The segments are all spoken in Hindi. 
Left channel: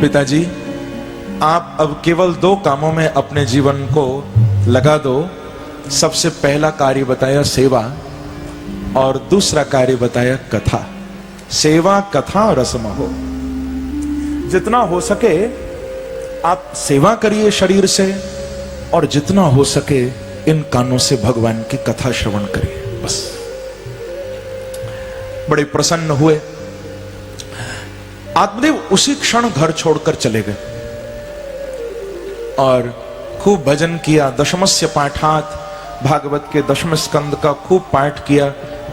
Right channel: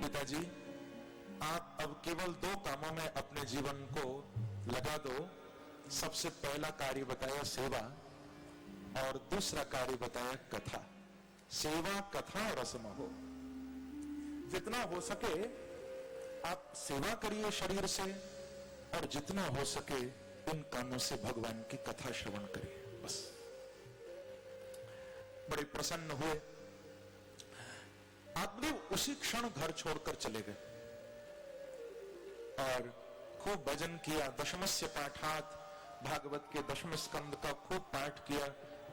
पिताजी, आप अब केवल 2 कामों में अपने जीवन को लगा दो। सबसे पहला कार्य बताया सेवा और दूसरा कार्य बताया कथा। सेवा कथा रसमहो। जितना हो सके आप सेवा करिए शरीर से, और जितना हो सके इन कानों से भगवान की कथा श्रवण करिए। बस। बड़े प्रसन्न हुए। आत्मदेव उसी क्षण घर छोड़कर चले गए और खूब भजन किया। दशमस्य पाठात, भागवत के 10वें स्कंद का खूब पाठ किया।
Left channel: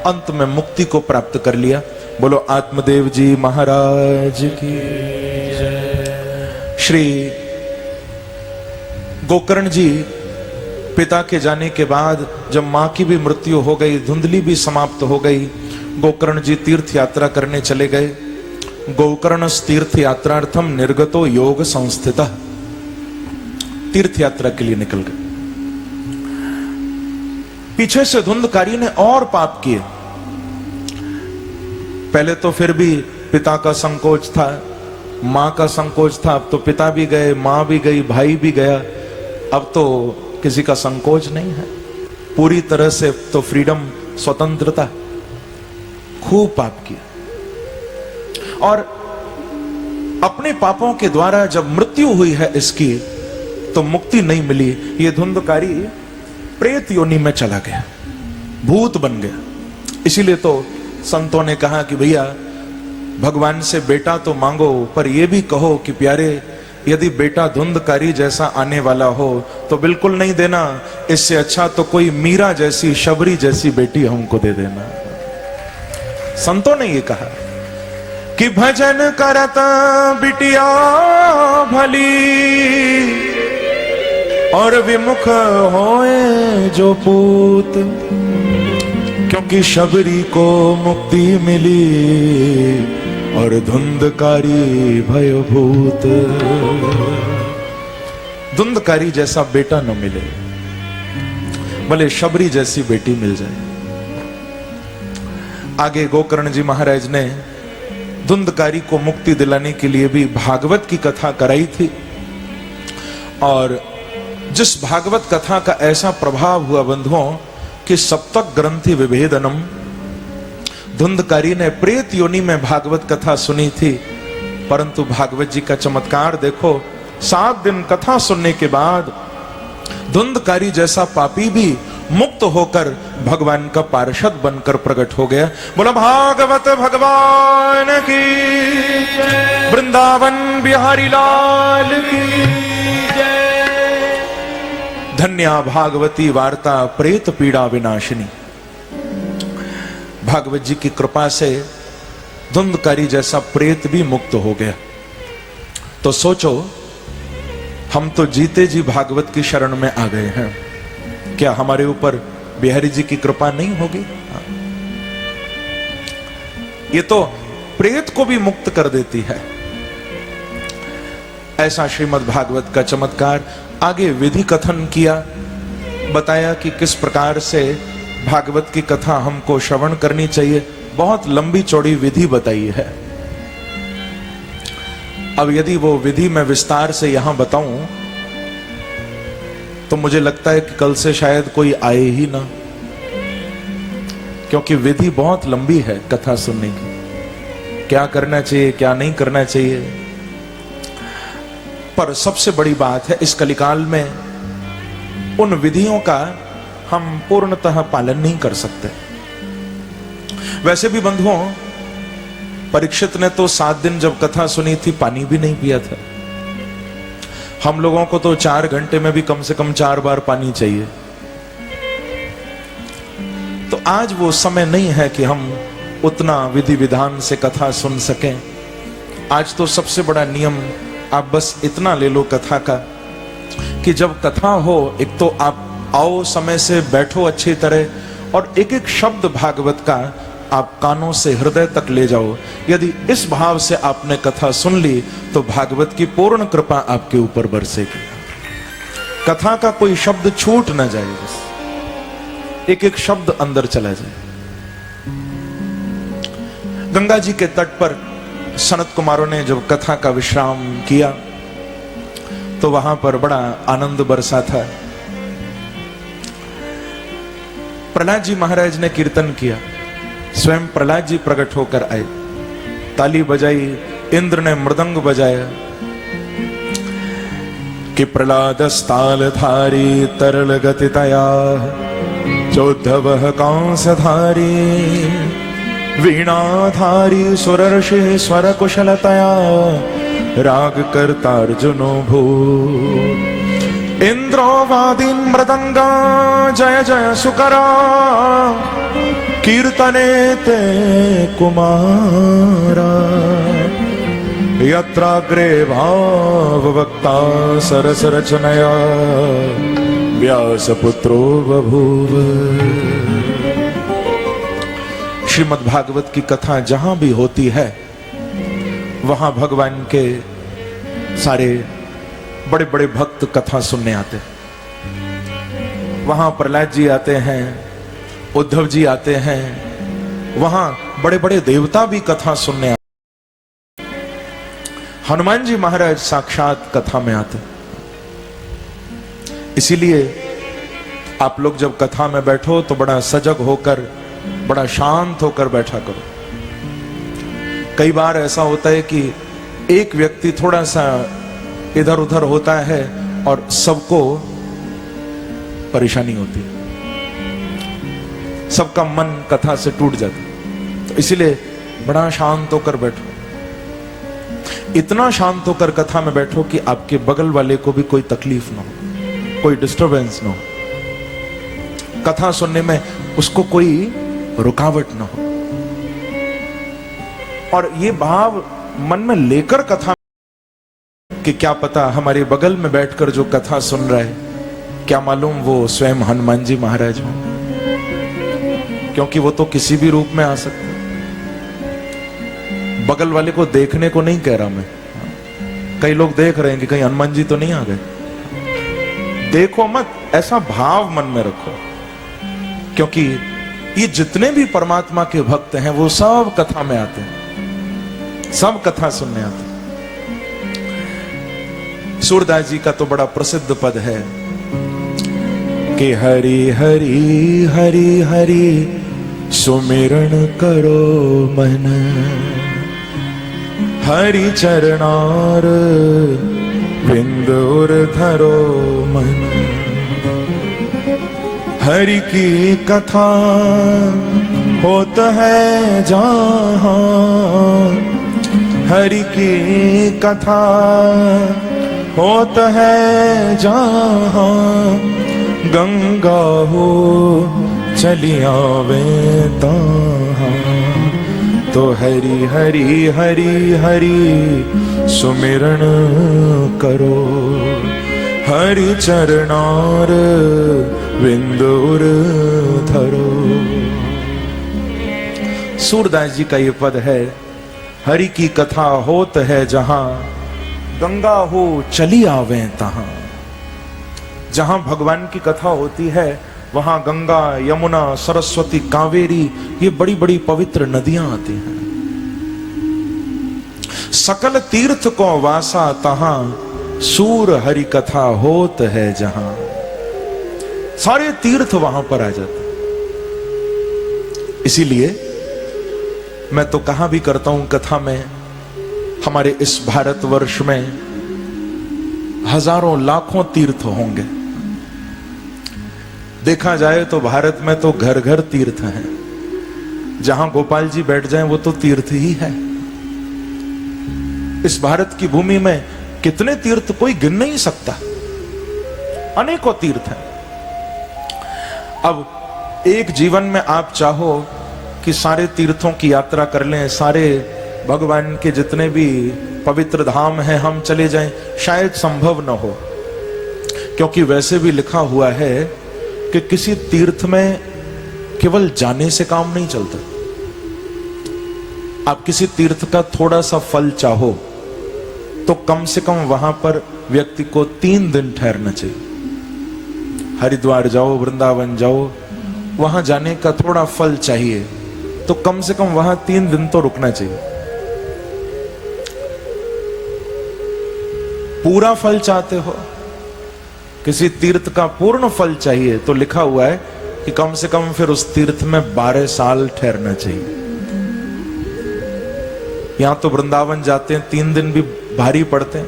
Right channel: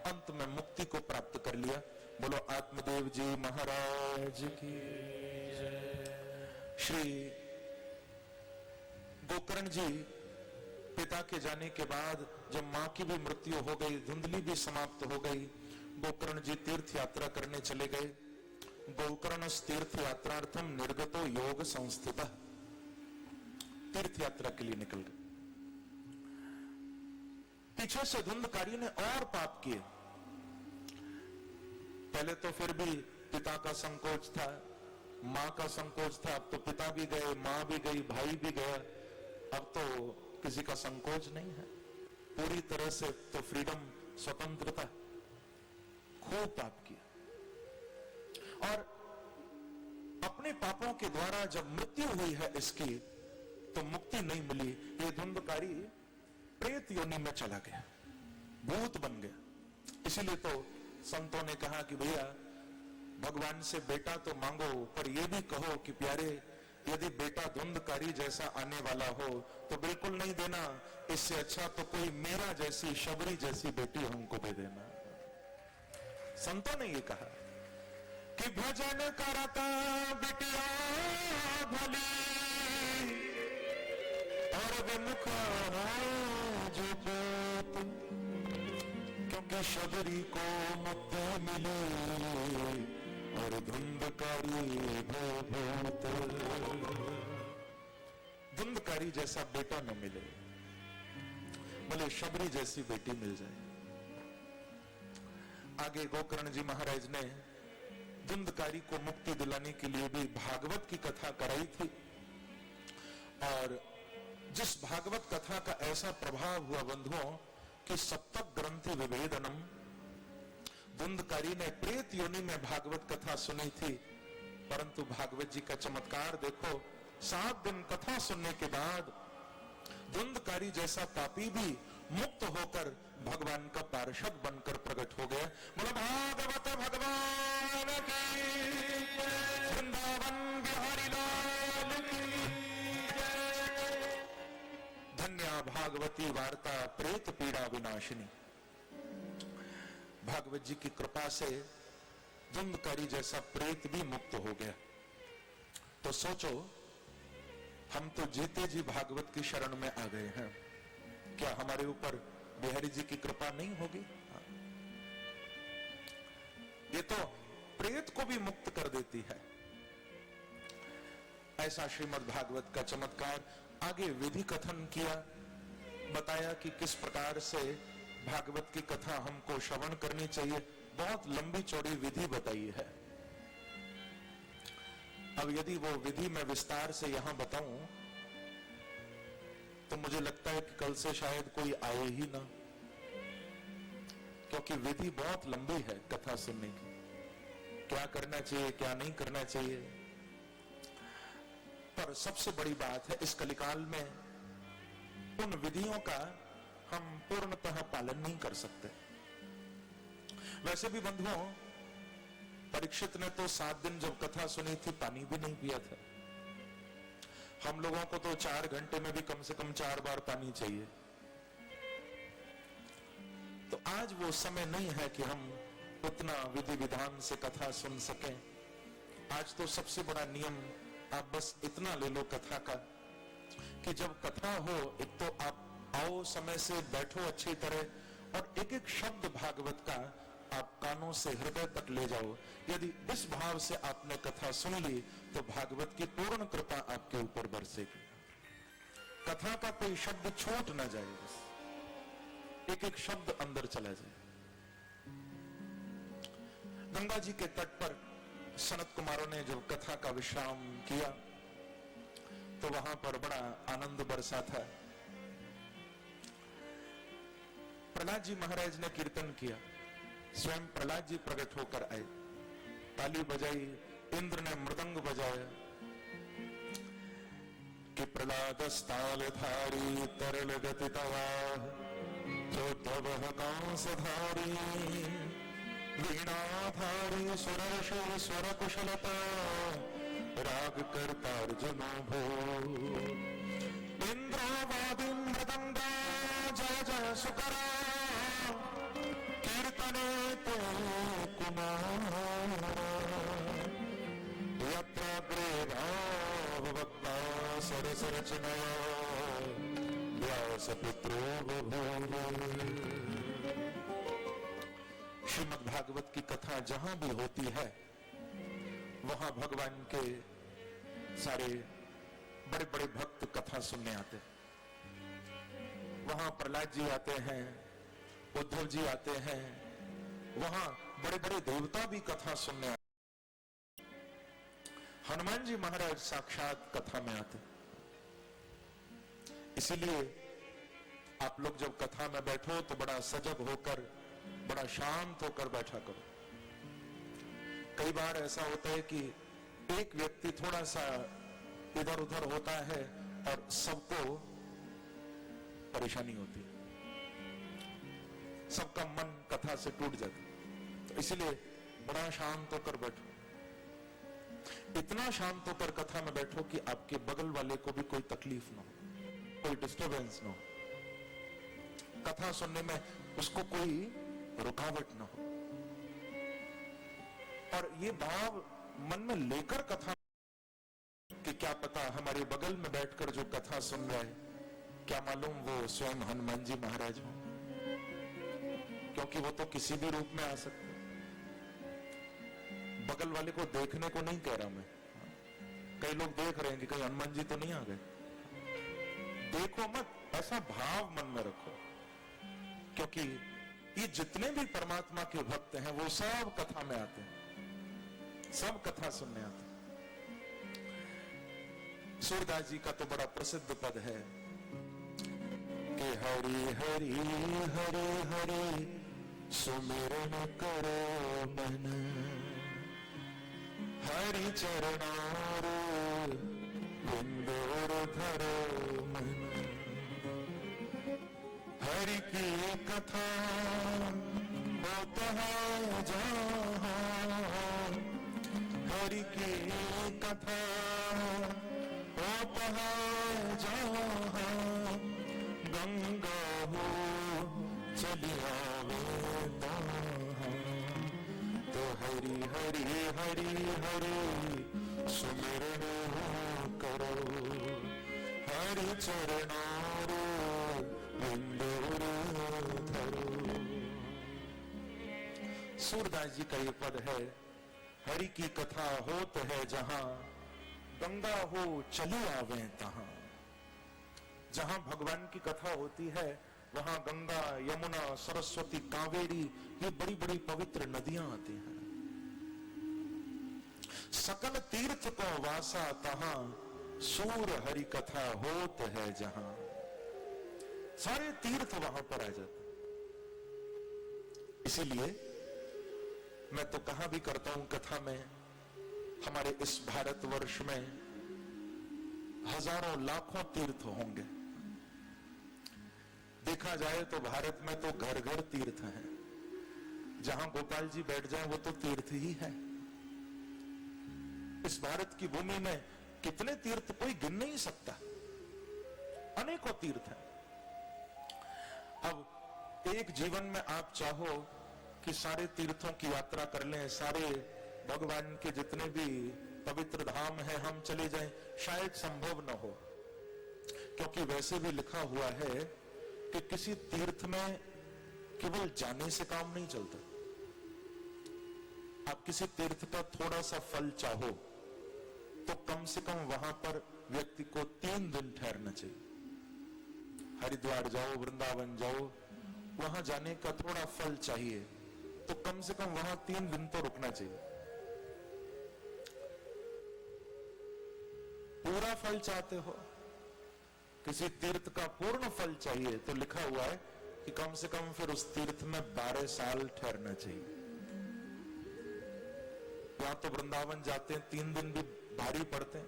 अंत में मुक्ति को प्राप्त कर लिया। बोलो आत्मदेव जी महाराज की जय। श्री गोकर्ण जी पिता के जाने के बाद जब मां की भी मृत्यु हो गई, धुंधली भी समाप्त हो गई, गोकर्ण जी तीर्थ यात्रा करने चले गए। गोकर्ण तीर्थ यात्रार्थम निर्गतो योग संस्थितः, तीर्थ यात्रा के लिए निकल गए। पीछे से धुंधकारी ने और पाप किए। पहले तो फिर भी पिता का संकोच था, मां का संकोच था। अब तो पिता भी गए, मां भी गई, भाई भी गया। अब तो किसी का संकोच नहीं है, पूरी तरह से तो फ्रीडम, स्वतंत्रता। खूब पाप किया और अपने पापों के द्वारा जब मृत्यु हुई है इसकी, तो मुक्ति नहीं मिली। ये धुंधकारी प्रेत योनि में चला गया, भूत बन गया। इसीलिए तो संतों ने कहा कि भैया भगवान से बेटा तो मांगो, पर यह भी कहो कि प्यारे यदि बेटा धुंधकारी जैसा आने वाला हो तो बिल्कुल नहीं देना। इससे अच्छा तो कोई मीरा जैसी, शबरी जैसी बेटी हमको दे देना। संतों ने ये कहा कि भजन करता बिटिया भली और विमुख होए जो पूत, क्योंकि शबरी को मुक्ति मिली और धुंधकारी भयभूत। धुंधकारी जैसा बेटा न मिले, भले शबरी जैसी बेटी मिल जाए। आगे गोकर्ण जी महाराज ने धुंधकारी को मुक्ति दिलाने के लिए भी भागवत की कथा कराई थी, और जिस भागवत कथा का ऐसा प्रभाव हुआ बंधुओं कि सप्तक ग्रंथि विभेदनम, धुंधकारी ने प्रेत योनि में भागवत कथा सुनी थी। परंतु भागवत जी का चमत्कार देखो, 7 दिन कथा सुनने के बाद धुंधकारी जैसा पापी भी मुक्त होकर भगवान का पार्षद बनकर प्रकट हो गया। बोला भागवत भगवान की जय, वृंदावन बिहारी लाल की जय। धन्या भागवती वार्ता प्रेत पीड़ा विनाशिनी। भागवत जी की कृपा से धुंधकारी जैसा प्रेत भी मुक्त हो गया। तो सोचो, हम तो जीते जी भागवत की शरण में आ गए हैं, क्या हमारे ऊपर बिहारी जी की कृपा नहीं होगी? ये तो प्रेत को भी मुक्त कर देती है। ऐसा श्रीमद् भागवत का चमत्कार। आगे विधि कथन किया, बताया कि किस प्रकार से भागवत की कथा हमको श्रवण करनी चाहिए। बहुत लंबी चौड़ी विधि बताई है। अब यदि वो विधि मैं विस्तार से यहां बताऊं तो मुझे लगता है कि कल से शायद कोई आए ही ना, क्योंकि विधि बहुत लंबी है कथा सुनने की। क्या करना चाहिए, क्या नहीं करना चाहिए। पर सबसे बड़ी बात है, इस कलिकाल में उन विधियों का हम पूर्णतः पालन नहीं कर सकते। वैसे भी बंधुओं, परीक्षित ने तो 7 दिन जब कथा सुनी थी पानी भी नहीं पिया था। हम लोगों को तो 4 घंटे में भी कम से कम 4 बार पानी चाहिए। तो आज वो समय नहीं है कि हम उतना विधि विधान से कथा सुन सकें। आज तो सबसे बड़ा नियम आप बस इतना ले लो कथा का कि जब कथा हो, एक तो आप आओ समय से, बैठो अच्छी तरह, और एक एक शब्द भागवत का आप कानों से हृदय तक ले जाओ। यदि इस भाव से आपने कथा सुन ली तो भागवत की पूर्ण कृपा आपके ऊपर बरसेगी। कथा का कोई शब्द छूट ना जाए, बस एक एक शब्द अंदर चला जाए। गंगा जी के तट पर सनत कुमारों ने जब कथा का विश्राम किया तो वहां पर बड़ा आनंद बरसा था। प्रहलाद जी महाराज ने कीर्तन किया, स्वयं प्रहलाद जी प्रकट होकर आए, ताली बजाई, इंद्र ने मृदंग बजाया कि प्रहलाद स्थाल धारी तरल गतितया चौद्धव कांसधारी वीणाधारी सुरर्षि स्वर कुशलतया राग करता अर्जुनो भू इंद्रो वादी मृदंगा जय जय सुकरा कीर्तने ते कुमारा यत्राग्रे भाववक्ता सरस रचनया व्यासपुत्रो बभूव। श्रीमद् भागवत की कथा जहां भी होती है वहां भगवान के सारे बड़े बड़े भक्त कथा सुनने आते हैं। वहां प्रहलाद जी आते हैं, उद्धव जी आते हैं, वहां बड़े बड़े देवता भी कथा सुनने आते हैं। हनुमान जी महाराज साक्षात कथा में आते हैं। इसीलिए आप लोग जब कथा में बैठो तो बड़ा सजग होकर, बड़ा शांत होकर बैठा करो। कई बार ऐसा होता है कि एक व्यक्ति थोड़ा सा इधर उधर होता है और सबको परेशानी होती है, सबका मन कथा से टूट जाता है। तो इसीलिए बड़ा शांत होकर बैठो, इतना शांत होकर कथा में बैठो कि आपके बगल वाले को भी कोई तकलीफ ना हो, कोई डिस्टरबेंस ना हो, कथा सुनने में उसको कोई रुकावट ना हो। और ये भाव मन में लेकर कथा कि क्या पता हमारे बगल में बैठकर जो कथा सुन रहा है, क्या मालूम वो स्वयं हनुमान जी महाराज हो, क्योंकि वो तो किसी भी रूप में आ सकते। बगल वाले को देखने को नहीं कह रहा मैं, कई लोग देख रहे हैं कि कहीं हनुमान जी तो नहीं आ गए। देखो मत, ऐसा भाव मन में रखो, क्योंकि ये जितने भी परमात्मा के भक्त हैं वो सब कथा में आते हैं, सब कथा सुनने आते हैं। सूरदास जी का तो बड़ा प्रसिद्ध पद है कि हरि हरि हरि हरि सुमिरन करो मन, हरि चरणार बिंद उर धरो मन। हरि की कथा होत है जहां, हरि की कथा होत है जहां, गंगा हो चली आवे तहां। तो हरि हरि हरि हरि सुमिरन करो, हरि चरणार बिंदुर धरो। सूरदास जी का ये पद है, हरि की कथा होत है जहां, गंगा हो चली आवे तहां। जहां भगवान की कथा होती है वहां गंगा, यमुना, सरस्वती, कावेरी, ये बड़ी बड़ी पवित्र नदियां आती हैं। सकल तीर्थ को वासा तहां, सूर हरि कथा होत है जहां। सारे तीर्थ वहां पर आ जाते। इसीलिए मैं तो कहा भी करता हूं कथा में, हमारे इस भारतवर्ष में हजारों लाखों तीर्थ होंगे। देखा जाए तो भारत में तो घर घर तीर्थ हैं। जहां गोपाल जी बैठ जाएं वो तो तीर्थ ही है। इस भारत की भूमि में कितने तीर्थ कोई गिन नहीं सकता, अनेकों तीर्थ हैं। अब एक जीवन में आप चाहो कि सारे तीर्थों की यात्रा कर लें, सारे भगवान के जितने भी पवित्र धाम हैं हम चले जाएं, शायद संभव न हो। क्योंकि वैसे भी लिखा हुआ है कि किसी तीर्थ में केवल जाने से काम नहीं चलता। आप किसी तीर्थ का थोड़ा सा फल चाहो तो कम से कम वहां पर व्यक्ति को 3 दिन ठहरना चाहिए। हरिद्वार जाओ, वृंदावन जाओ, वहां जाने का थोड़ा फल चाहिए तो कम से कम वहां 3 दिन तो रुकना चाहिए। पूरा फल चाहते हो, किसी तीर्थ का पूर्ण फल चाहिए, तो लिखा हुआ है कि कम से कम फिर उस तीर्थ में 12 साल ठहरना चाहिए। यहां तो वृंदावन जाते हैं 3 दिन भी भारी पड़ते हैं।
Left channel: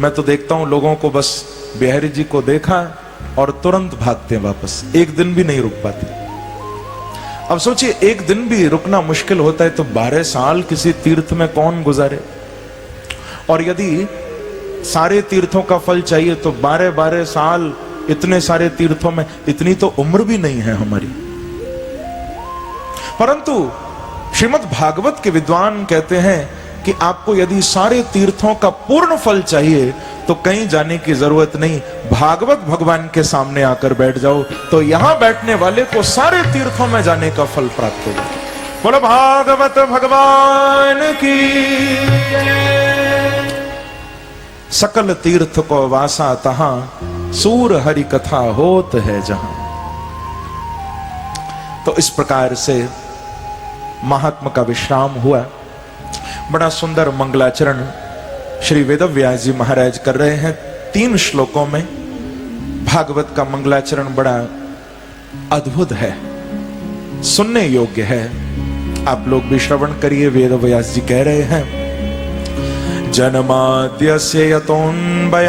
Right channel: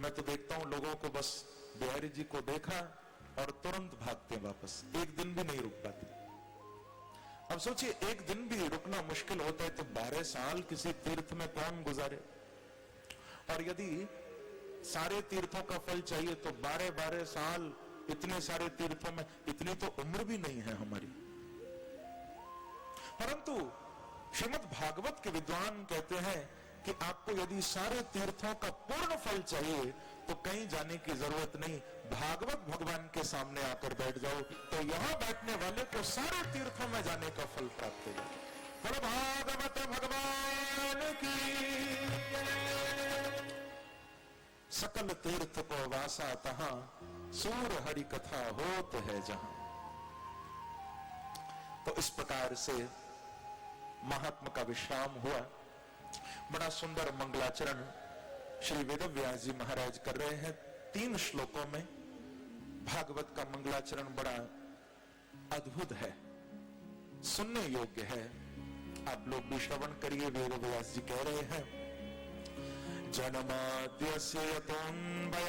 मैं तो देखता हूं लोगों को, बस बिहारी जी को देखा और तुरंत भागते हैं वापस, एक दिन भी नहीं रुक पाते। अब सोचिए, एक दिन भी रुकना मुश्किल होता है, तो 12 साल किसी तीर्थ में कौन गुजारे। और यदि सारे तीर्थों का फल चाहिए तो 12-12 साल इतने सारे तीर्थों में, इतनी तो उम्र भी नहीं है हमारी। परंतु श्रीमद् भागवत के विद्वान कहते हैं कि आपको यदि सारे तीर्थों का पूर्ण फल चाहिए तो कहीं जाने की जरूरत नहीं, भागवत भगवान के सामने आकर बैठ जाओ, तो यहां बैठने वाले को सारे तीर्थों में जाने का फल प्राप्त होगा। बोलो भागवत भगवान की। सकल तीर्थ को वासा तहां, सूर हरि कथा होत है जहां। तो इस प्रकार से महात्मा का विश्राम हुआ। बड़ा सुंदर मंगलाचरण श्री वेदव्यास जी महाराज कर रहे हैं 3 श्लोकों में। भागवत का मंगलाचरण बड़ा अद्भुत है, सुनने योग्य है। आप लोग भी श्रवण करिए। वेदव्यास जी कह रहे हैं, जन्माद्यस्य यतोऽन्वयादितरतः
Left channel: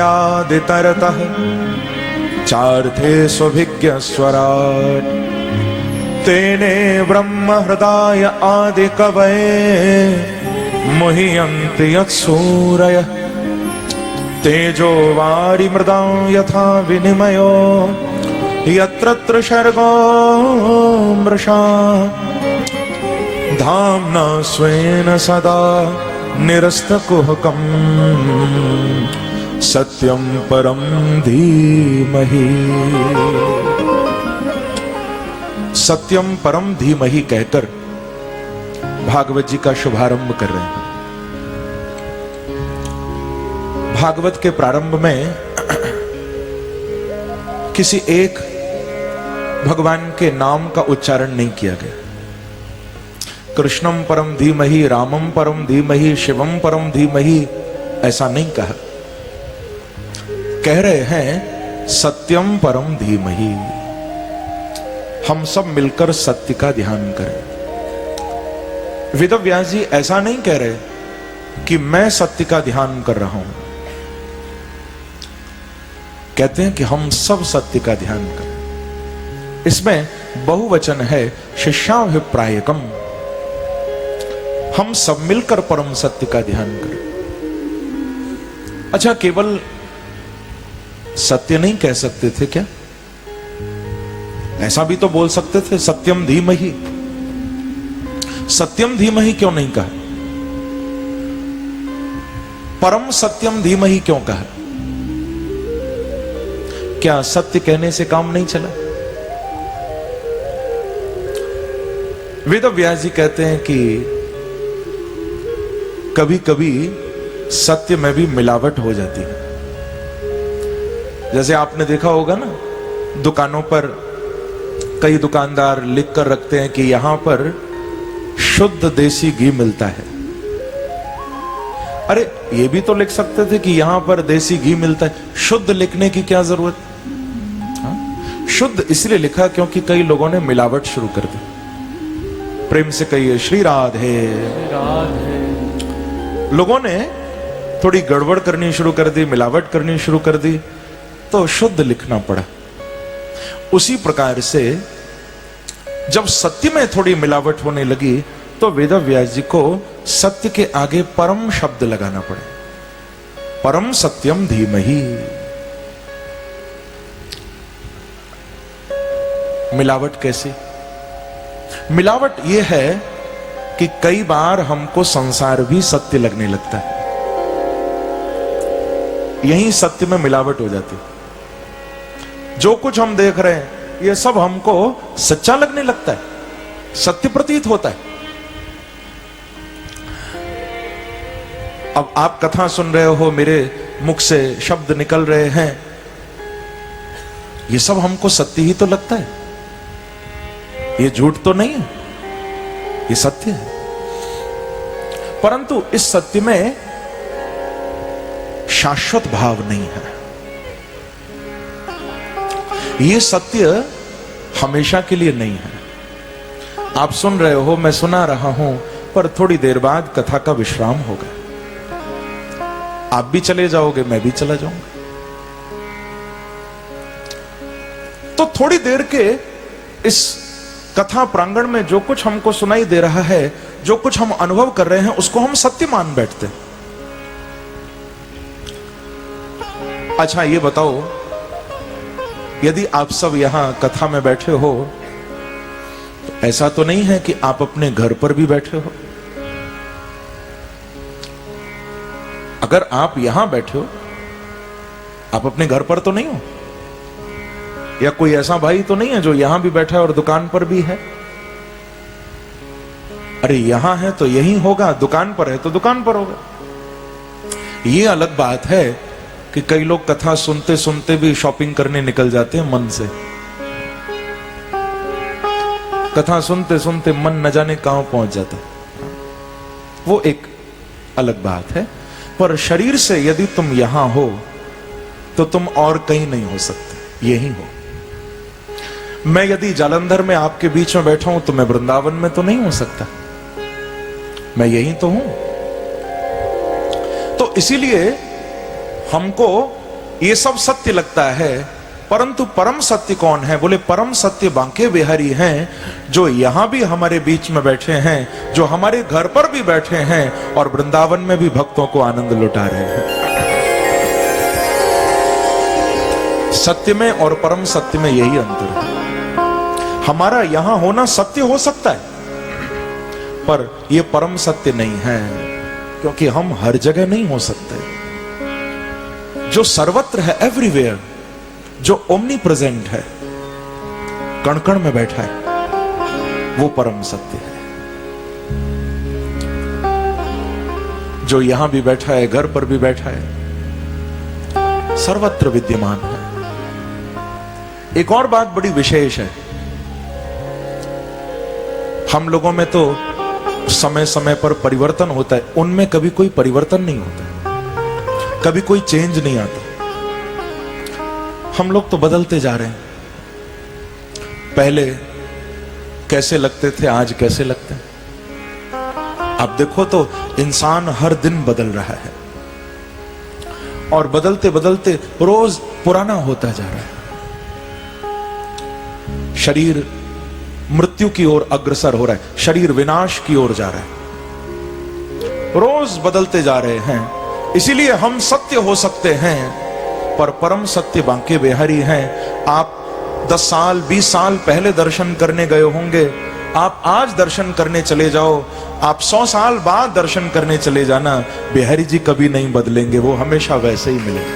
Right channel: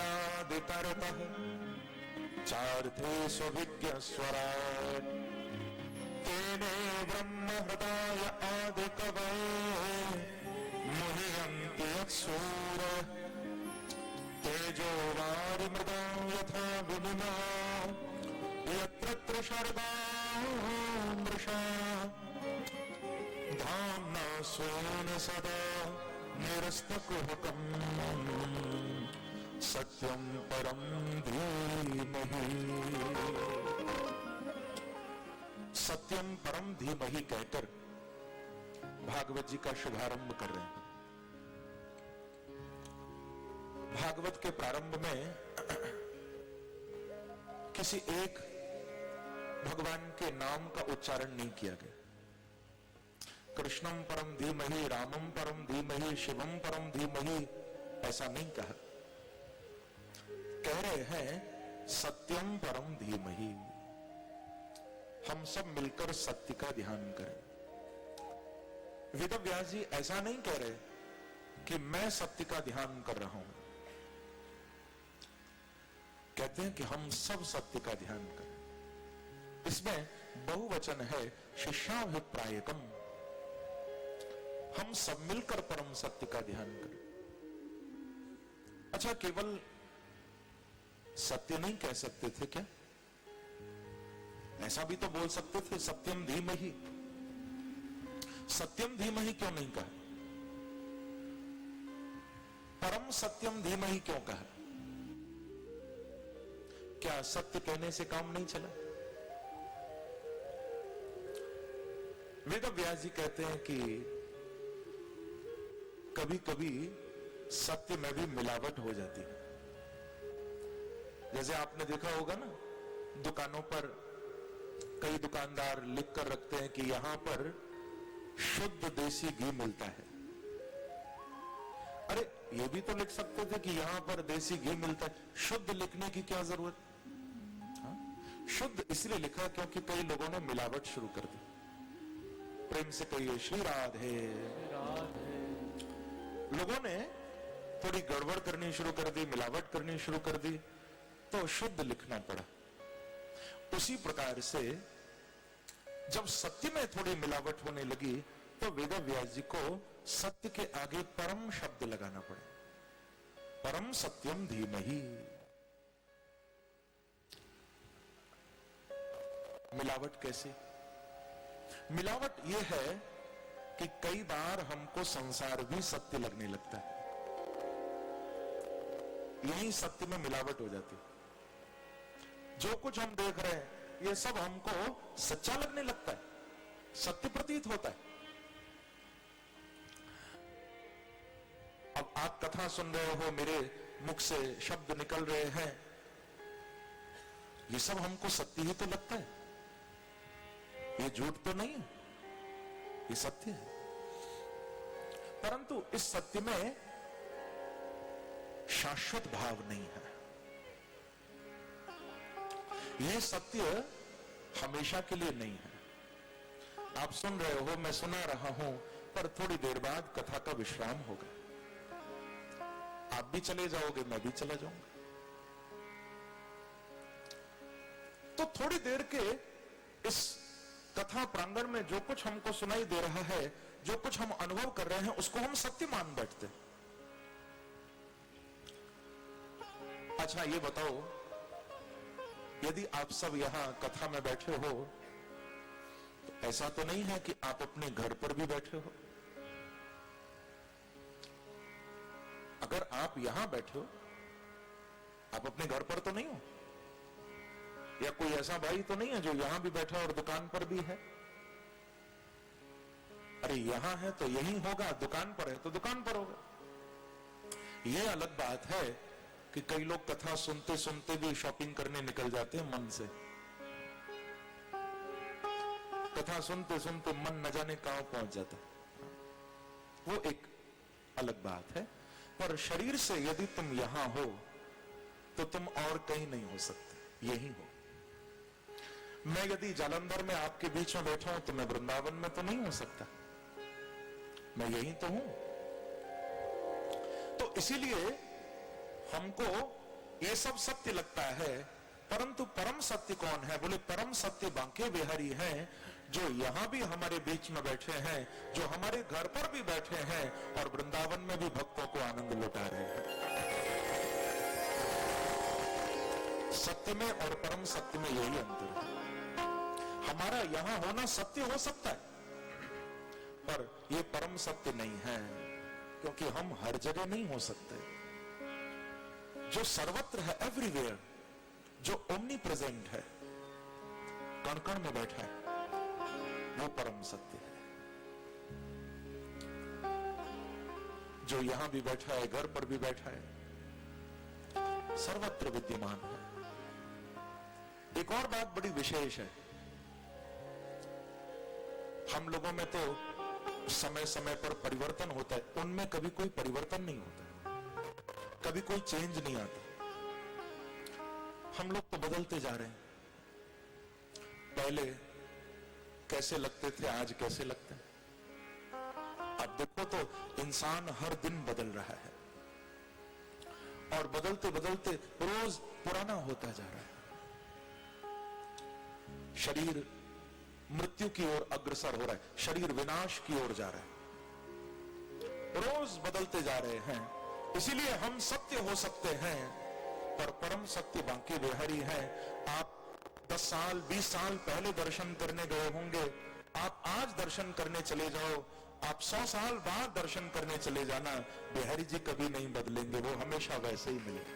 चार्थे स्वभिज्ञ स्वराट्, तेने ब्रह्म हृदय आदि कवये मुह्यन्ति यत्सूरयः, तेजो वारि मृदां यथा विनिमयो यत्र त्रिसर्गो मृषा, धाम्ना स्वेन सदा निरस्तकुहकं सत्यं परं धीमहि। सत्यम परम धीमहि कहकर भागवत जी का शुभारंभ कर रहे हैं। भागवत के प्रारंभ में किसी एक भगवान के नाम का उच्चारण नहीं किया गया। कृष्णम परम धीमहि, रामम परम धीमहि, शिवम परम धीमहि, ऐसा नहीं कहा। कह रहे हैं सत्यम परम धीमहि। हम सब मिलकर सत्य का ध्यान करें। वेदव्यास जी ऐसा नहीं कह रहे कि मैं सत्य का ध्यान कर रहा हूं, कहते हैं कि हम सब सत्य का ध्यान करें। इसमें बहुवचन है, शिष्याभिप्रायकम। हम सब मिलकर परम सत्य का ध्यान करें। अच्छा, केवल सत्य नहीं कह सकते थे क्या? ऐसा भी तो बोल सकते थे, सत्यम धीमहि। सत्यम धीमहि क्यों नहीं कहा? परम सत्यम धीमहि क्यों कहा? क्या सत्य कहने से काम नहीं चला? वेदव्यास जी कहते हैं कि कभी कभी सत्य में भी मिलावट हो जाती है। जैसे आपने देखा होगा ना, दुकानों पर कई दुकानदार लिख कर रखते हैं कि यहां पर शुद्ध देसी घी मिलता है। अरे ये भी तो लिख सकते थे कि यहां पर देसी घी मिलता है। शुद्ध लिखने की क्या जरूरत? शुद्ध इसलिए लिखा क्योंकि कई लोगों ने मिलावट शुरू कर दी। प्रेम से कहिए श्री राधे। लोगों ने थोड़ी गड़बड़ करनी शुरू कर दी, मिलावट करनी शुरू कर दी, तो शुद्ध लिखना पड़ा। उसी प्रकार से जब सत्य में थोड़ी मिलावट होने लगी तो वेदव्यास जी को सत्य के आगे परम शब्द लगाना पड़ा। परम सत्यम धीमहि। मिलावट कैसे? मिलावट यह है कि कई बार हमको संसार भी सत्य लगने लगता है। यही सत्य में मिलावट हो जाती है। जो कुछ हम देख रहे हैं ये सब हमको सच्चा लगने लगता है, सत्य प्रतीत होता है। अब आप कथा सुन रहे हो, मेरे मुख से शब्द निकल रहे हैं, ये सब हमको सत्य ही तो लगता है। ये झूठ तो नहीं है, ये सत्य है। परंतु इस सत्य में शाश्वत भाव नहीं है। ये सत्य हमेशा के लिए नहीं है। आप सुन रहे हो, मैं सुना रहा हूं, पर थोड़ी देर बाद कथा का विश्राम होगा। आप भी चले जाओगे, मैं भी चला जाऊंगा। तो थोड़ी देर के इस कथा प्रांगण में जो कुछ हमको सुनाई दे रहा है, जो कुछ हम अनुभव कर रहे हैं, उसको हम सत्य मान बैठते हैं। अच्छा ये बताओ, यदि आप सब यहां कथा में बैठे हो, तो ऐसा तो नहीं है कि आप अपने घर पर भी बैठे हो? अगर आप यहां बैठे हो, आप अपने घर पर तो नहीं हो? या कोई ऐसा भाई तो नहीं है जो यहां भी बैठा है और दुकान पर भी है? अरे यहां है तो यही होगा, दुकान पर है तो दुकान पर होगा। ये अलग बात है कि कई लोग कथा सुनते सुनते भी शॉपिंग करने निकल जाते हैं मन से। कथा सुनते सुनते मन न जाने कहां पहुंच जाता है, वो एक अलग बात है। पर शरीर से यदि तुम यहां हो तो तुम और कहीं नहीं हो सकते, यही हो। मैं यदि जालंधर में आपके बीच में बैठा हूं तो मैं वृंदावन में तो नहीं हो सकता, मैं यही तो हूं। तो इसीलिए हमको ये सब सत्य लगता है, परंतु परम सत्य कौन है? बोले परम सत्य बांके बिहारी हैं, जो यहां भी हमारे बीच में बैठे हैं, जो हमारे घर पर भी बैठे हैं और वृंदावन में भी भक्तों को आनंद लुटा रहे हैं। सत्य में और परम सत्य में यही अंतर है। हमारा यहां होना सत्य हो सकता है, पर यह परम सत्य नहीं है, क्योंकि हम हर जगह नहीं हो सकते। जो सर्वत्र है, एवरीवेयर, जो ओमनी प्रेजेंट है, कण कण में बैठा है, वो परम सत्य है। जो यहां भी बैठा है, घर पर भी बैठा है, सर्वत्र विद्यमान है। एक और बात बड़ी विशेष है, हम लोगों में तो समय समय पर परिवर्तन होता है, उनमें कभी कोई परिवर्तन नहीं होता, कभी कोई चेंज नहीं आता। हम लोग तो बदलते जा रहे हैं। पहले कैसे लगते थे, आज कैसे लगते हैं। अब देखो तो इंसान हर दिन बदल रहा है, और बदलते बदलते रोज पुराना होता जा रहा है। शरीर मृत्यु की ओर अग्रसर हो रहा है, शरीर विनाश की ओर जा रहा है, रोज बदलते जा रहे हैं। इसीलिए हम सत्य हो सकते हैं, पर परम सत्य बांके बिहारी हैं। आप 10 साल 20 साल पहले दर्शन करने गए होंगे, आप आज दर्शन करने चले जाओ, आप 100 साल बाद दर्शन करने चले जाना, बिहारी जी कभी नहीं बदलेंगे, वो हमेशा वैसे ही मिलेंगे।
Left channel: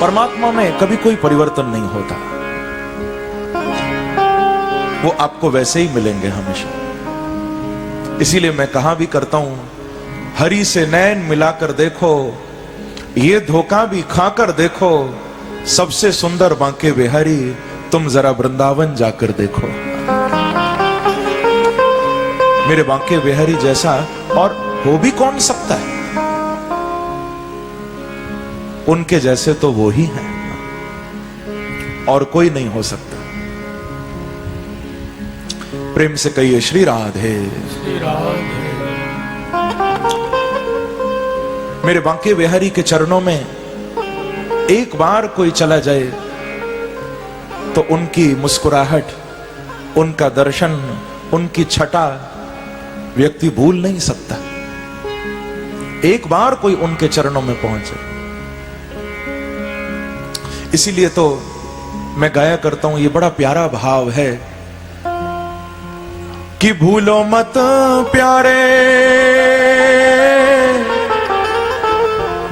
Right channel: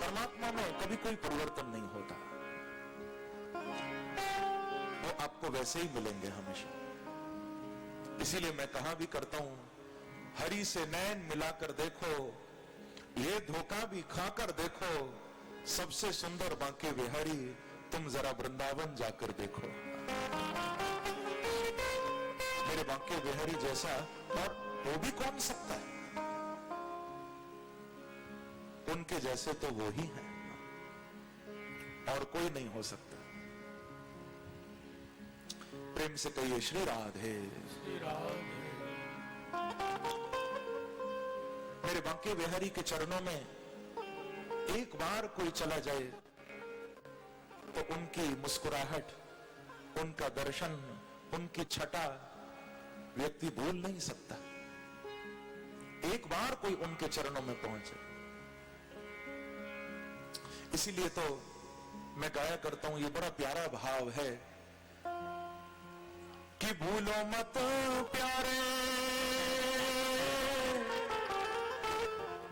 परमात्मा में कभी कोई परिवर्तन नहीं होता, वो आपको वैसे ही मिलेंगे हमेशा। इसीलिए मैं कहा भी करता हूं, हरि से नैन मिलाकर देखो, ये धोखा भी खाकर देखो, सबसे सुंदर बांके बिहारी तुम जरा वृंदावन जाकर देखो। मेरे बांके बिहारी जैसा और हो भी कौन सकता है? उनके जैसे तो वो ही हैं, और कोई नहीं हो सकता। प्रेम से कहिए श्री राधे। श्री राधे। मेरे बांके बिहारी के चरणों में एक बार कोई चला जाए तो उनकी मुस्कुराहट, उनका दर्शन, उनकी छटा व्यक्ति भूल नहीं सकता। एक बार कोई उनके चरणों में पहुंचे। इसीलिए तो मैं गाया करता हूं, ये बड़ा प्यारा भाव है कि भूलो मत प्यारे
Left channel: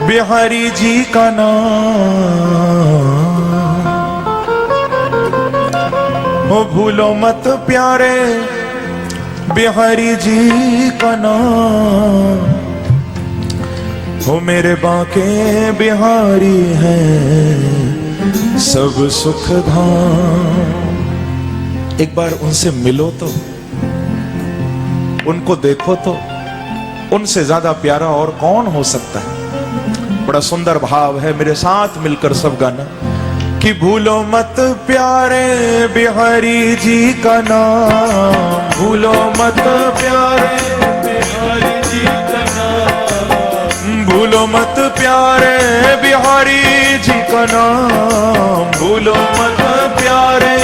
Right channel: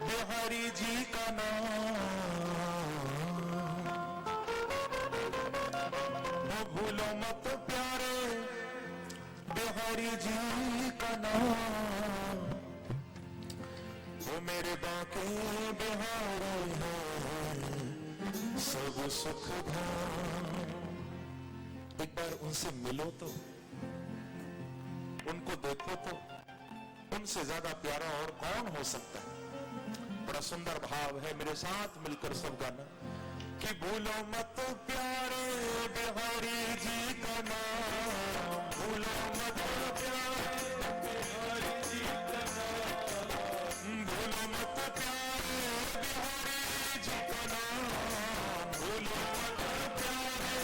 बिहारी जी का नाम, हो भूलो मत प्यारे बिहारी जी का नाम, हो मेरे बांके बिहारी हैं सब सुख धाम। एक बार उनसे मिलो तो, उनको देखो तो, उनसे ज्यादा प्यारा और कौन हो सकता है। बड़ा सुंदर भाव है, मेरे साथ मिलकर सब गाना कि भूलो मत प्यारे बिहारी जी का नाम, भूलो मत प्यारे बिहारी जी का नाम, भूलो मत प्यारे बिहारी जी का नाम, भूलो मत प्यारे,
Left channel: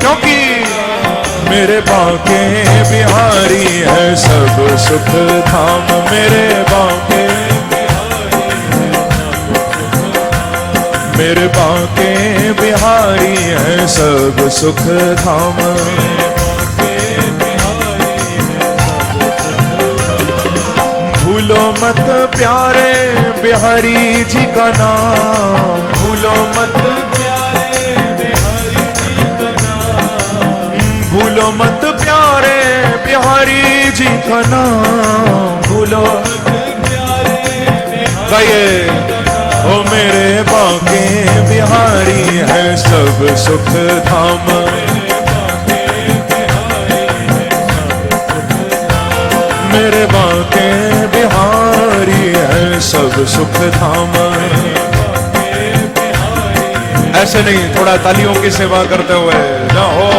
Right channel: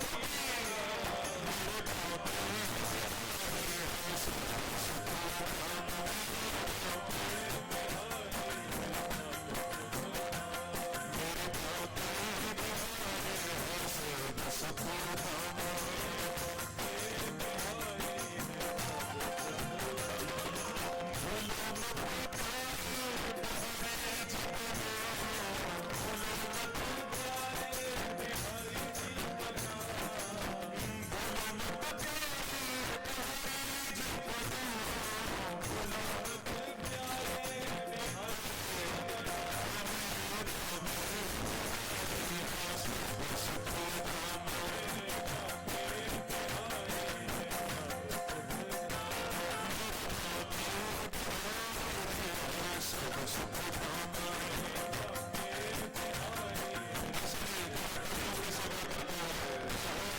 क्योंकि मेरे बांके बिहारी है सब सुख धाम, मेरे बांके मेरे बांके बिहारी है सब सुख धाम। भूलो मत प्यारे बिहारी जी का नाम, भूलो मत प्यारे बिहारी जी का नाम, भूलो मत प्यारे बिहारी जी का नाम, भूलो गाइए ओ मेरे बांके बिहारी है सब सुख धाम, मेरे बांके बिहारी है सब सुख धाम। ऐसे नहीं, थोड़ा तालियों की सेवा करते हुए जाओ।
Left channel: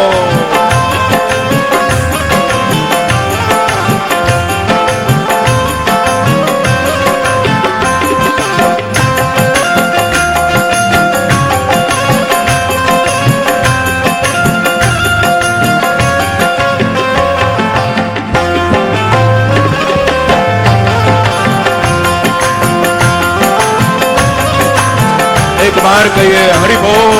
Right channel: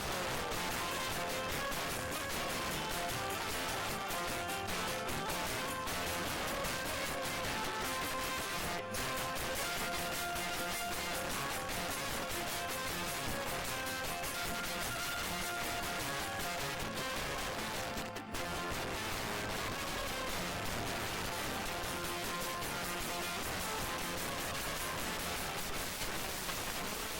एक बार कहिए हरि बोल।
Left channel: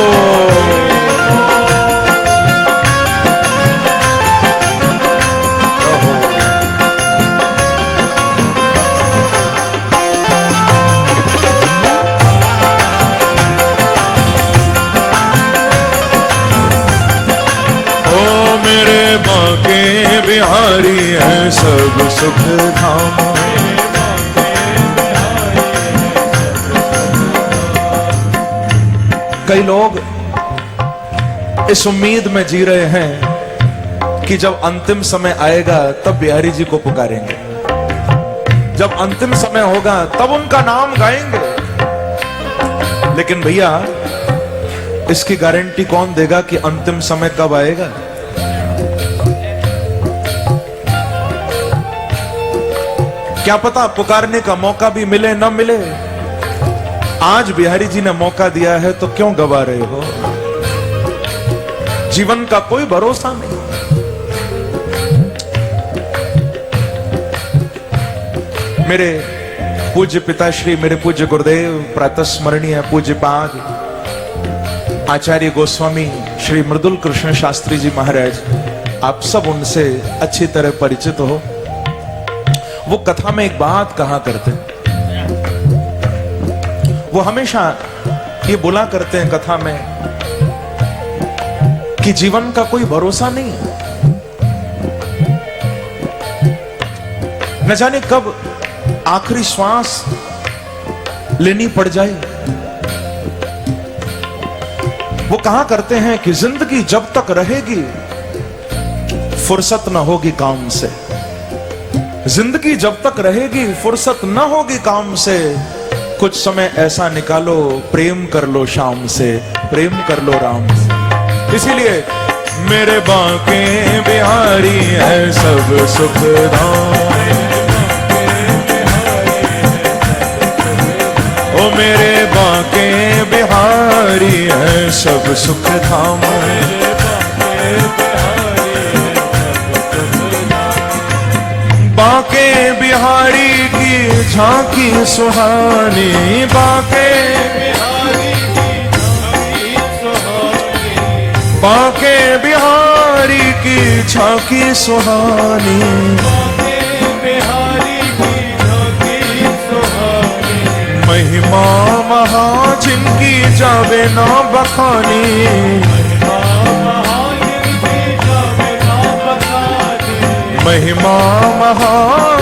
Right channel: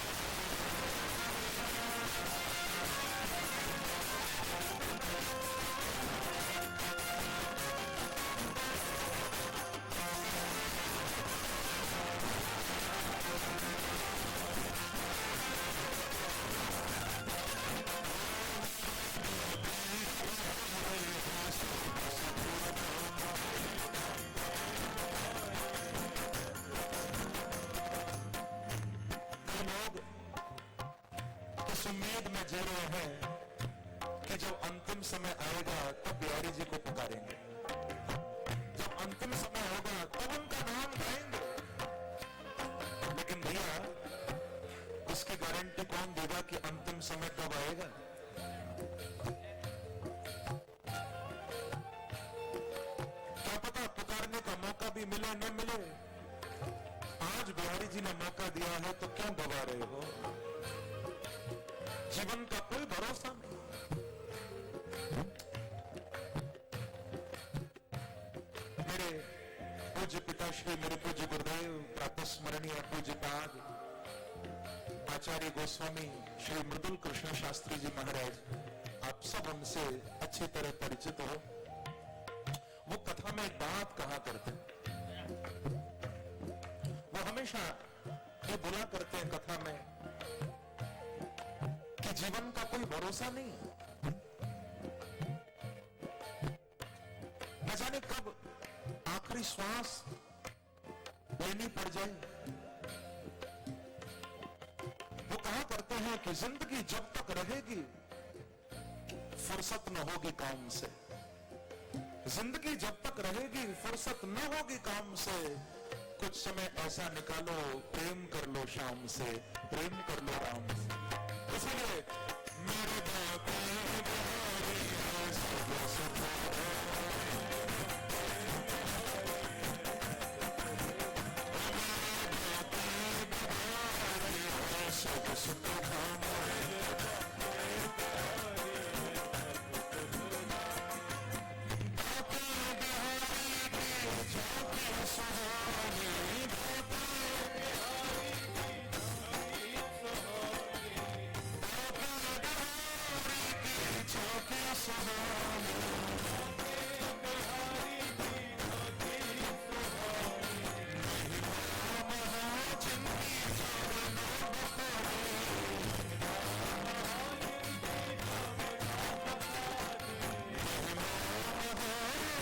ओ मेरे बांके बिहारी है सब सुख धाम, कई लोग इस उम्मीद में जी रहे हैं कि जब अंतिम समय आएगा तब बिहारी जी को पुकारेंगे, जब अंतिम समय होगा तब उनका नाम गाएंगे। लेकिन भैया इसकी गारंटी कौन देगा कि अंतिम समय कब आएगा? क्या पता पुकारने का मौका भी मिले न मिले। आज बिहारी जी ने मौका दिया है तो क्यों गवा रहे हो? जीवन का कोई भरोसा नहीं। मेरे पूज्य पिताश्री, मेरे पूज्य गुरुदेव प्रातः स्मरणीय पूज्य पाद आचार्य गोस्वामी श्री मृदुल कृष्ण शास्त्री जी महाराज, आप सब उनसे अच्छी तरह परिचित हो। वो कथा में एक बात कहा करते हैं, वो हमेशा ये बोला करते हैं कथा में कि जीवन का कोई भरोसा नहीं है, न जाने कब आखिरी श्वास लेनी पड़ जाए। वो कहा करते हैं कि जिंदगी जब तक रहेगी फुर्सत न होगी काम से, जिंदगी जब तक रहेगी फुर्सत न होगी काम से। कुछ समय ऐसा निकालो, प्रेम कर लो शाम से, प्रेम कर लो राम से। इसीलिए मेरे बांके बिहारी है सब सुख धाम, ओ मेरे बांके बिहारी है सब सुख धाम। बांके बिहारी की झांकी सुहानी, बांके बिहारी की सुहानी, बांके बिहारी की झांकी सुहानी, बांके बिहारी की झांकी सुहानी। महिमा महा जिनकी जावे ना बखानी, महिमा महा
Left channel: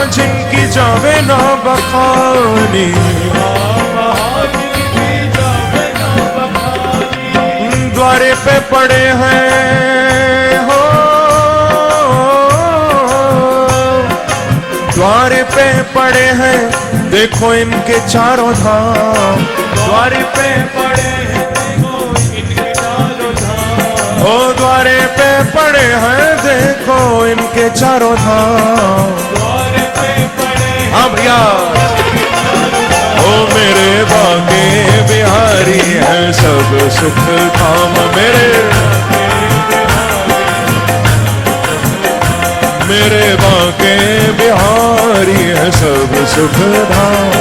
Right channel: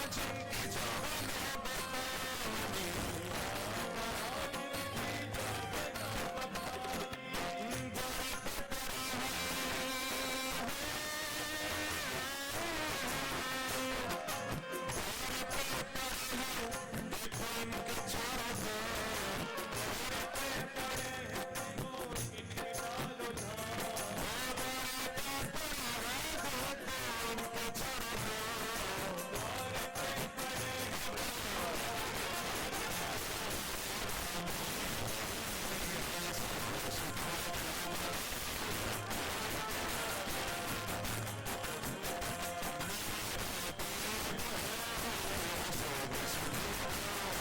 जिनकी जावे ना बखानी। द्वारे पे पड़े हैं हो, द्वार पे पड़े हैं देखो इनके चारों धाम, द्वार पे पड़े हैं देखो इनके चारों धाम, ओ द्वारे पे पड़े हैं देखो इनके चारों धाम, द्वार पे पड़े हैं। हाँ भैया, ओ मेरे बांके बिहारी है सब सुख धाम, मेरे बांके बिहारी है सब सुख धाम।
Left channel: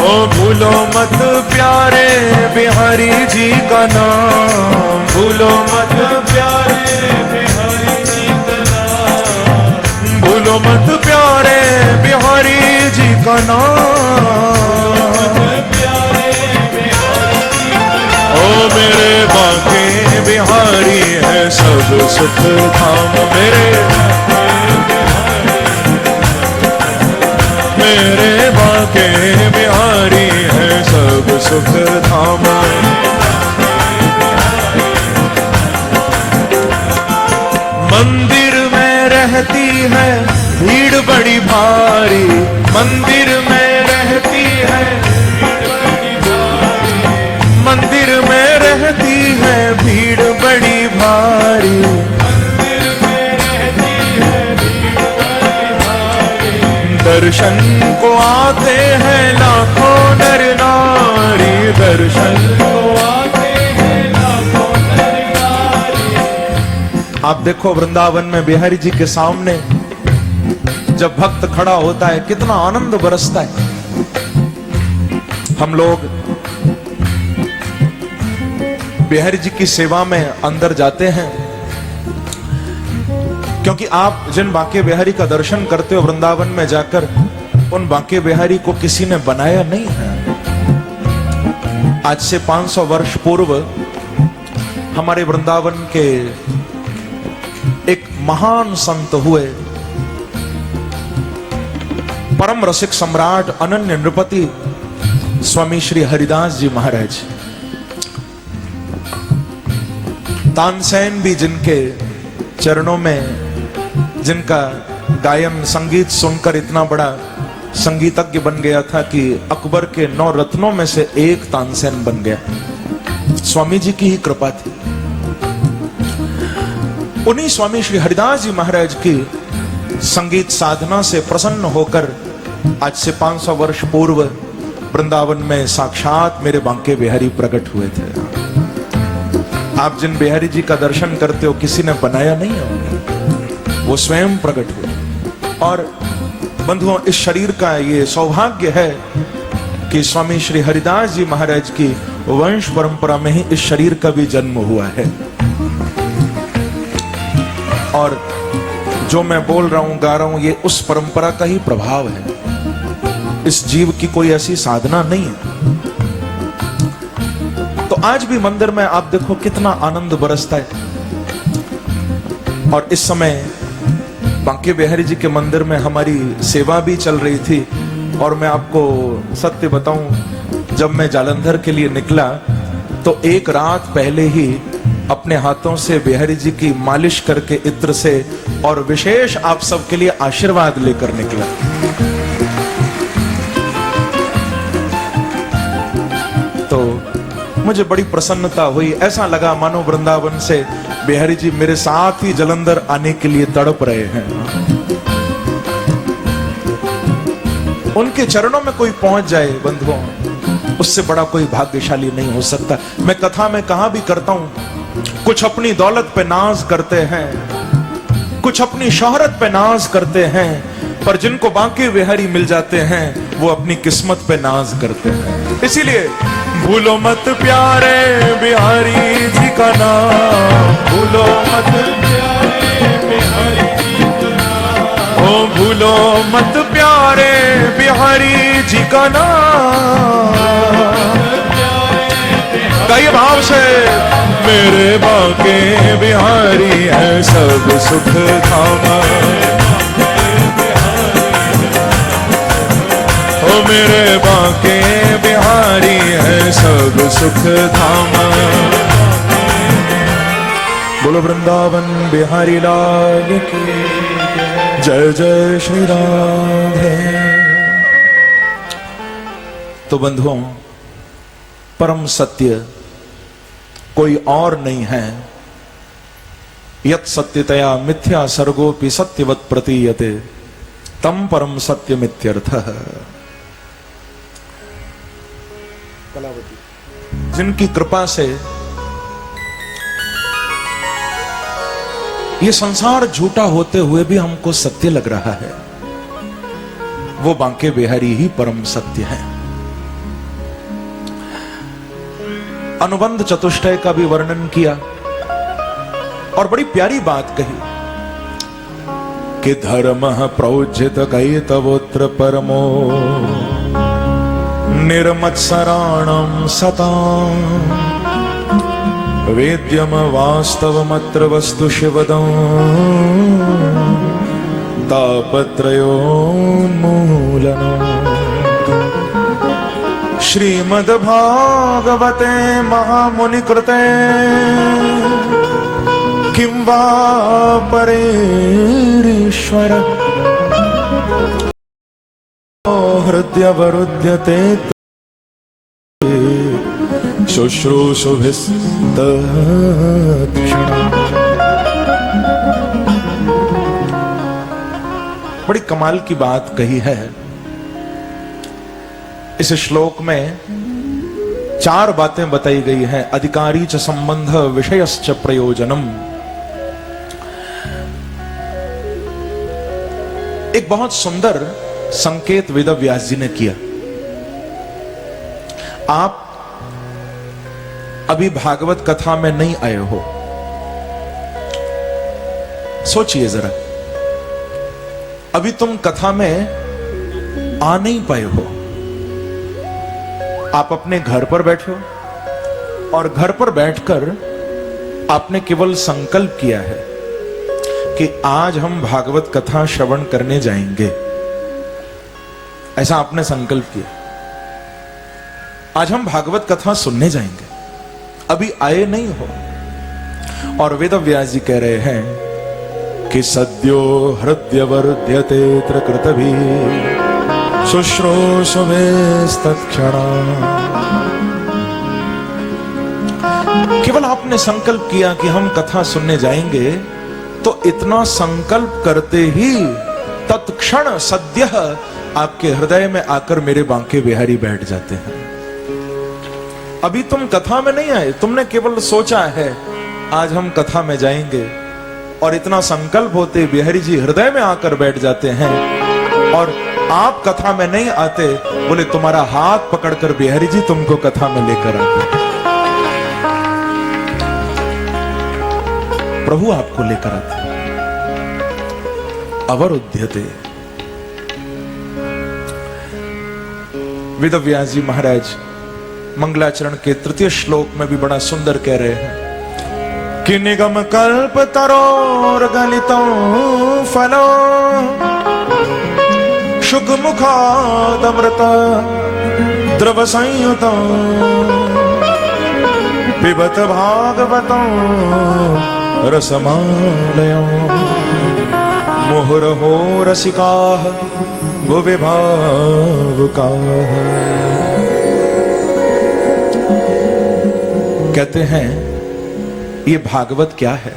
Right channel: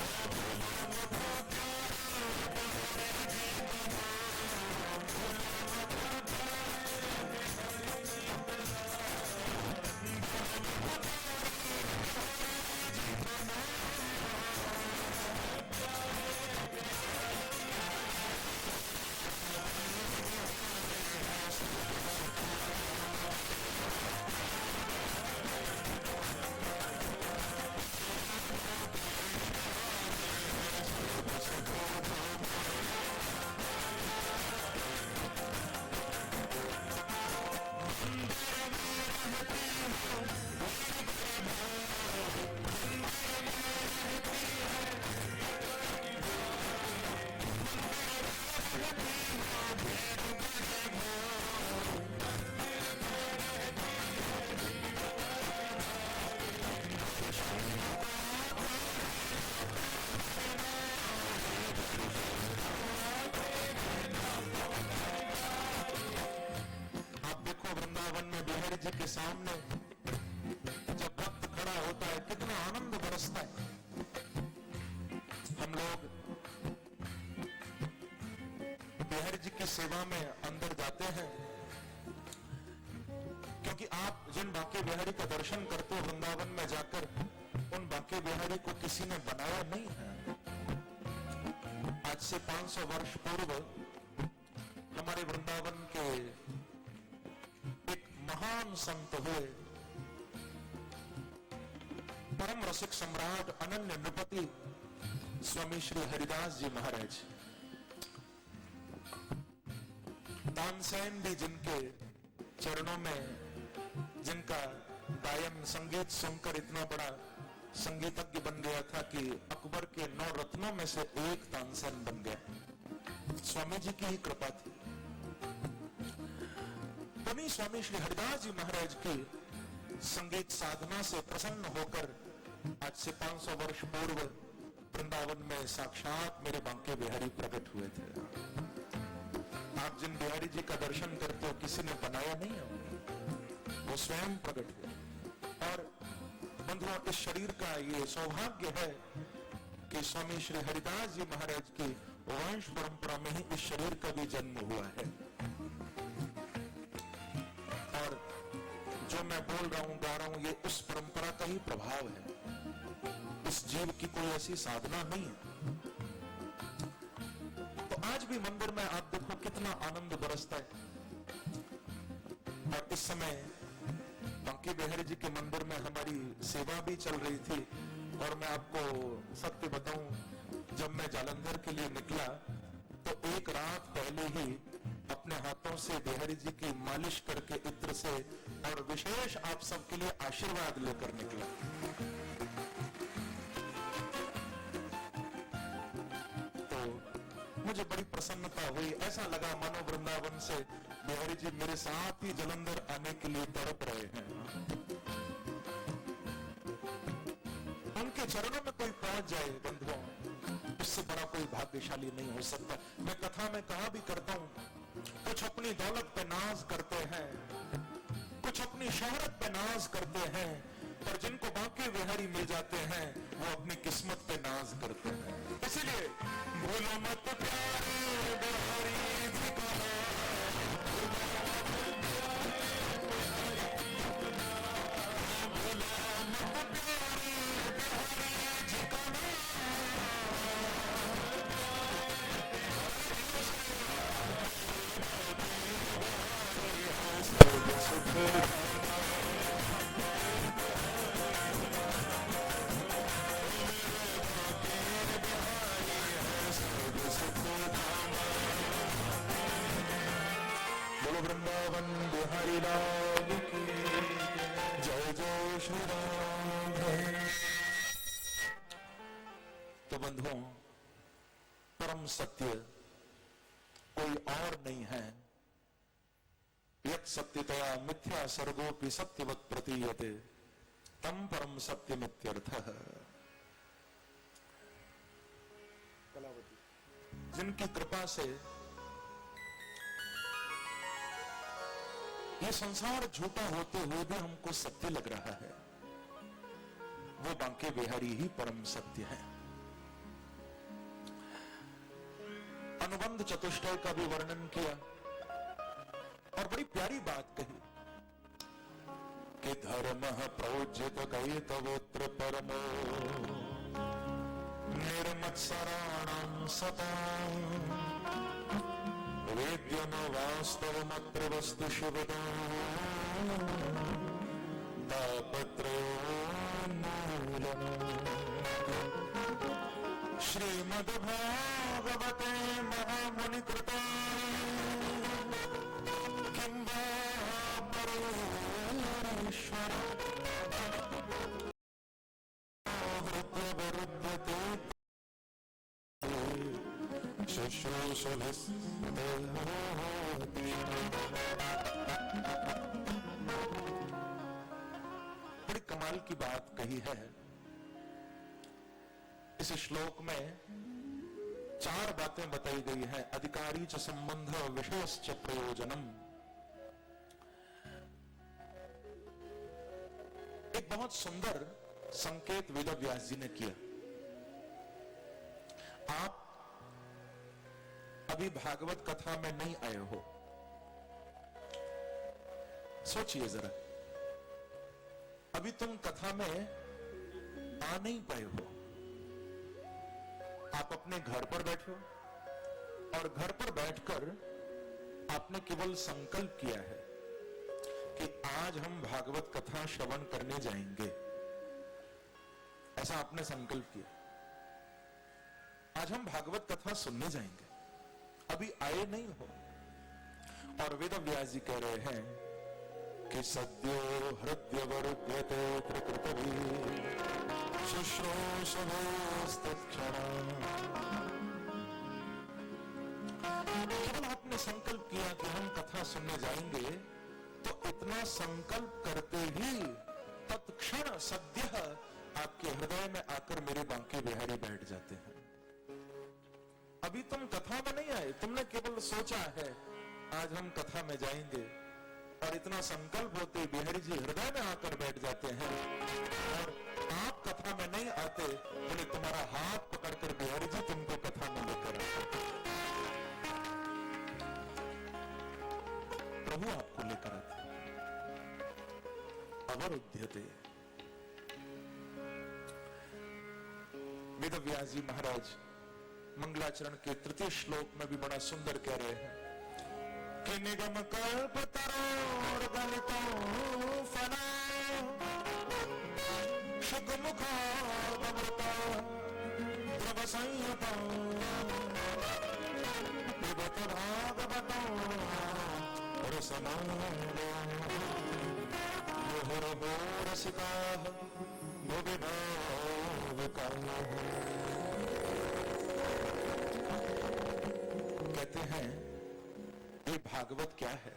ओ भूलो मत प्यारे बिहारी जी का नाम, भूलो मत प्यारे बिहारी जी का नाम, भूलो मत प्यारे बिहारी जी का नाम। ओ मेरे बांके बिहारी है सब सुख धाम, मेरे बांके बिहारी है सब सुख धाम। मंदिर में रहती है भीड़ बड़ी भारी, मंदिर में रहती है मंदिर में रहती है भीड़ बड़ी भारी, मंदिर में रहती है भीड़ बड़ी भारी। दर्शन को आते हैं लाखों नर नारी, दर्शन को आते हैं लाखों नर नारी। आप देखो वृंदावन में बिहारी जी के सामने जब भक्त खड़ा होता है कितना आनंद बरसता है। हम लोग बिहारी जी की सेवा में अंदर जाते हैं क्योंकि आप जिन बांके बिहारी का दर्शन करते हो वृंदावन में जाकर, उन बांके बिहारी को किसी ने बनाया नहीं है। आज से 500 वर्ष पूर्व हमारे वृंदावन के एक महान संत हुए, परम रसिक सम्राट अनन्य नृपति स्वामी श्री हरिदास जी महाराज। तानसेन भी जिनके चरणों में, जिनका गायन संगीत सुनकर इतना बड़ा संगीतज्ञ बन गया था कि अकबर के 9 रत्नों में से एक तानसेन बन गया। स्वामी जी की ही कृपा थी। उन्हीं स्वामी श्री हरिदास जी महाराज की संगीत साधना से प्रसन्न होकर आज से 500 वर्ष पूर्व वृंदावन में साक्षात मेरे बांके बिहारी प्रकट हुए थे। आप जिन बिहारी जी का दर्शन करते हो किसी ने बनाया नहीं है, वो स्वयं प्रकट हुए। और बंधुओं, इस शरीर का ये सौभाग्य है कि स्वामी श्री हरिदास जी महाराज की वंश परंपरा में ही इस शरीर का भी जन्म हुआ है। और जो मैं बोल रहा हूं, गा रहा हूं, ये उस परंपरा का ही प्रभाव है। इस जीव की कोई ऐसी साधना नहीं है। तो आज भी मंदिर में आप देखो कितना आनंद बरसता है। और इस समय बांके बिहारी जी के मंदिर में हमारी सेवा भी चल रही थी। और मैं आपको सत्य बताऊं, जब मैं जालंधर के लिए निकला तो एक रात पहले ही अपने हाथों से बिहारी जी की मालिश करके इत्र से और विशेष आप सबके लिए आशीर्वाद लेकर निकला। तो मुझे बड़ी प्रसन्नता हुई। ऐसा लगा मानो वृंदावन से बिहारी जी मेरे साथ ही जालंधर आने के लिए तड़प रहे हैं। उनके चरणों में कोई पहुंच जाए बंधुओं, उससे बड़ा कोई भाग्यशाली नहीं हो सकता। मैं कथा में कहा भी करता हूं, कुछ अपनी दौलत पे नाज करते हैं, कुछ अपनी शोहरत पे नाज करते हैं, पर जिनको बांके बिहारी मिल जाते हैं वो अपनी किस्मत पे नाज करते हैं। इसीलिए भूलो मत प्यारे बिहारी जी का नाम, भूलो मत प्यारे बिहारी जी का नाम, ओ भूलो मत प्यारे बिहारी जी का नाम। कई भाव से मेरे बांके बिहारी है सब सुख धाम, ओ मेरे बांके बिहारी है सब सुख धाम। बोलो वृंदावन बिहारी लाल की जय जय श्री राधे। तो बंधुओं, परम सत्य कोई और नहीं है। यत् सत्यतया मिथ्या सर्गोपि सत्यवत् प्रतीयते तम परम सत्यमित्यर्थः। जिनकी कृपा से ये संसार झूठा होते हुए भी हमको सत्य लग रहा है, वो बांके बिहारी ही परम सत्य है। अनुबंध चतुष्टय का भी वर्णन किया और बड़ी प्यारी बात कही कि धर्म प्रोज्झित कैतवोत्र परमो निर्मत्सराणं सतां वेद्यम वास्तवमत्र वस्तु शिवदं तापत्रयोन्मूलनम्। श्रीमद्भागवते महामुनिकृते किं वा परेरीश्वर हृदयवरुध्यते शुश्रूषुभिस्तत्क्षणम्। बड़ी कमाल की बात कही है। इस श्लोक में 4 बातें बताई गई हैं। अधिकारी च संबंध विषयश्च प्रयोजनम। एक बहुत सुंदर संकेत वेद व्यास जी ने किया। आप अभी भागवत कथा में नहीं आए हो, सोचिए जरा। अभी तुम कथा में आ नहीं पाए हो। आप अपने घर पर बैठे हो और घर पर बैठकर आपने केवल संकल्प किया है कि आज हम भागवत कथा श्रवण करने जाएंगे। ऐसा आपने संकल्प किया, आज हम भागवत कथा सुनने जाएंगे। अभी आए नहीं हो और वेद व्यास जी कह रहे हैं कि सद्यो हृदयवरुध्यते कृतभि शुश्रूषुभिस्तत्क्षणम्। केवल आपने संकल्प किया कि हम कथा सुनने जाएंगे, तो इतना संकल्प करते ही तत्क्षण सद्य आपके हृदय में आकर मेरे बांके बिहारी बैठ जाते हैं। अभी तुम कथा में नहीं आए, तुमने केवल सोचा है आज हम कथा में जाएंगे, और इतना संकल्प होते बिहारी जी हृदय में आकर बैठ जाते हैं। और आप कथा में नहीं आते, बोले तुम्हारा हाथ पकड़कर बिहारी जी तुमको कथा में लेकर आते। प्रभु आपको लेकर आते। अवरुध्यते। वेद व्यास जी महाराज मंगलाचरण के 3 श्लोक में भी बड़ा सुंदर कह रहे हैं कि निगम कल्प तरोर गलितं फलो शुक मुखादमृत द्रव संयुतं पिबत भागवतं रसमालयं मुहुर्हो रसिकाः भुवि भावुकाः। कहते हैं ये भागवत क्या है?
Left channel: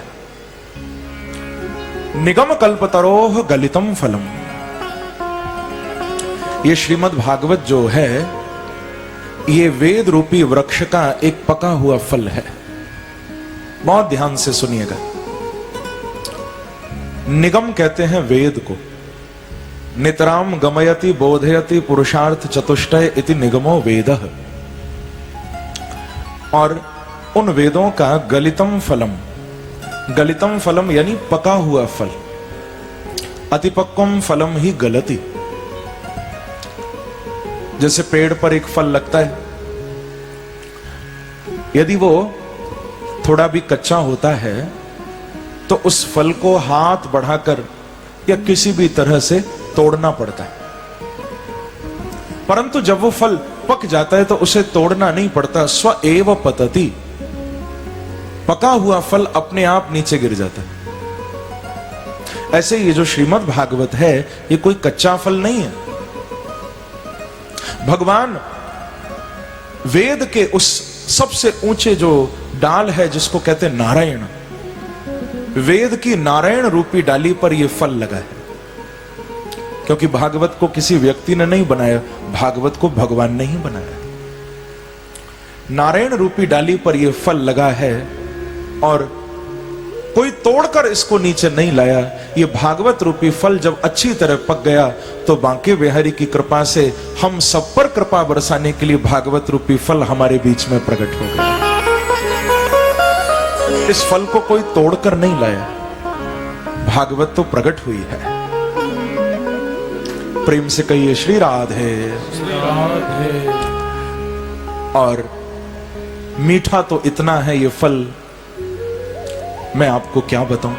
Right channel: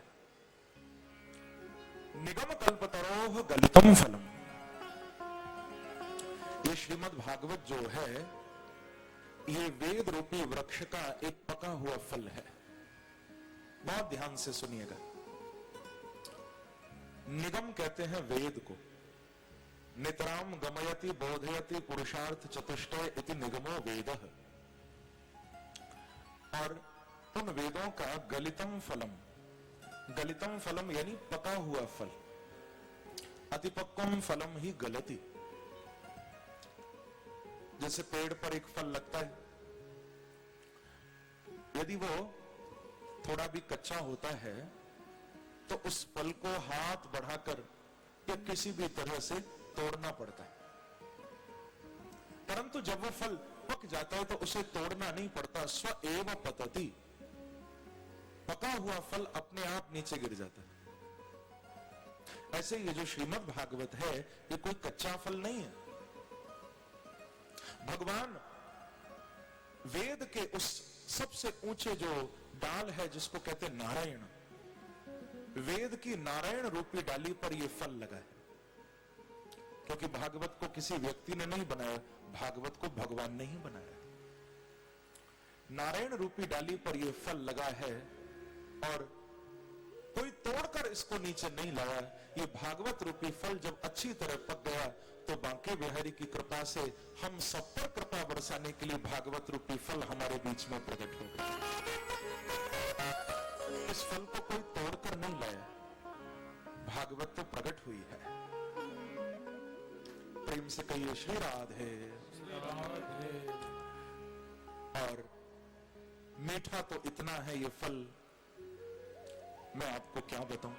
निगम कल्पतरोह गलितम फलम। ये श्रीमद् भागवत जो है, ये वेद रूपी वृक्ष का एक पका हुआ फल है। बहुत ध्यान से सुनिएगा। निगम कहते हैं वेद को। नितराम गमयति बोधयति पुरुषार्थ चतुष्टय इति निगमो वेदः। और उन वेदों का गलितम फलम, गलितम फलम यानी पका हुआ फल। अतिपक्वम फलम ही गलति। जैसे पेड़ पर एक फल लगता है, यदि वो थोड़ा भी कच्चा होता है तो उस फल को हाथ बढ़ाकर या किसी भी तरह से तोड़ना पड़ता है। परंतु जब वो फल पक जाता है तो उसे तोड़ना नहीं पड़ता, स्व एव पतति। पका हुआ फल अपने आप नीचे गिर जाता है। ऐसे ये जो श्रीमद् भागवत है, ये कोई कच्चा फल नहीं है। भगवान वेद के उस सबसे ऊंचे जो डाल है, जिसको कहते हैं नारायण, वेद की नारायण रूपी डाली पर यह फल लगा है। क्योंकि भागवत को किसी व्यक्ति ने नहीं बनाया, भागवत को भगवान ने ही बनाया। नारायण रूपी डाली पर यह फल लगा है और कोई तोड़कर इसको नीचे नहीं लाया। ये भागवत रूपी फल जब अच्छी तरह पक गया तो बांके बिहारी की कृपा से हम सब पर कृपा बरसाने के लिए भागवत रूपी फल हमारे बीच में प्रकट हो गया। इस फल को कोई तोड़कर नहीं लाया, भागवत तो प्रकट हुई है। प्रेम से कहिए श्री राधे। श्री राधे। और मीठा तो इतना है ये फल, मैं आपको क्या बताऊं।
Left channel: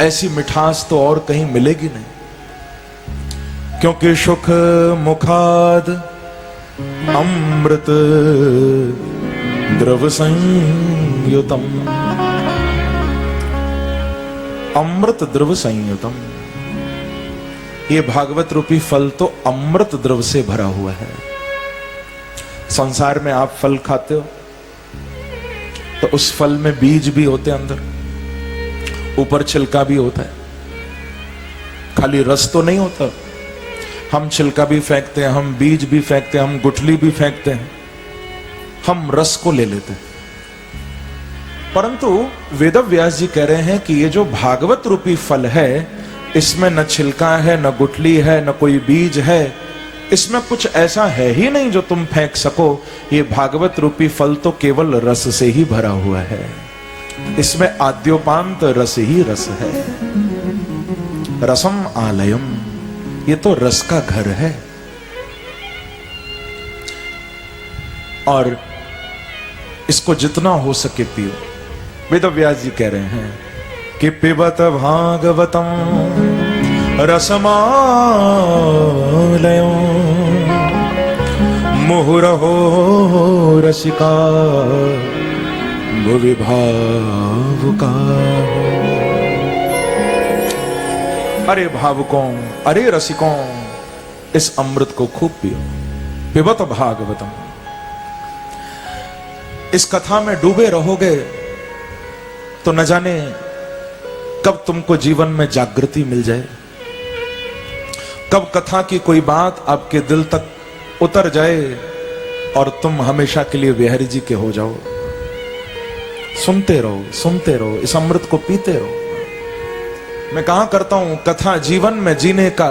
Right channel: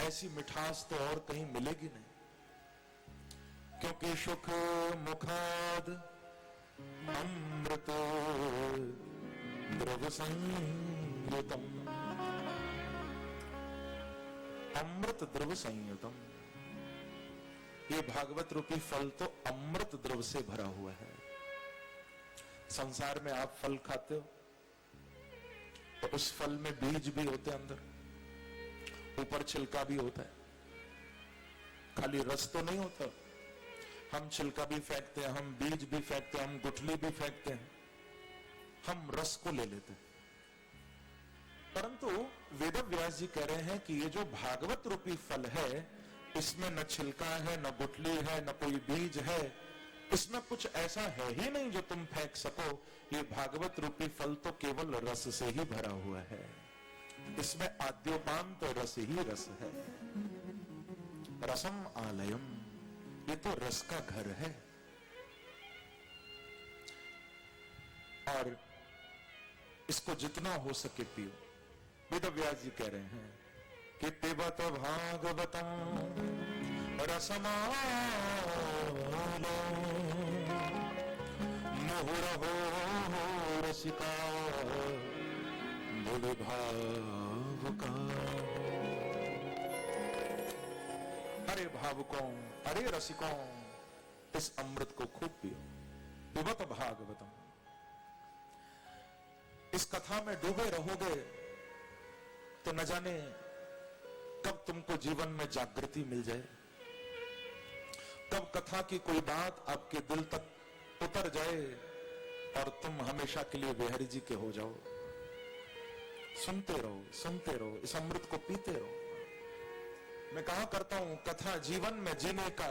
ऐसी मिठास तो और कहीं मिलेगी नहीं। क्योंकि सुख मुखाद अमृत द्रव संयुतम, अमृत द्रव संयुतम। ये भागवत रूपी फल तो अमृत द्रव से भरा हुआ है। संसार में आप फल खाते हो तो उस फल में बीज भी होते हैं, अंदर ऊपर छिलका भी होता है, खाली रस तो नहीं होता। हम छिलका भी फेंकते हैं, हम बीज भी फेंकते हैं, हम गुठली भी फेंकते हैं, हम रस को ले लेते हैं। परंतु वेदव्यास जी कह रहे हैं कि ये जो भागवत रूपी फल है, इसमें न छिलका है, न गुठली है, न कोई बीज है, इसमें कुछ ऐसा है ही नहीं जो तुम फेंक सको। ये भागवत रूपी फल तो केवल रस से ही भरा हुआ है। इसमें आद्योपांत रस ही रस है। रसम आलयम, ये तो रस का घर है। और इसको जितना हो सके पियो। वेदव्यास जी कह रहे हैं कि पिबत भागवतम रसमालयम मुहुरहो रसिका भुवि भावुका। अरे भावुकों, अरे रसिकों, इस अमृत को खूब पियो। पिबत भागवतम, इस कथा में डूबे रहोगे तो न जाने कब तुमको जीवन में जागृति मिल जाए, कब कथा की कोई बात आपके दिल तक उतर जाए और तुम हमेशा के लिए बिहारी जी के हो जाओ। सुनते रहो, सुनते रहो, इस अमृत को पीते रहो। मैं कहा करता हूं, कथा जीवन में जीने का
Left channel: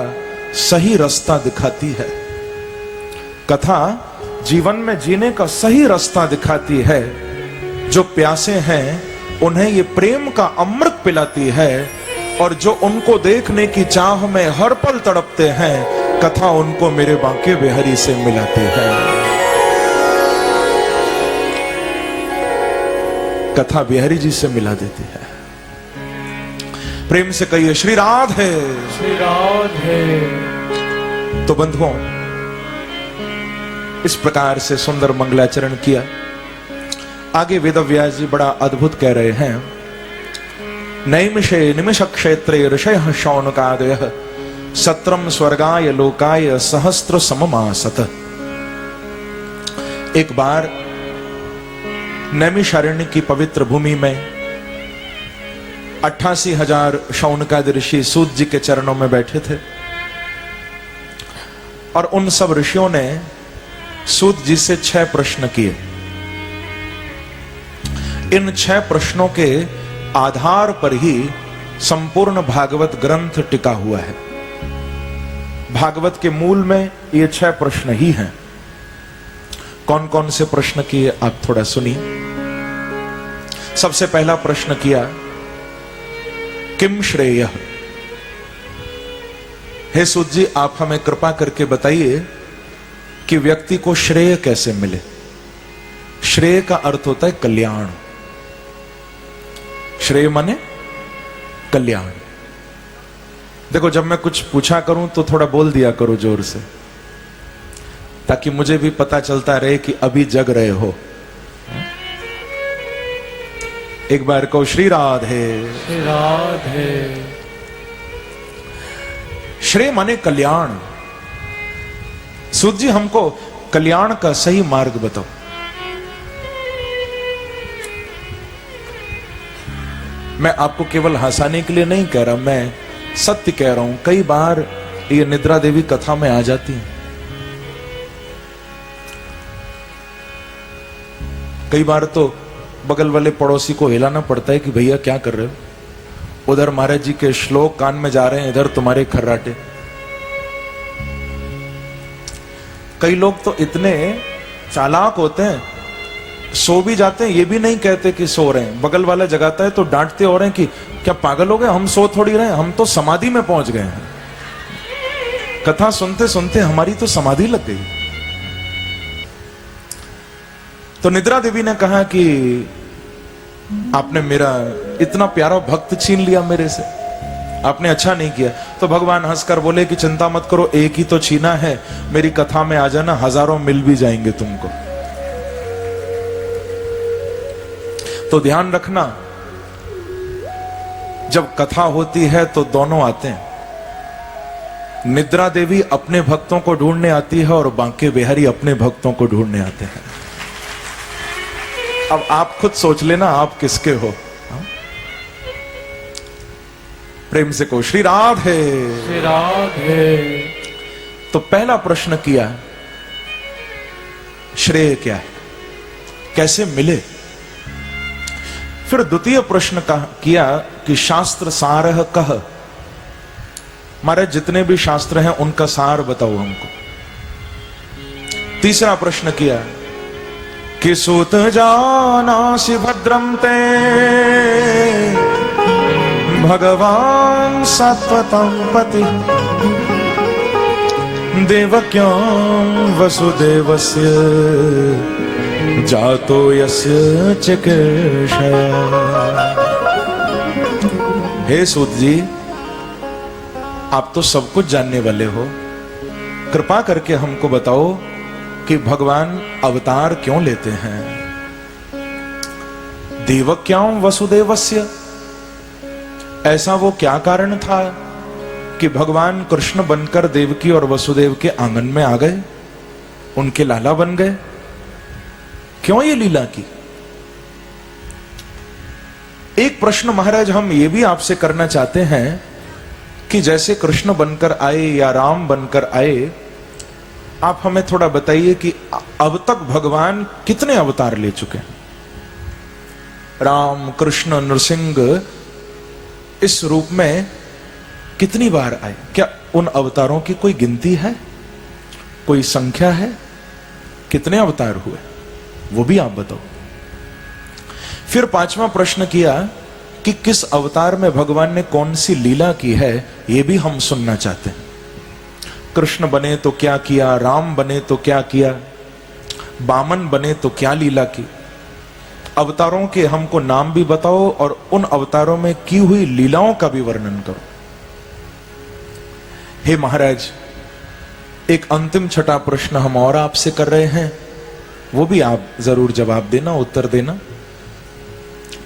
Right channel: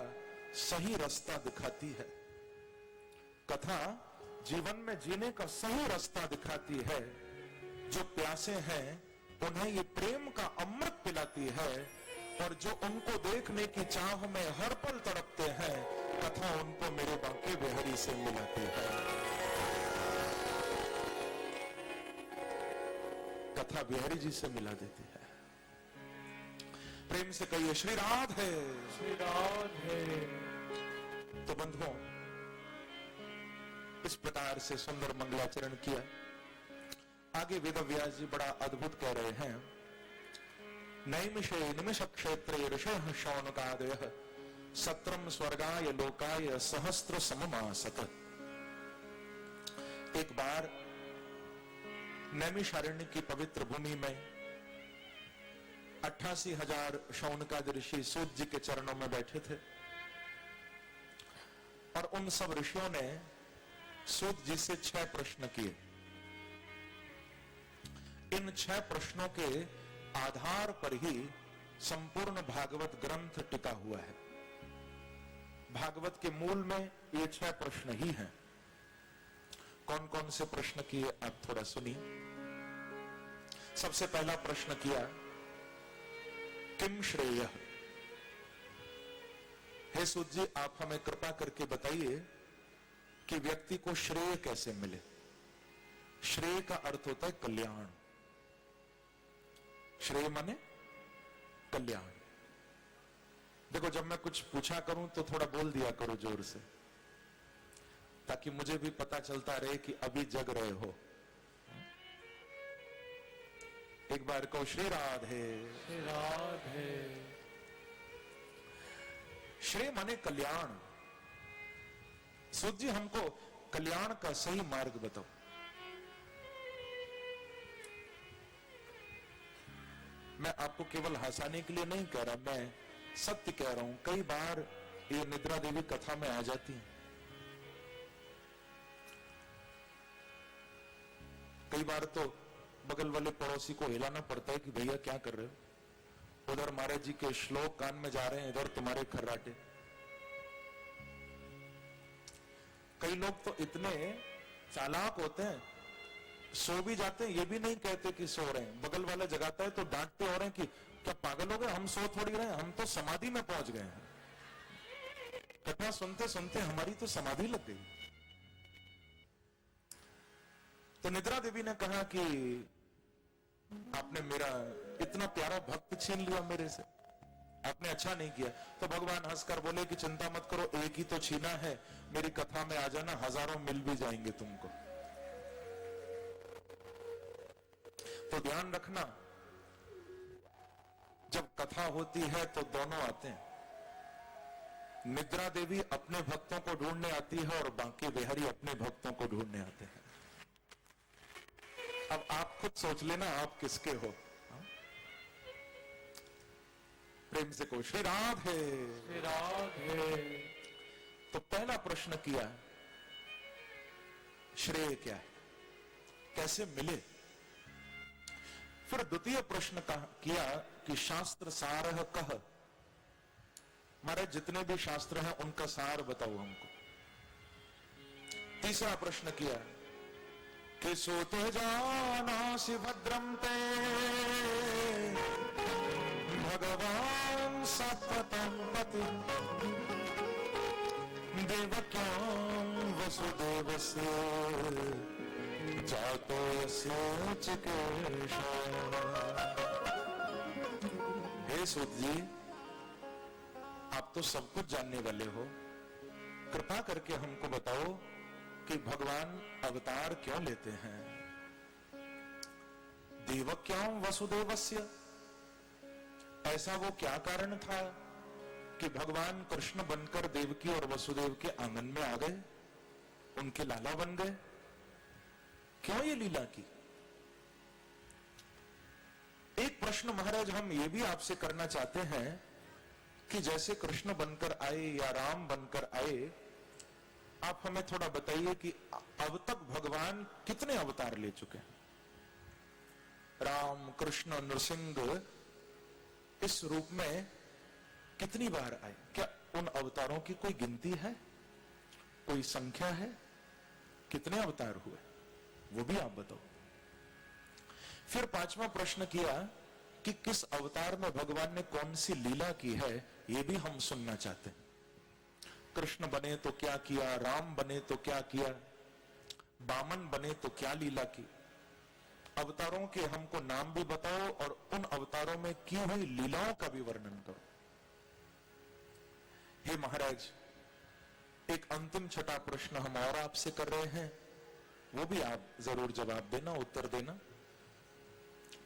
सही रास्ता दिखाती है। कथा जीवन में जीने का सही रास्ता दिखाती है। जो प्यासे हैं उन्हें ये प्रेम का अमृत पिलाती है, और जो उनको देखने की चाह में हर पल तड़पते हैं, कथा उनको मेरे बांके बिहारी से मिलाती है। कथा बिहारी जी से मिला देती है। प्रेम से कहिए श्री राधे। श्री राधे। तो बंधुओं, इस प्रकार से सुंदर मंगलाचरण किया। आगे वेदव्यास जी बड़ा अद्भुत कह रहे हैं। नैमिषे निमिष क्षेत्रे ऋषयः शौनकादयः सत्रम स्वर्गाय लोकाय सहस्त्र सममासत। एक बार नैमिषारण्य की पवित्र भूमि में 88,000 शौनकादि ऋषि सूत जी के चरणों में बैठे थे, और उन सब ऋषियों ने सूत जी से 6 प्रश्न किए। इन 6 प्रश्नों के आधार पर ही संपूर्ण भागवत ग्रंथ टिका हुआ है। भागवत के मूल में ये 6 प्रश्न ही हैं। कौन कौन से प्रश्न किए आप थोड़ा सुनिए। सबसे पहला प्रश्न किया, किम श्रेयः। हे सूत जी, आप हमें कृपा करके बताइए कि व्यक्ति को श्रेय कैसे मिले। श्रेय का अर्थ होता है कल्याण। श्रेय माने कल्याण। देखो, जब मैं कुछ पूछा करूं तो थोड़ा बोल दिया करो जोर से, ताकि मुझे भी पता चलता रहे कि अभी जग रहे हो। एक बार को श्री राधे। श्री राधे। श्रेय माने कल्याण। सूत जी हमको कल्याण का सही मार्ग बताओ। मैं आपको केवल हंसाने के लिए नहीं कह रहा, मैं सत्य कह रहा हूं। कई बार ये निद्रा देवी कथा में आ जाती है। कई बार तो बगल वाले पड़ोसी को हिलाना पड़ता है कि भैया क्या कर रहे हो। उधर महाराज जी के श्लोक कान में जा रहे हैं, इधर तुम्हारे खर्राटे। कई लोग तो इतने चालाक होते हैं, सो भी जाते हैं, ये भी नहीं कहते कि सो रहे हैं। बगल वाला जगाता है तो डांटते हो रहे हैं कि क्या पागल हो गए, हम सो थोड़ी रहे, हम तो समाधि में पहुंच गए हैं। कथा सुनते सुनते हमारी तो समाधि लग गई। तो निद्रा देवी ने कहा कि आपने मेरा इतना प्यारा भक्त छीन लिया मेरे से, आपने अच्छा नहीं किया। तो भगवान हंसकर बोले कि चिंता मत करो, एक ही तो छीना है, मेरी कथा में आ जाना, हजारों मिल भी जाएंगे तुमको। तो ध्यान रखना, जब कथा होती है तो दोनों आते हैं। निद्रा देवी अपने भक्तों को ढूंढने आती है और बांके बिहारी अपने भक्तों को ढूंढने आते हैं। अब आप खुद सोच लेना आप किसके हो। प्रेम से को श्री राधे। श्री राधे। तो पहला प्रश्न किया, श्रेय क्या है, कैसे मिले। फिर द्वितीय प्रश्न किया कि शास्त्र सारह कह, महाराज जितने भी शास्त्र हैं उनका सार बताओ हमको। तीसरा प्रश्न किया कि सूत जानासि भद्रम ते भगवान सत्वतं पति देवक्यां वसुदेवस्य जातो यस्य चिकीर्षया। हे सूत जी, आप तो सब कुछ जानने वाले हो, कृपा करके हमको बताओ कि भगवान अवतार क्यों लेते हैं। देवक्यां वसुदेवस्य, ऐसा वो क्या कारण था कि भगवान कृष्ण बनकर देवकी और वसुदेव के आंगन में आ गए, उनके लाला बन गए। क्यों ये लीला की। एक प्रश्न महाराज हम ये भी आपसे करना चाहते हैं कि जैसे कृष्ण बनकर आए या राम बनकर आए, आप हमें थोड़ा बताइए कि अब तक भगवान कितने अवतार ले चुके हैं। राम कृष्ण नृसिंह इस रूप में कितनी बार आए, क्या उन अवतारों की कोई गिनती है, कोई संख्या है, कितने अवतार हुए, वो भी आप बताओ। फिर पांचवा प्रश्न किया कि किस अवतार में भगवान ने कौन सी लीला की है, ये भी हम सुनना चाहते हैं। कृष्ण बने तो क्या किया, राम बने तो क्या किया, बामन बने तो क्या लीला की। अवतारों के हमको नाम भी बताओ और उन अवतारों में की हुई लीलाओं का भी वर्णन करो। हे महाराज, एक अंतिम छठा प्रश्न हम और आपसे कर रहे हैं, वो भी आप जरूर जवाब देना, उत्तर देना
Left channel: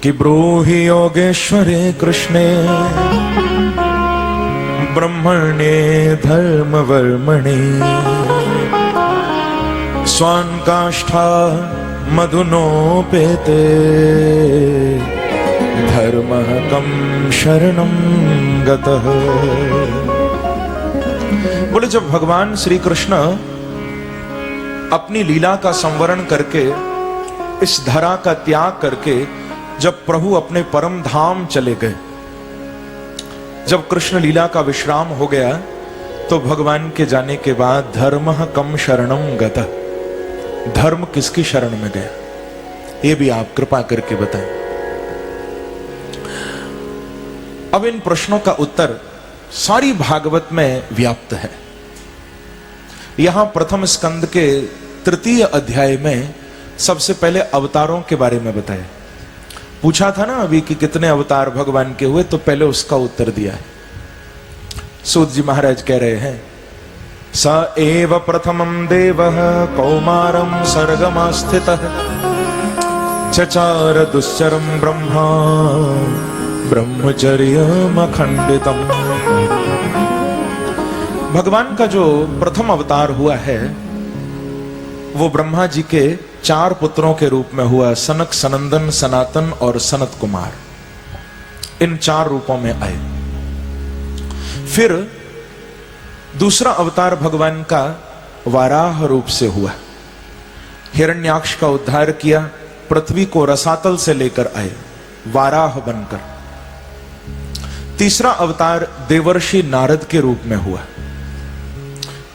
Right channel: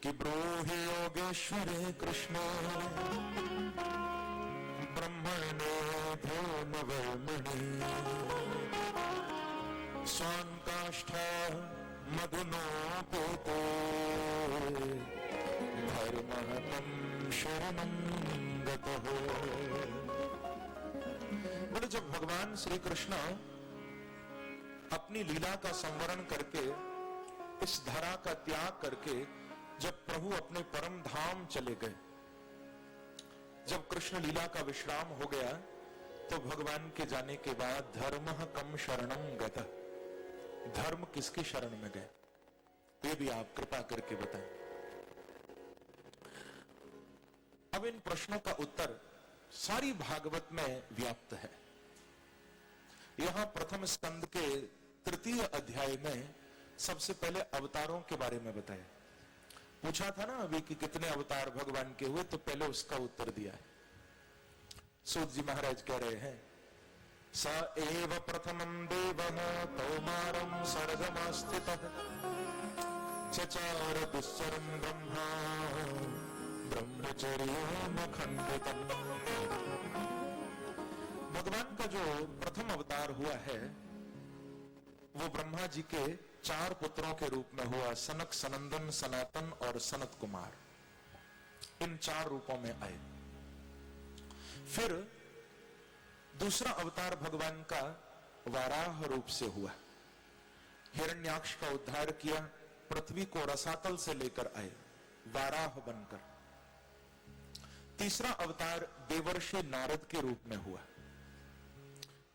कि ब्रूहि योगेश्वरे कृष्णे ब्रह्मणे धर्मवर्मणे स्वान् काष्ठा मधुनोपेते धर्मः कं शरणं गतः। बोले जब भगवान श्री कृष्ण अपनी लीला का संवरण करके, इस धरा का त्याग करके जब प्रभु अपने परम धाम चले गए, जब कृष्ण लीला का विश्राम हो गया, तो भगवान के जाने के बाद धर्मः कं शरणं गतः, धर्म किसकी शरण में गया, ये भी आप कृपा करके बताएं। अब इन प्रश्नों का उत्तर सारी भागवत में व्याप्त है। यहां प्रथम स्कंद के तृतीय अध्याय में सबसे पहले अवतारों के बारे में बताया। पूछा था ना अभी कि कितने अवतार भगवान के हुए, तो पहले उसका उत्तर दिया है। सूत जी महाराज कह रहे हैं, स एव प्रथमं देवः कौमारं सर्गमास्थितः चचार दुश्चरम ब्रह्मा ब्रह्मचर्यमखंडितम। भगवान का जो प्रथम अवतार हुआ है वो ब्रह्मा जी के 4 पुत्रों के रूप में हुआ, सनक, सनंदन, सनातन और सनत कुमार। इन 4 रूपों में आए। फिर दूसरा अवतार भगवान का वाराह रूप से हुआ। हिरण्याक्ष का उद्धार किया, पृथ्वी को रसातल से लेकर आए वाराह बनकर। तीसरा अवतार देवर्षि नारद के रूप में हुआ।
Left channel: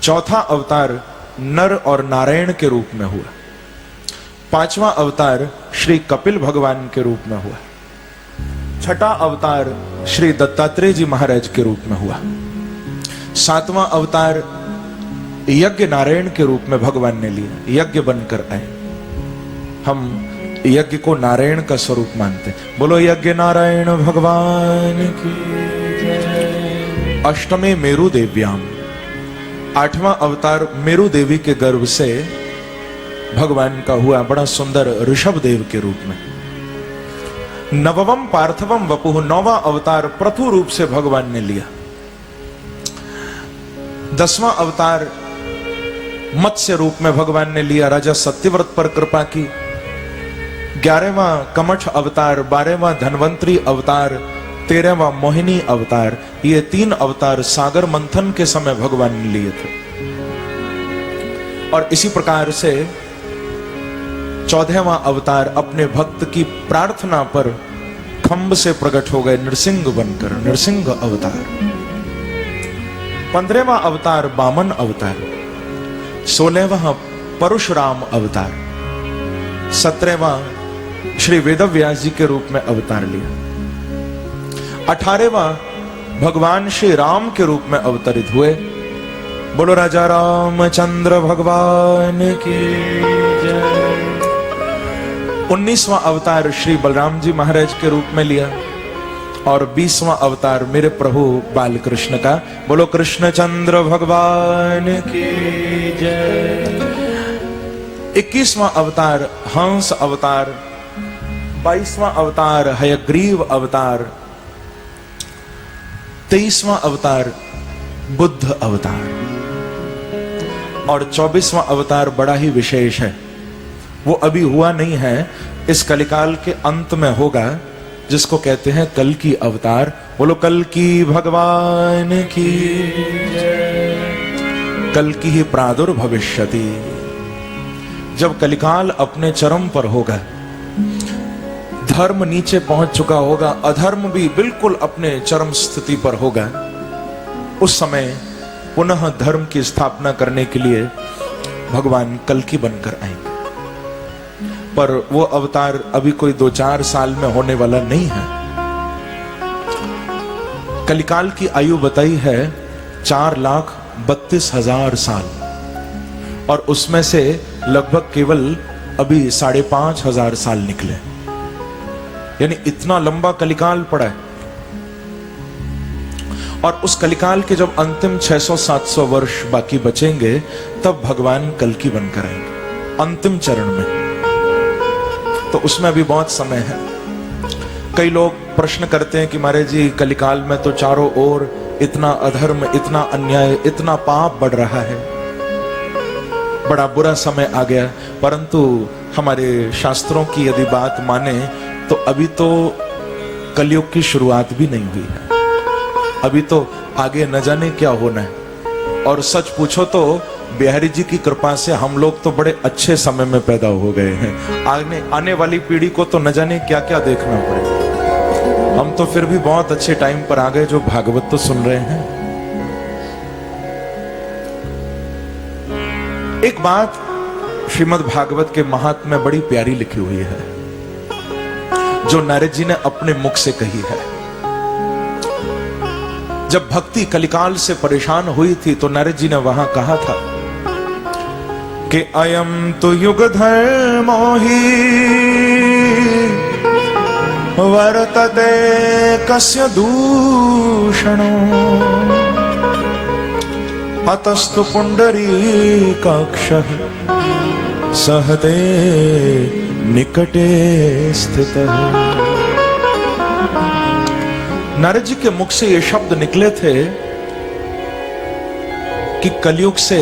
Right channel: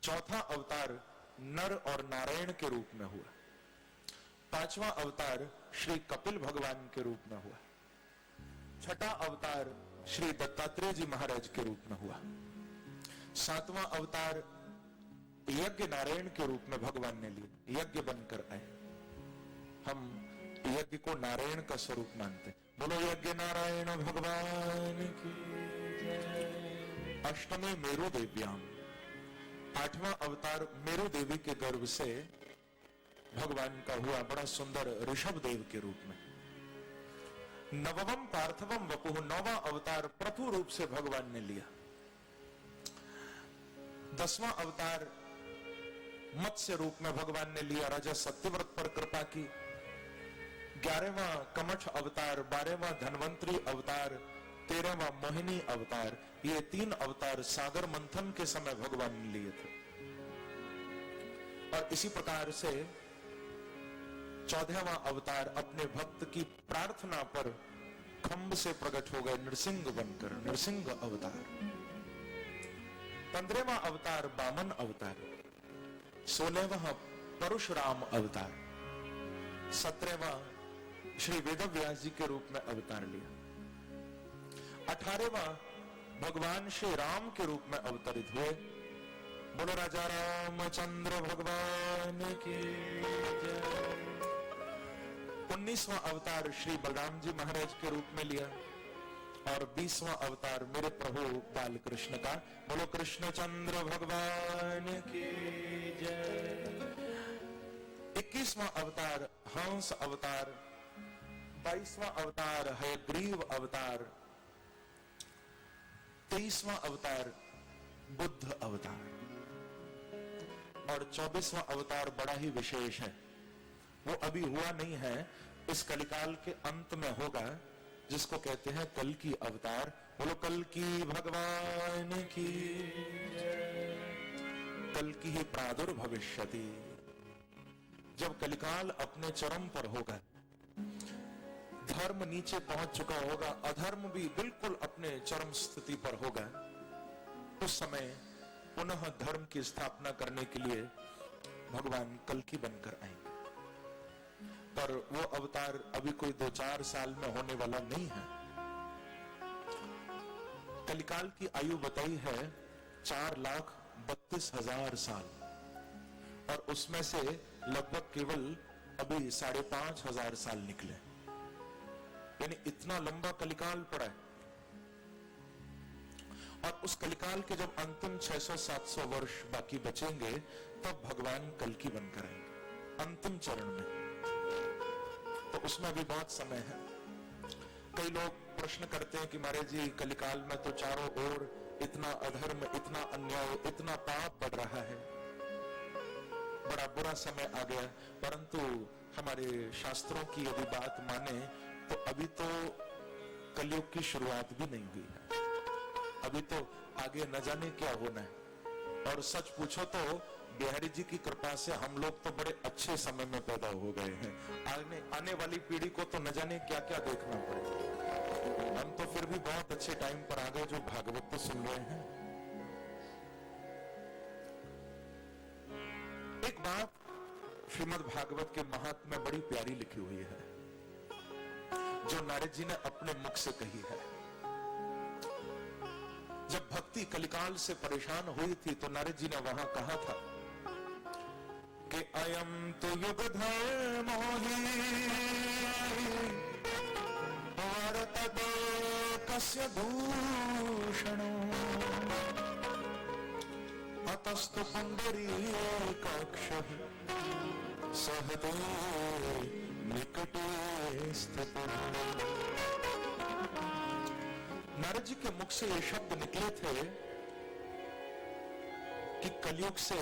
चौथा अवतार नर और नारायण के रूप में हुआ। 5वां अवतार श्री कपिल भगवान के रूप में हुआ। 6ठा अवतार श्री दत्तात्रेय जी महाराज के रूप में हुआ। 7वां अवतार यज्ञ नारायण के रूप में भगवान ने लिया, यज्ञ बनकर आए। हम यज्ञ को नारायण का स्वरूप मानते हैं। बोलो यज्ञ नारायण भगवान की जय। अष्टमे मेरु देव्याम, 8वां अवतार मेरु देवी के गर्भ से भगवान का हुआ, बड़ा सुंदर ऋषभ देव के रूप में। 9वम पार्थवम वपुः, 9वां अवतार प्रथु रूप से भगवान ने लिया। 10वां अवतार मत्स्य रूप में भगवान ने लिया, राजा सत्यव्रत पर कृपा की। 11वां कमठ अवतार, 12वां धन्वंतरी अवतार, 13वां मोहिनी अवतार। ये 3 अवतार सागर मंथन के समय भगवान ने लिए थे। और इसी प्रकार से 14वां अवतार अपने भक्त की प्रार्थना पर खंभ से प्रकट हो गए नृसिंह बनकर, नृसिंह अवतार। 15वां अवतार वामन अवतार। 16वां परशुराम अवतार। 17वां श्री वेदव्यास जी के रूप में अवतार लिया। 18वां भगवान श्री राम के रूप में अवतरित हुए। बोलो राजा रामचंद्र भगवान की जय। 19वां अवतार श्री बलराम जी महाराज के रूप में लिया। और 20वां अवतार मेरे प्रभु बाल कृष्ण का। बोलो कृष्णचंद्र भगवान की जय। 21वां अवतार हंस अवतार। 22वां अवतार हयग्रीव अवतार। 23वां अवतार बुद्ध अवतार। और 24वां अवतार बड़ा ही विशेष है, वो अभी हुआ नहीं है, इस कलिकाल के अंत में होगा, जिसको कहते हैं कल की अवतार। बोलो कल की भगवान की जय। कल की ही प्रादुर्भविष्यति। जब कलिकाल अपने चरम पर होगा, धर्म नीचे पहुंच चुका होगा, अधर्म भी बिल्कुल अपने चरम स्थिति पर होगा, उस समय पुनः धर्म की स्थापना करने के लिए भगवान कल्कि बनकर आएंगे। पर वो अवतार अभी कोई 2-4 साल में होने वाला नहीं है। कलिकाल की आयु बताई है 4,32,000 साल, और उसमें से लगभग केवल अभी 5,500 साल निकले। यानी इतना लंबा कलिकाल पड़ा है। और उस कलिकाल के जब अंतिम 600-700 वर्ष बाकी बचेंगे, तब भगवान कल्कि बनकर आएंगे अंतिम चरण में। तो उसमें अभी बहुत समय है। कई लोग प्रश्न करते हैं कि महाराज जी कलिकाल में तो चारों ओर इतना अधर्म, इतना अन्याय, इतना पाप बढ़ रहा है, बड़ा बुरा समय आ गया। परंतु हमारे शास्त्रों की यदि बात माने तो अभी तो कलयुग की शुरुआत भी नहीं हुई है। अभी तो आगे न जाने क्या होना है। और सच पूछो तो बिहारी जी की कृपा से हम लोग तो बड़े अच्छे समय में पैदा हो गए हैं। आने वाली पीढ़ी को तो न जाने क्या क्या देखना पड़ेगा। हम तो फिर भी बहुत अच्छे टाइम पर आ गए जो भागवत तो सुन रहे हैं। एक बात श्रीमद् भागवत के महात्म्य में बड़ी प्यारी लिखी हुई है, जो नारद जी ने अपने मुख से कही है। जब भक्ति कलिकाल से परेशान हुई थी तो नारद जी ने वहां कहा था कि अयम तो युग धर्मो हि वर्तते कस्य दूषणो अतस्तु पुंडरीकाक्षः सहते निकटे स्थित। नारद जी के मुख से ये शब्द निकले थे कि कलयुग से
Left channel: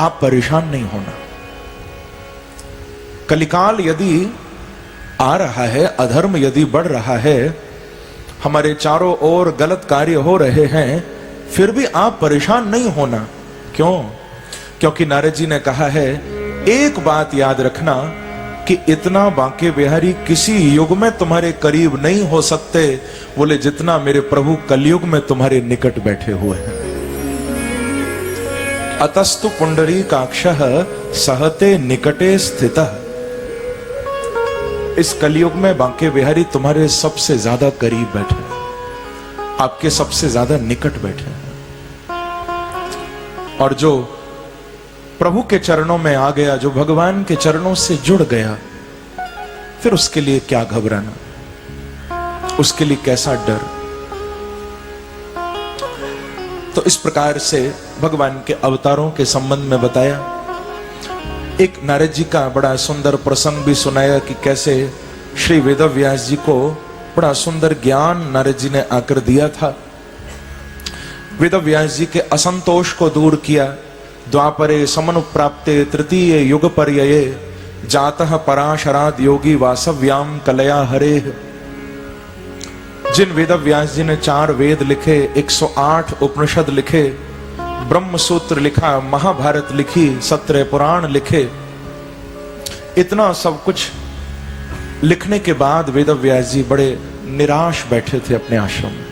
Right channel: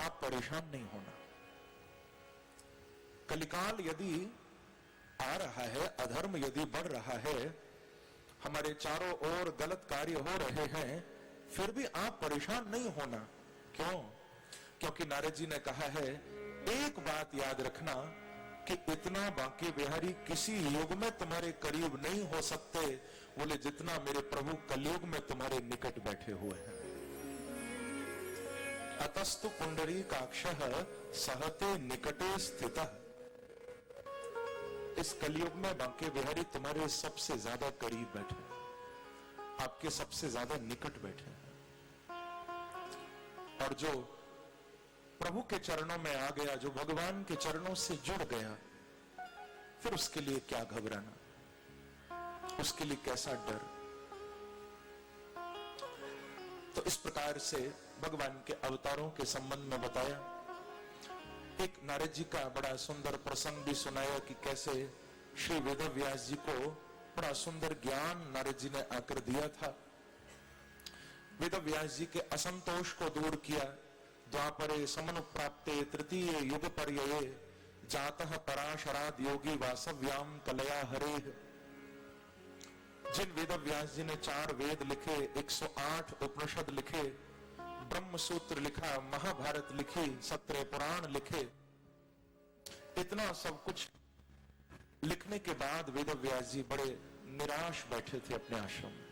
आप परेशान नहीं होना। कलिकाल यदि आ रहा है, अधर्म यदि बढ़ रहा है, हमारे चारों ओर गलत कार्य हो रहे हैं, फिर भी आप परेशान नहीं होना। क्यों? क्योंकि नारद जी ने कहा है, एक बात याद रखना कि इतना बांके बिहारी किसी युग में तुम्हारे करीब नहीं हो सकते, बोले जितना मेरे प्रभु कलयुग में तुम्हारे निकट बैठे हुए हैं। अतस्तु पुंडरीकाक्षः सहते निकटे स्थितः। इस कलयुग में बांके बिहारी तुम्हारे सबसे ज्यादा करीब बैठे हैं, आपके सबसे ज्यादा निकट बैठे हैं। और जो प्रभु के चरणों में आ गया, जो भगवान के चरणों से जुड़ गया, फिर उसके लिए क्या घबराना, उसके लिए कैसा डर। तो इस प्रकार से भगवान के अवतारों के संबंध में बताया। एक नारद जी का बड़ा सुंदर प्रसंग भी सुनाया कि कैसे श्री वेदव्यास जी को बड़ा सुंदर ज्ञान नारद जी ने आकर दिया था। वेदव्यास जी के असंतोष को दूर किया। द्वापरे समनुप्राप्ते तृतीय युग पर्यये जातः पराशराद योगी वासव्याम कलया हरे। जिन वेदव्यास जी ने 4 वेद लिखे, 108 उपनिषद लिखे, ब्रह्म सूत्र लिखा, महाभारत लिखी, 17 पुराण लिखे, इतना सब कुछ लिखने के बाद वेदव्यास जी बड़े निराश बैठे थे अपने आश्रम में।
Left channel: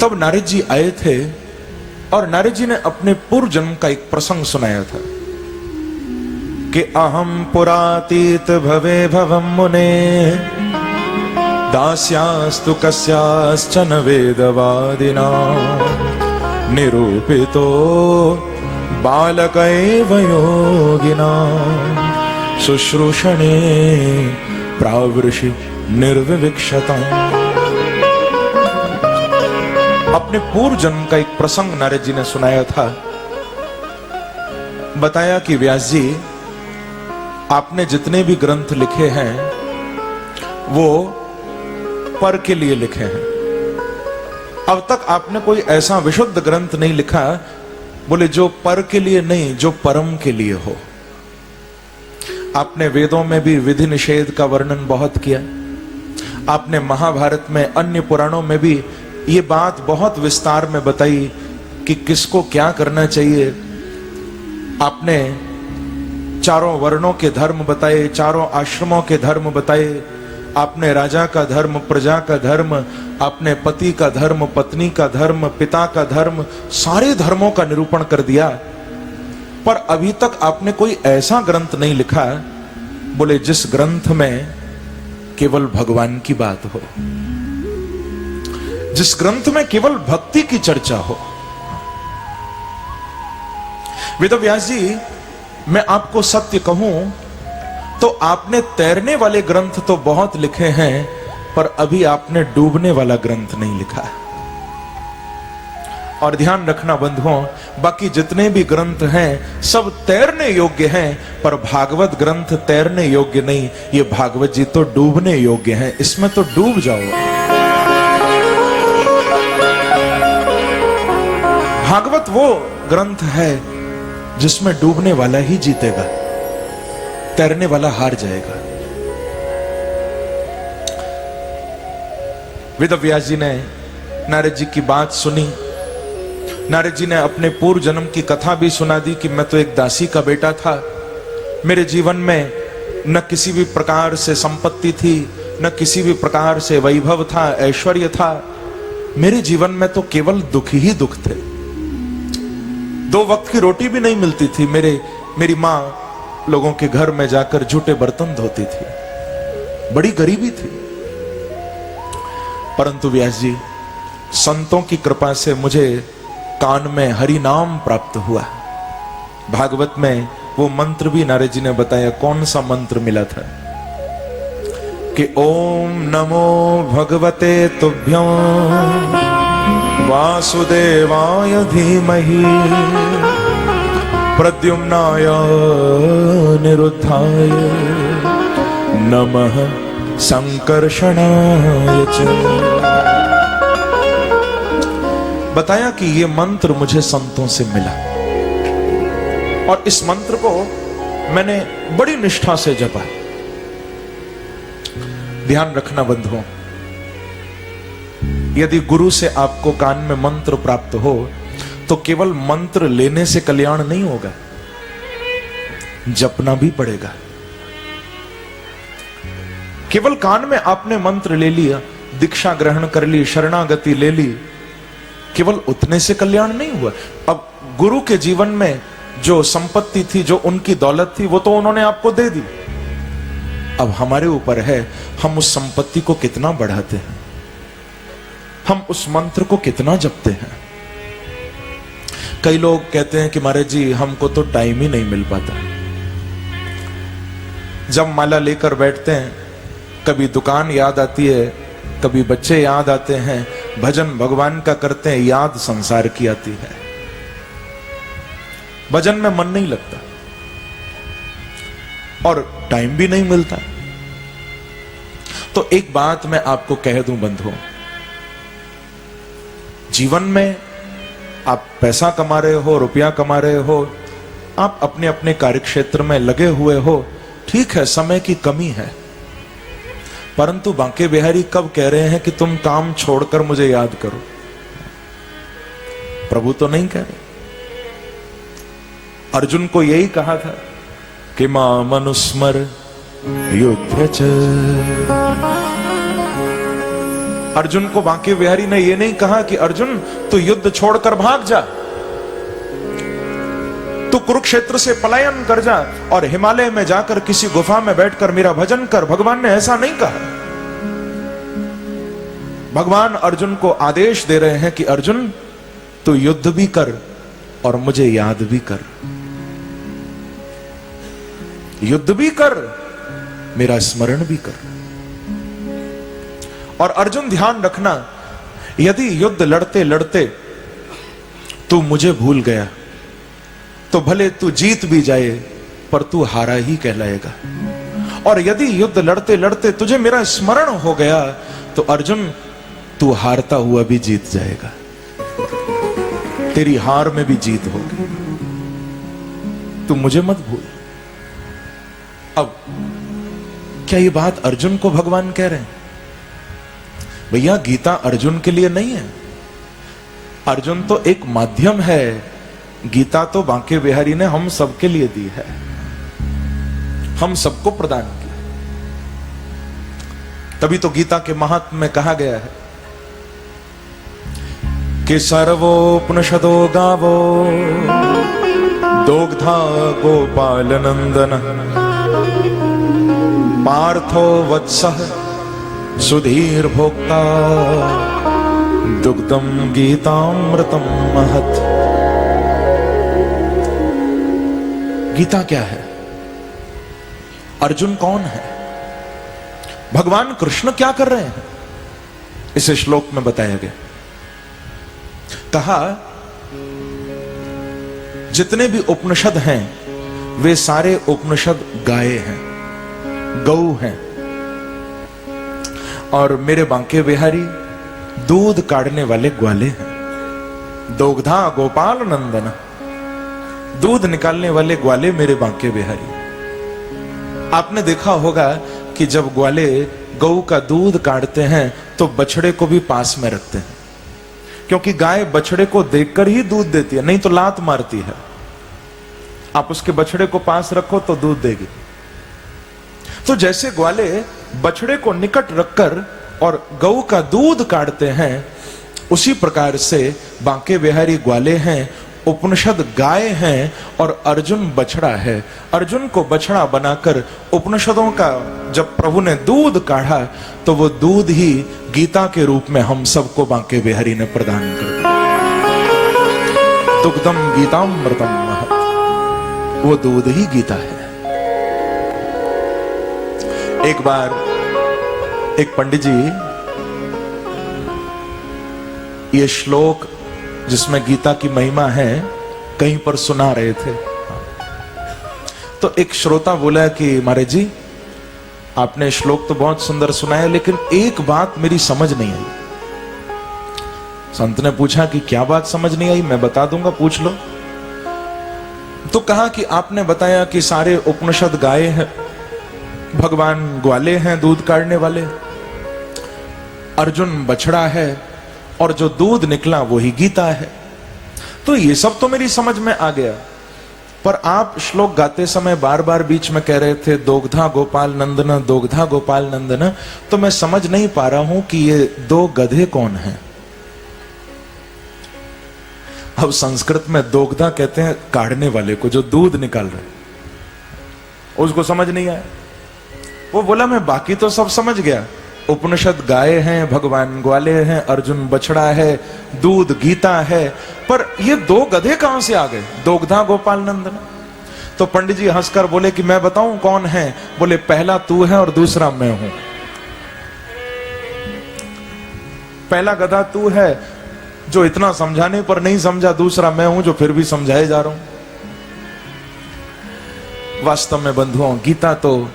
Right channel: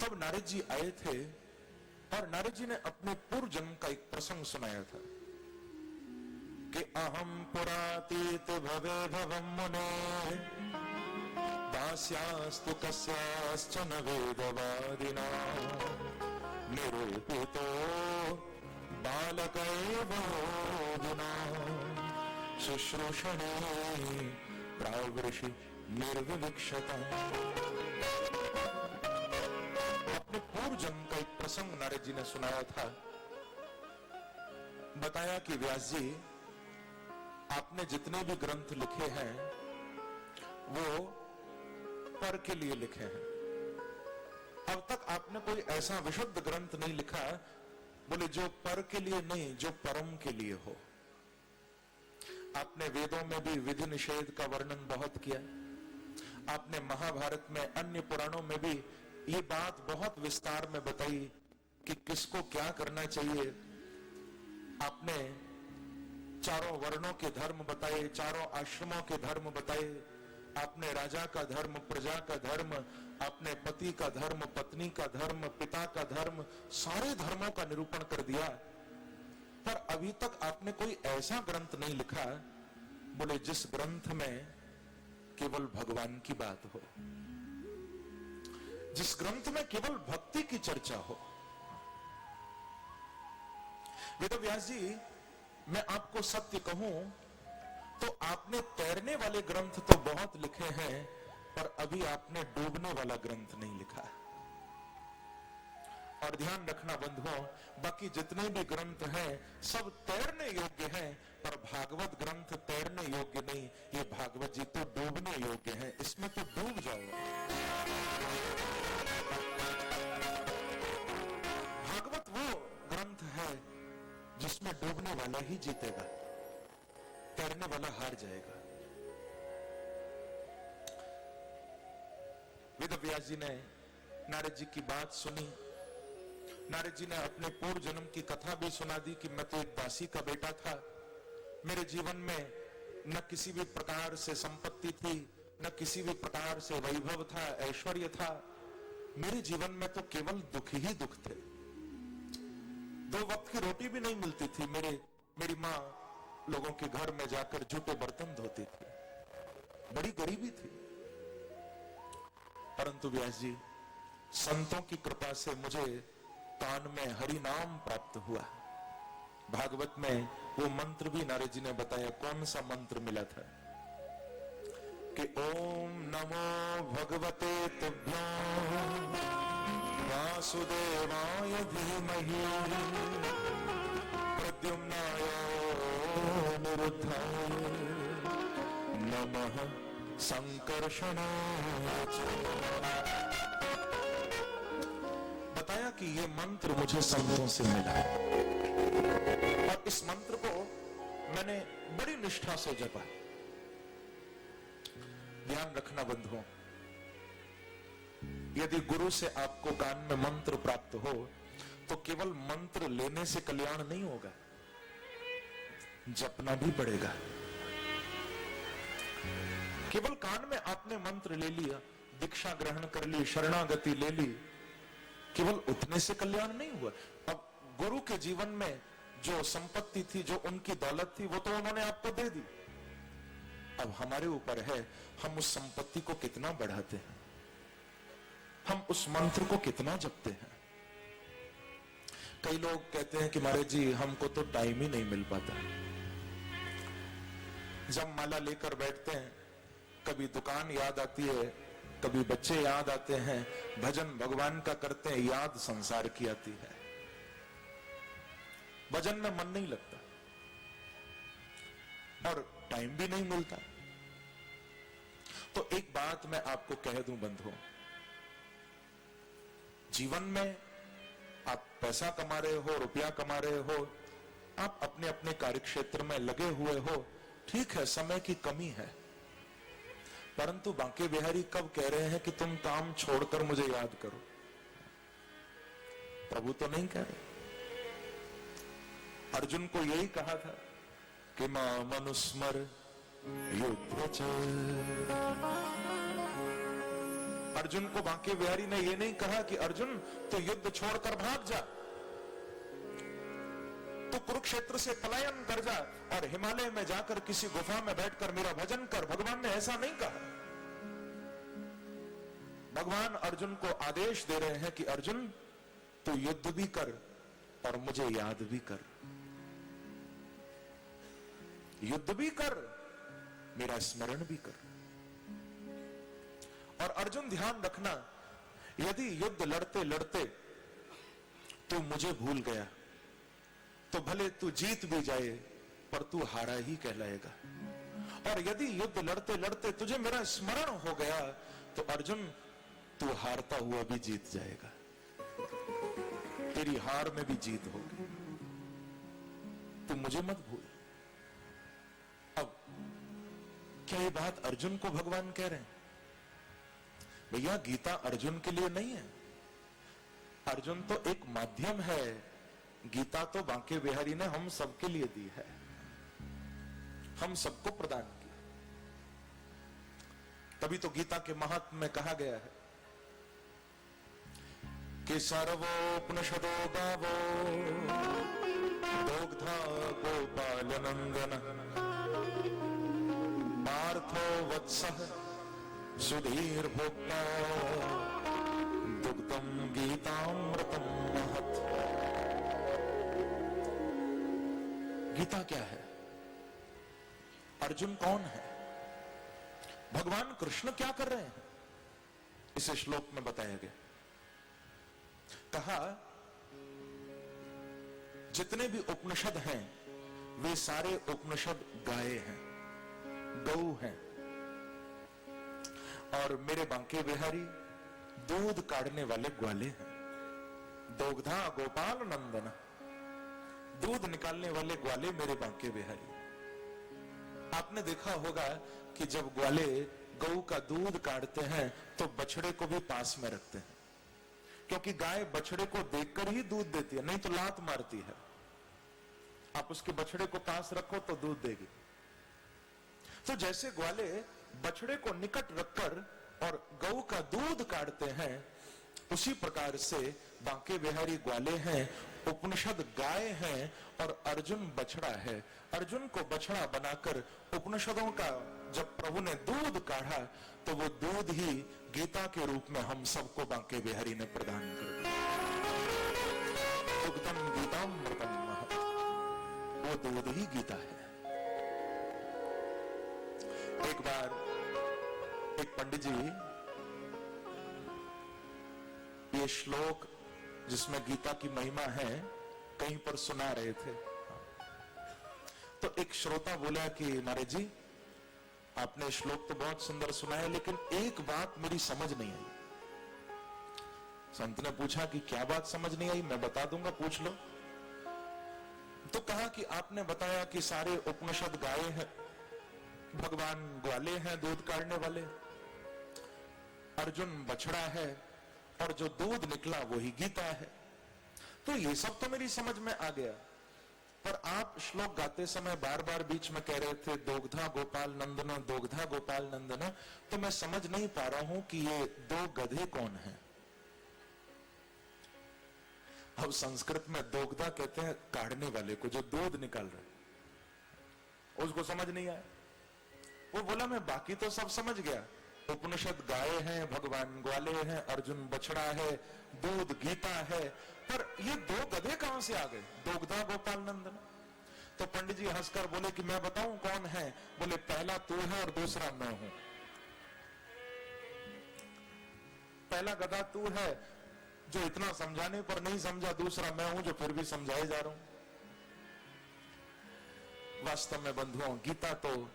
तब नारद जी आए थे और नारद जी ने अपने पूर्व जन्म का एक प्रसंग सुनाया था कि अहम पुरातीत भवे भवम मुने दास्यास्तु कस्याश्चन वेदवादिना निरूपितो बालकैव योगिना शुश्रूषणे प्रावृषि निर्विवक्षता। अपने पूर्व जन्म का एक प्रसंग नारद जी ने सुनाया था। बताया कि व्यास जी, आपने जितने भी ग्रंथ लिखे हैं वो पर के लिए लिखे हैं। अब तक आपने कोई ऐसा विशुद्ध ग्रंथ नहीं लिखा, बोले जो पर के लिए नहीं, जो परम के लिए हो। आपने वेदों में भी विधि निषेध का वर्णन बहुत किया। आपने महाभारत में, अन्य पुराणों में भी ये बात बहुत विस्तार में बताई कि किसको क्या करना चाहिए। आपने चारों वर्णों के धर्म बताए, चारों आश्रमों के धर्म बताए। आपने राजा का धर्म, प्रजा का धर्म, आपने पति का धर्म, पत्नी का धर्म, पिता का धर्म, सारे धर्मों का निरूपण कर दिया। पर अभी तक आपने कोई ऐसा ग्रंथ नहीं लिखा, बोले जिस ग्रंथ में केवल भगवान की बात हो, जिस ग्रंथ में केवल भक्ति की चर्चा हो। वेदव्यास जी, मैं आपको सत्य कहूं तो आपने तैरने वाले ग्रंथ तो बहुत लिखे हैं, पर अभी आपने डूबने वाला ग्रंथ नहीं लिखा। और ध्यान रखना बंधुओं, बाकी जितने भी ग्रंथ हैं सब तैरने योग्य हैं, पर भागवत ग्रंथ तैरने योग्य नहीं। ये भागवत जी तो डूबने योग्य हैं, इसमें तो डूब जाओ। भागवत वो ग्रंथ है जिसमें डूबने वाला ही जीतेगा, तैरने वाला हार जाएगा। वेदव्यास जी ने नारद जी की बात सुनी। नारद जी ने अपने पूर्व जन्म की कथा भी सुना दी कि मैं तो एक दासी का बेटा था। मेरे जीवन में न किसी भी प्रकार से संपत्ति थी, न किसी भी प्रकार से वैभव था, ऐश्वर्य था। मेरे जीवन में तो केवल दुख ही दुख थे। 2 वक्त की रोटी भी नहीं मिलती थी। मेरी माँ लोगों के घर में जाकर झूठे बर्तन धोती थी, बड़ी गरीबी थी। परंतु व्यास जी, संतों की कृपा से मुझे कान में हरि नाम प्राप्त हुआ। भागवत में वो मंत्र भी नारद जी ने बताया। कौन सा मंत्र मिला था कि ओम नमो भगवते तुभ्यं वासुदेवाय धीमहि प्रद्युम्नाय निरुद्धाय नमः संकर्षणाय च। बताया कि ये मंत्र मुझे संतों से मिला और इस मंत्र को मैंने बड़ी निष्ठा से जपा। ध्यान रखना बंधुओं, यदि गुरु से आपको कान में मंत्र प्राप्त हो तो केवल मंत्र लेने से कल्याण नहीं होगा, जपना भी पड़ेगा। केवल कान में आपने मंत्र ले लिया, दीक्षा ग्रहण कर ली, शरणागति ले ली, केवल उतने से कल्याण नहीं हुआ। अब गुरु के जीवन में जो संपत्ति थी, जो उनकी दौलत थी, वो तो उन्होंने आपको दे दी। अब हमारे ऊपर है, हम उस संपत्ति को कितना बढ़ाते हैं, हम उस मंत्र को कितना जपते हैं। कई लोग कहते हैं कि महाराज जी हमको तो टाइम ही नहीं मिल पाता। जब माला लेकर बैठते हैं, कभी दुकान याद आती है, कभी बच्चे याद आते हैं, भजन भगवान का करते हैं, याद संसार की आती है, भजन में मन नहीं लगता और टाइम भी नहीं मिलता। तो एक बात मैं आपको कह दूं बंधुओं, जीवन में आप पैसा कमा रहे हो, रुपया कमा रहे हो, आप अपने अपने कार्यक्षेत्र में लगे हुए हो, ठीक है, समय की कमी है, परंतु बांके बिहारी कब कह रहे हैं कि तुम काम छोड़कर मुझे याद करो? प्रभु तो नहीं कह रहे। अर्जुन को यही कहा था कि मां मनुस्मर युद्ध च। अर्जुन को बांके बिहारी ने यह नहीं कहा कि अर्जुन तू युद्ध छोड़कर भाग जा, तू कुरुक्षेत्र से पलायन कर जा और हिमालय में जाकर किसी गुफा में बैठकर मेरा भजन कर। भगवान ने ऐसा नहीं कहा। भगवान अर्जुन को आदेश दे रहे हैं कि अर्जुन तू युद्ध भी कर और मुझे याद भी कर, युद्ध भी कर, मेरा स्मरण भी कर। और अर्जुन ध्यान रखना, यदि युद्ध लड़ते लड़ते तू मुझे भूल गया तो भले तू जीत भी जाए पर तू हारा ही कहलाएगा। और यदि युद्ध लड़ते लड़ते तुझे मेरा स्मरण हो गया तो अर्जुन तू हारता हुआ भी जीत जाएगा, तेरी हार में भी जीत होगी, तू मुझे मत भूल। अब क्या ये बात अर्जुन को भगवान कह रहे हैं? भैया गीता अर्जुन के लिए नहीं है, अर्जुन तो एक माध्यम है, गीता तो बांके बिहारी ने हम सबके लिए दी है, हम सबको प्रदान किया। तभी तो गीता के महात्म्य में कहा गया है कि सर्वोपनिषदो गावो दोग्धा गोपाल नंदन पार्थो वत्सः सुधीर भोक्ता दुग्धम गीतामृतम महत्। गीता क्या है? अर्जुन कौन है? भगवान कृष्ण क्या कर रहे हैं? इस श्लोक में बताया गया। कहा जितने भी उपनिषद हैं वे सारे उपनिषद गाय हैं, गौ हैं, और मेरे बांके बिहारी दूध काढ़ने वाले ग्वाले हैं। दोग्धा गोपाल नंदन, दूध निकालने वाले ग्वाले मेरे बांके बिहारी। आपने देखा होगा कि जब ग्वाले गौ का दूध काढ़ते हैं तो बछड़े को भी पास में रखते हैं, क्योंकि गाय बछड़े को देखकर ही दूध देती है, नहीं तो लात मारती है। आप उसके बछड़े को पास रखो तो दूध देगी। तो जैसे ग्वाले बछड़े को निकट रखकर और गौ का दूध काढ़ते हैं, उसी प्रकार से बांके बिहारी ग्वाले हैं, उपनिषद गाय हैं और अर्जुन बछड़ा है। अर्जुन को बछड़ा बनाकर उपनिषदों का जब प्रभु ने दूध काढ़ा तो वो दूध ही गीता के रूप में हम सबको बांके बिहारी ने प्रदान कर दिया। दुग्धम गीतामृतम महत्, वो दूध ही गीता है। एक बार एक पंडित जी ये श्लोक जिसमें गीता की महिमा है कहीं पर सुना रहे थे। तो एक श्रोता बोला कि महाराज जी, आपने श्लोक तो बहुत सुंदर सुनाया, लेकिन एक बात मेरी समझ नहीं आई। संत ने पूछा कि क्या बात समझ नहीं आई? मैं बता दूंगा, पूछ लो। तो कहा कि आपने बताया कि सारे उपनिषद गाय हैं, भगवान ग्वाले हैं दूध काढ़ने वाले, अर्जुन बछड़ा है, और जो दूध निकला वही गीता है। तो ये सब तो मेरी समझ में आ गया, पर आप श्लोक गाते समय बार बार बीच में कह रहे थे दोग्धा गोपाल नंदन, दोग्धा गोपाल नंदन, तो मैं समझ नहीं पा रहा हूं कि ये दो गधे कौन हैं। अब संस्कृत में दोग्धा कहते हैं काढ़ने वाले को, जो दूध निकाल रहे, उसको समझ नहीं आया। वो बोला मैं बाकी तो सब समझ गया, उपनिषद गाय हैं, भगवान ग्वाले हैं, अर्जुन बछड़ा है, दूध गीता है, पर ये दो गधे कहां से आ गए, दोग्धा गोपाल नंदन। तो पंडित जी हंसकर बोले कि मैं बताऊं कौन है? बोले पहला तू है और दूसरा मैं हूं। पहला गधा तू है जो इतना समझाने पर नहीं समझा, दूसरा मैं हूं जो फिर भी समझाए जा रहा हूं। वास्तव में बंधुओं, गीता तो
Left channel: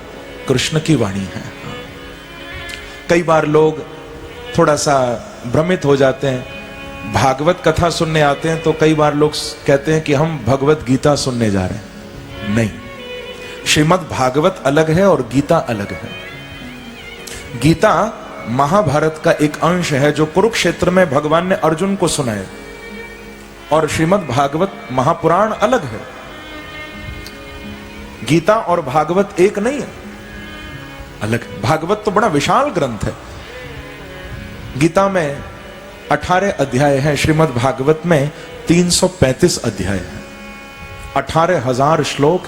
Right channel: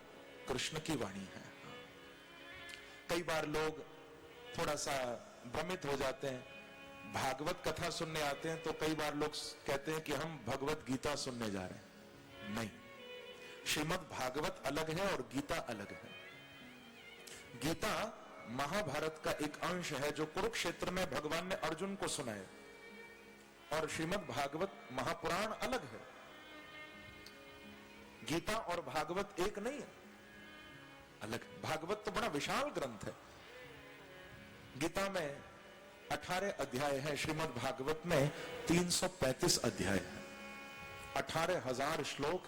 कृष्ण की वाणी है। कई बार लोग थोड़ा सा भ्रमित हो जाते हैं, भागवत कथा सुनने आते हैं तो कई बार लोग कहते हैं कि हम भगवत गीता सुनने जा रहे हैं। नहीं, श्रीमद् भागवत अलग है और गीता अलग है। गीता महाभारत का एक अंश है जो कुरुक्षेत्र में भगवान ने अर्जुन को सुनाया, और श्रीमद् भागवत महापुराण अलग है। गीता और भागवत एक नहीं है, अलग। भागवत तो बड़ा विशाल ग्रंथ है। गीता में 18 अध्याय हैं, श्रीमद् भागवत में 335 अध्याय हैं, 18,000 श्लोक।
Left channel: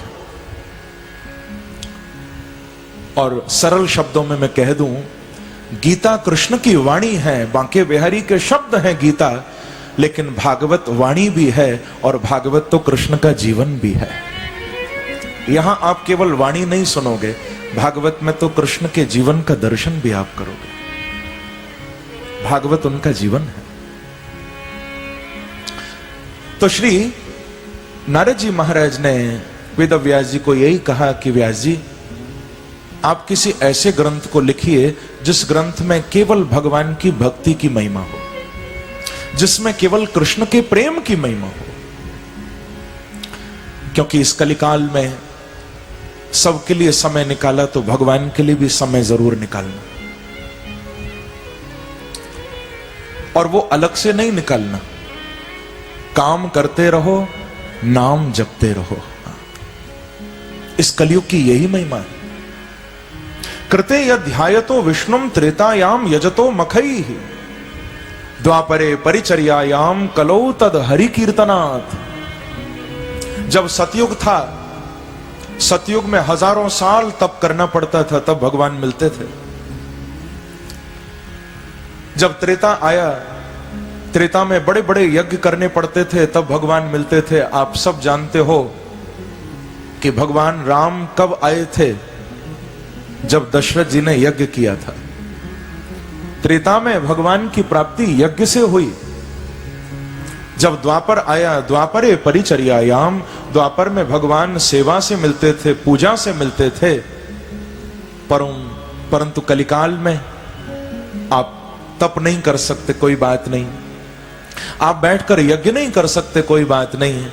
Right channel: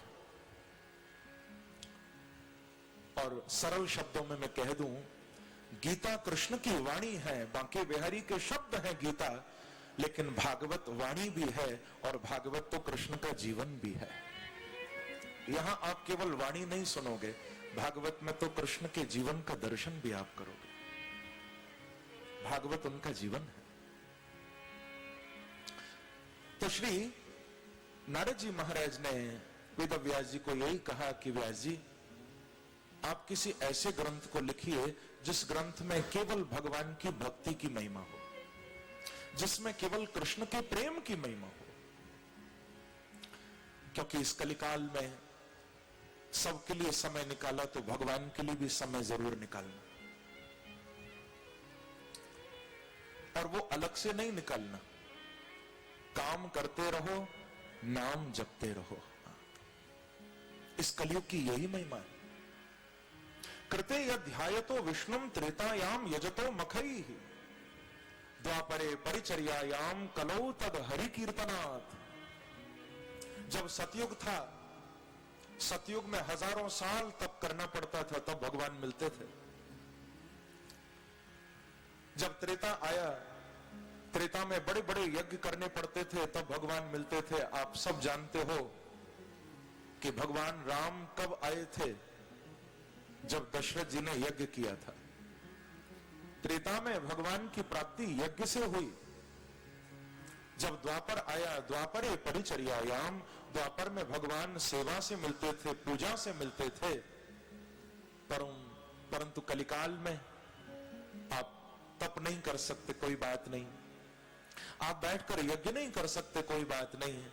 और सरल शब्दों में मैं कह दूं, गीता कृष्ण की वाणी है, बांके बिहारी के शब्द हैं गीता, लेकिन भागवत वाणी भी है और भागवत तो कृष्ण का जीवन भी है। यहां आप केवल वाणी नहीं सुनोगे, भागवत में तो कृष्ण के जीवन का दर्शन भी आप करोगे। भागवत उनका जीवन है। तो श्री नारद जी महाराज ने वेद व्यास जी को यही कहा कि व्यास जी, आप किसी ऐसे ग्रंथ को लिखिए जिस ग्रंथ में केवल भगवान की भक्ति की महिमा हो, जिसमें केवल कृष्ण के प्रेम की महिमा हो। क्योंकि इस कलिकाल में सबके लिए समय निकाला तो भगवान के लिए भी समय जरूर निकालना, और वो अलग से नहीं निकालना। काम करते रहो, नाम जपते रहो। इस कलयुग की यही महिमा है। कृते यध्यायतो विष्णुम त्रेतायाम यजतो मखैः, द्वापरे परिचर्यायाम कलौ तद हरि कीर्तनात्। जब सतयुग था, सतयुग में हजारों साल तप करना पड़ता था, तब भगवान मिलते थे। जब त्रेता आया, त्रेता में बड़े बड़े यज्ञ करने पड़ते थे, तब भगवान मिलते थे। आप सब जानते हो कि भगवान राम कब आए थे? जब दशरथ जी ने यज्ञ किया था। त्रेता में भगवान की प्राप्ति यज्ञ से हुई। जब द्वापर आया, द्वापरे परिचर्यायाम, द्वापर में भगवान सेवा से मिलते थे, पूजा से मिलते थे। परंतु कलिकाल में आप तप नहीं कर सकते, कोई बात नहीं। आप बैठकर यज्ञ नहीं कर सकते, कोई बात नहीं।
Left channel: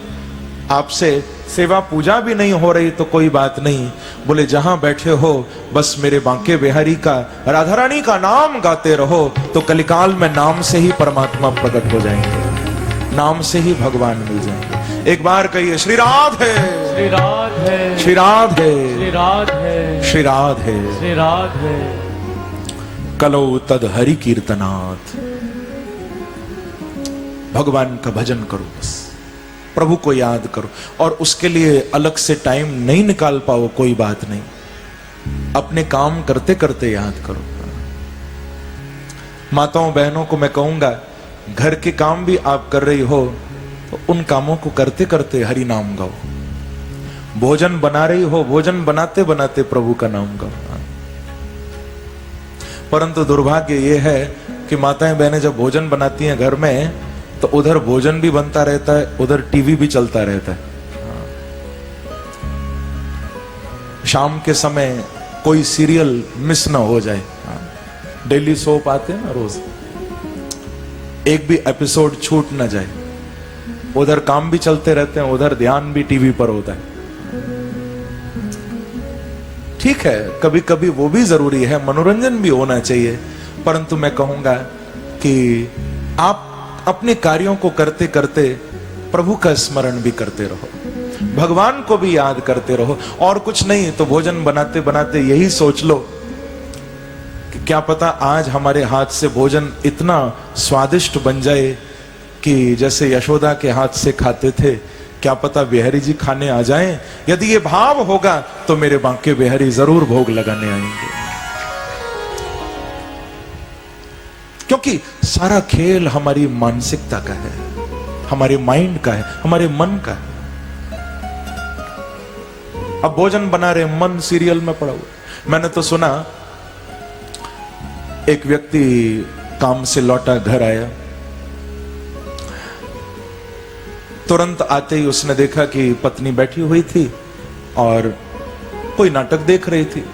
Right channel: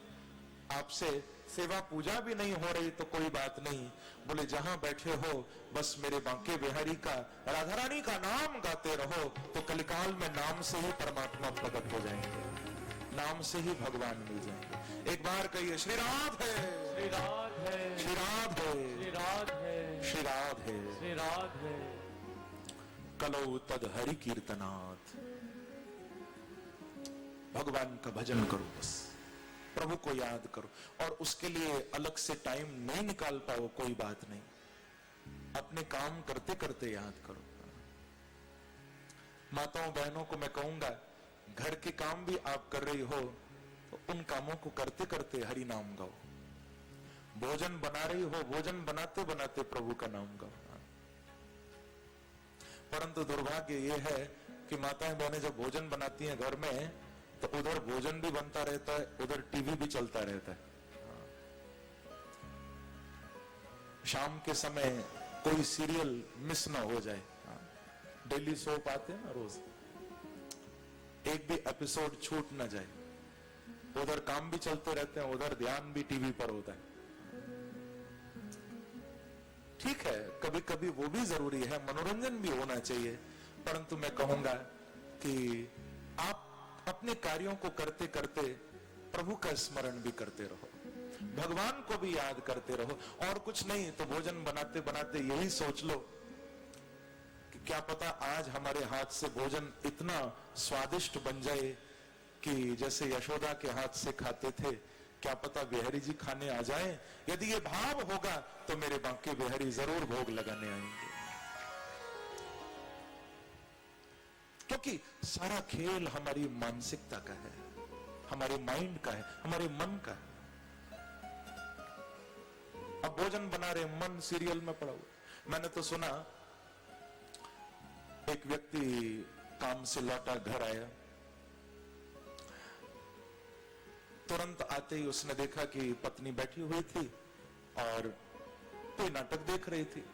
आपसे सेवा पूजा भी नहीं हो रही तो कोई बात नहीं। बोले जहां बैठे हो बस मेरे बांके बिहारी का, राधा रानी का नाम गाते रहो, तो कलिकाल में नाम से ही परमात्मा प्रकट हो जाएंगे, नाम से ही भगवान मिल जाएंगे। एक बार कहिए श्री राधे, श्री राधे, श्री राधे, श्री राधे, श्री राधे, श्री राधे। कलौ तद हरि कीर्तनात्। भगवान का भजन करो, बस प्रभु को याद करो। और उसके लिए अलग से टाइम नहीं निकाल पाओ, कोई बात नहीं, अपने काम करते करते याद करो। माताओं बहनों को मैं कहूंगा, घर के काम भी आप कर रही हो तो उन कामों को करते करते हरि नाम गाओ। भोजन बना रही हो, भोजन बनाते बनाते प्रभु का नाम गाओ। परंतु दुर्भाग्य यह है कि माताएं बहनें जब भोजन बनाती हैं घर में, तो उधर भोजन भी बनता रहता है, उधर टीवी भी चलता रहता है। शाम के समय कोई सीरियल मिस ना हो जाए। डेली सोप आते हैं ना रोज, एक भी एपिसोड छूट ना जाए। उधर काम भी चलते रहते हैं, उधर ध्यान भी टीवी पर होता है। ठीक है, कभी कभी वो भी जरूरी है, मनोरंजन भी होना चाहिए, परंतु मैं कहूंगा कि आप अपने कार्यों को करते करते प्रभु का स्मरण भी करते रहो, भगवान को भी याद करते रहो। और कुछ नहीं तो भोजन बनाते बनाते यही सोच लो कि क्या पता आज हमारे हाथ से भोजन इतना स्वादिष्ट बन जाए कि जैसे यशोदा के हाथ से खाते थे, क्या पता बिहारी जी खाने आ जाएं। यदि ये भाव होगा तो मेरे बांके बिहारी जरूर भोग लगाने आएंगे, क्योंकि सारा खेल हमारी मानसिकता का है, हमारे माइंड का है, हमारे मन का है। अब भोजन बना रहे, मन सीरियल में पड़ा हुआ। मैंने तो सुना एक व्यक्ति काम से लौटा, घर आया, तुरंत आते ही उसने देखा कि पत्नी बैठी हुई थी और कोई नाटक देख रही थी।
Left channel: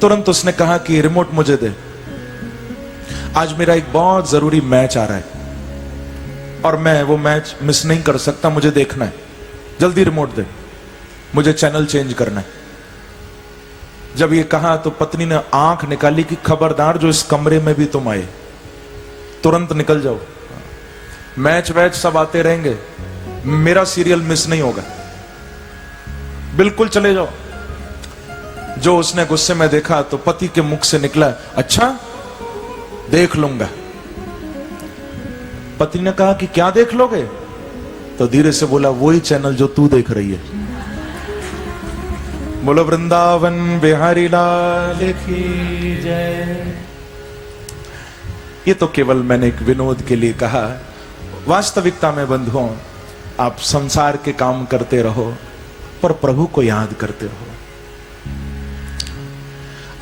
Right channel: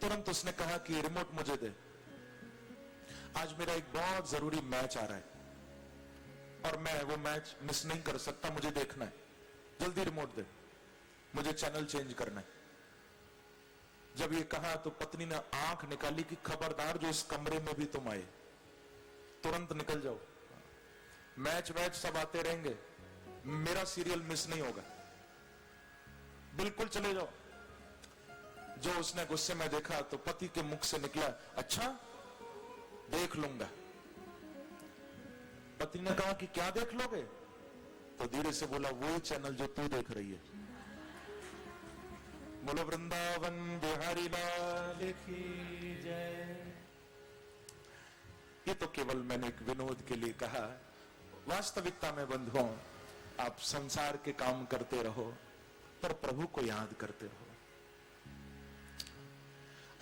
तुरंत उसने कहा कि रिमोट मुझे दे, आज मेरा एक बहुत जरूरी मैच आ रहा है और मैं वो मैच मिस नहीं कर सकता, मुझे देखना है, जल्दी रिमोट दे, मुझे चैनल चेंज करना है। जब ये कहा तो पत्नी ने आंख निकाली कि खबरदार जो इस कमरे में भी तुम आए, तुरंत निकल जाओ, मैच वैच सब आते रहेंगे, मेरा सीरियल मिस नहीं होगा, बिल्कुल चले जाओ। जो उसने गुस्से में देखा तो पति के मुख से निकला, अच्छा देख लूंगा। पति ने कहा कि क्या देख लोगे? तो धीरे से बोला, वही चैनल जो तू देख रही है। बोलो वृंदावन बिहारी लाल की जय। ये तो केवल मैंने एक विनोद के लिए कहा। वास्तविकता में बंधुओं, आप संसार के काम करते रहो पर प्रभु को याद करते रहो।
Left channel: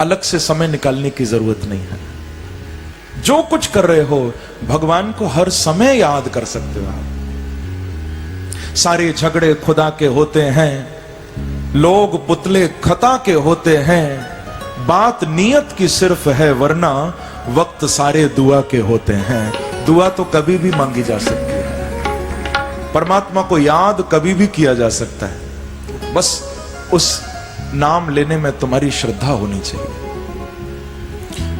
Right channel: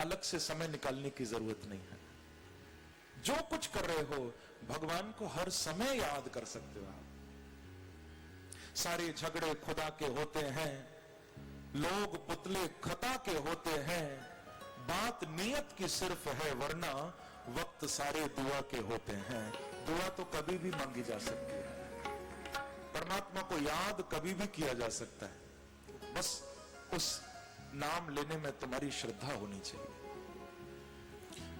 अलग से समय निकालने की जरूरत नहीं है। जो कुछ कर रहे हो भगवान को हर समय याद कर सकते हो आप। सारे झगड़े खुदा के होते हैं, लोग पुतले खता के होते हैं, बात नियत की सिर्फ है, वरना वक्त सारे दुआ के होते हैं। दुआ तो कभी भी मांगी जा सकती है, परमात्मा को याद कभी भी किया जा सकता है, बस उस नाम लेने में तुम्हारी श्रद्धा होनी चाहिए।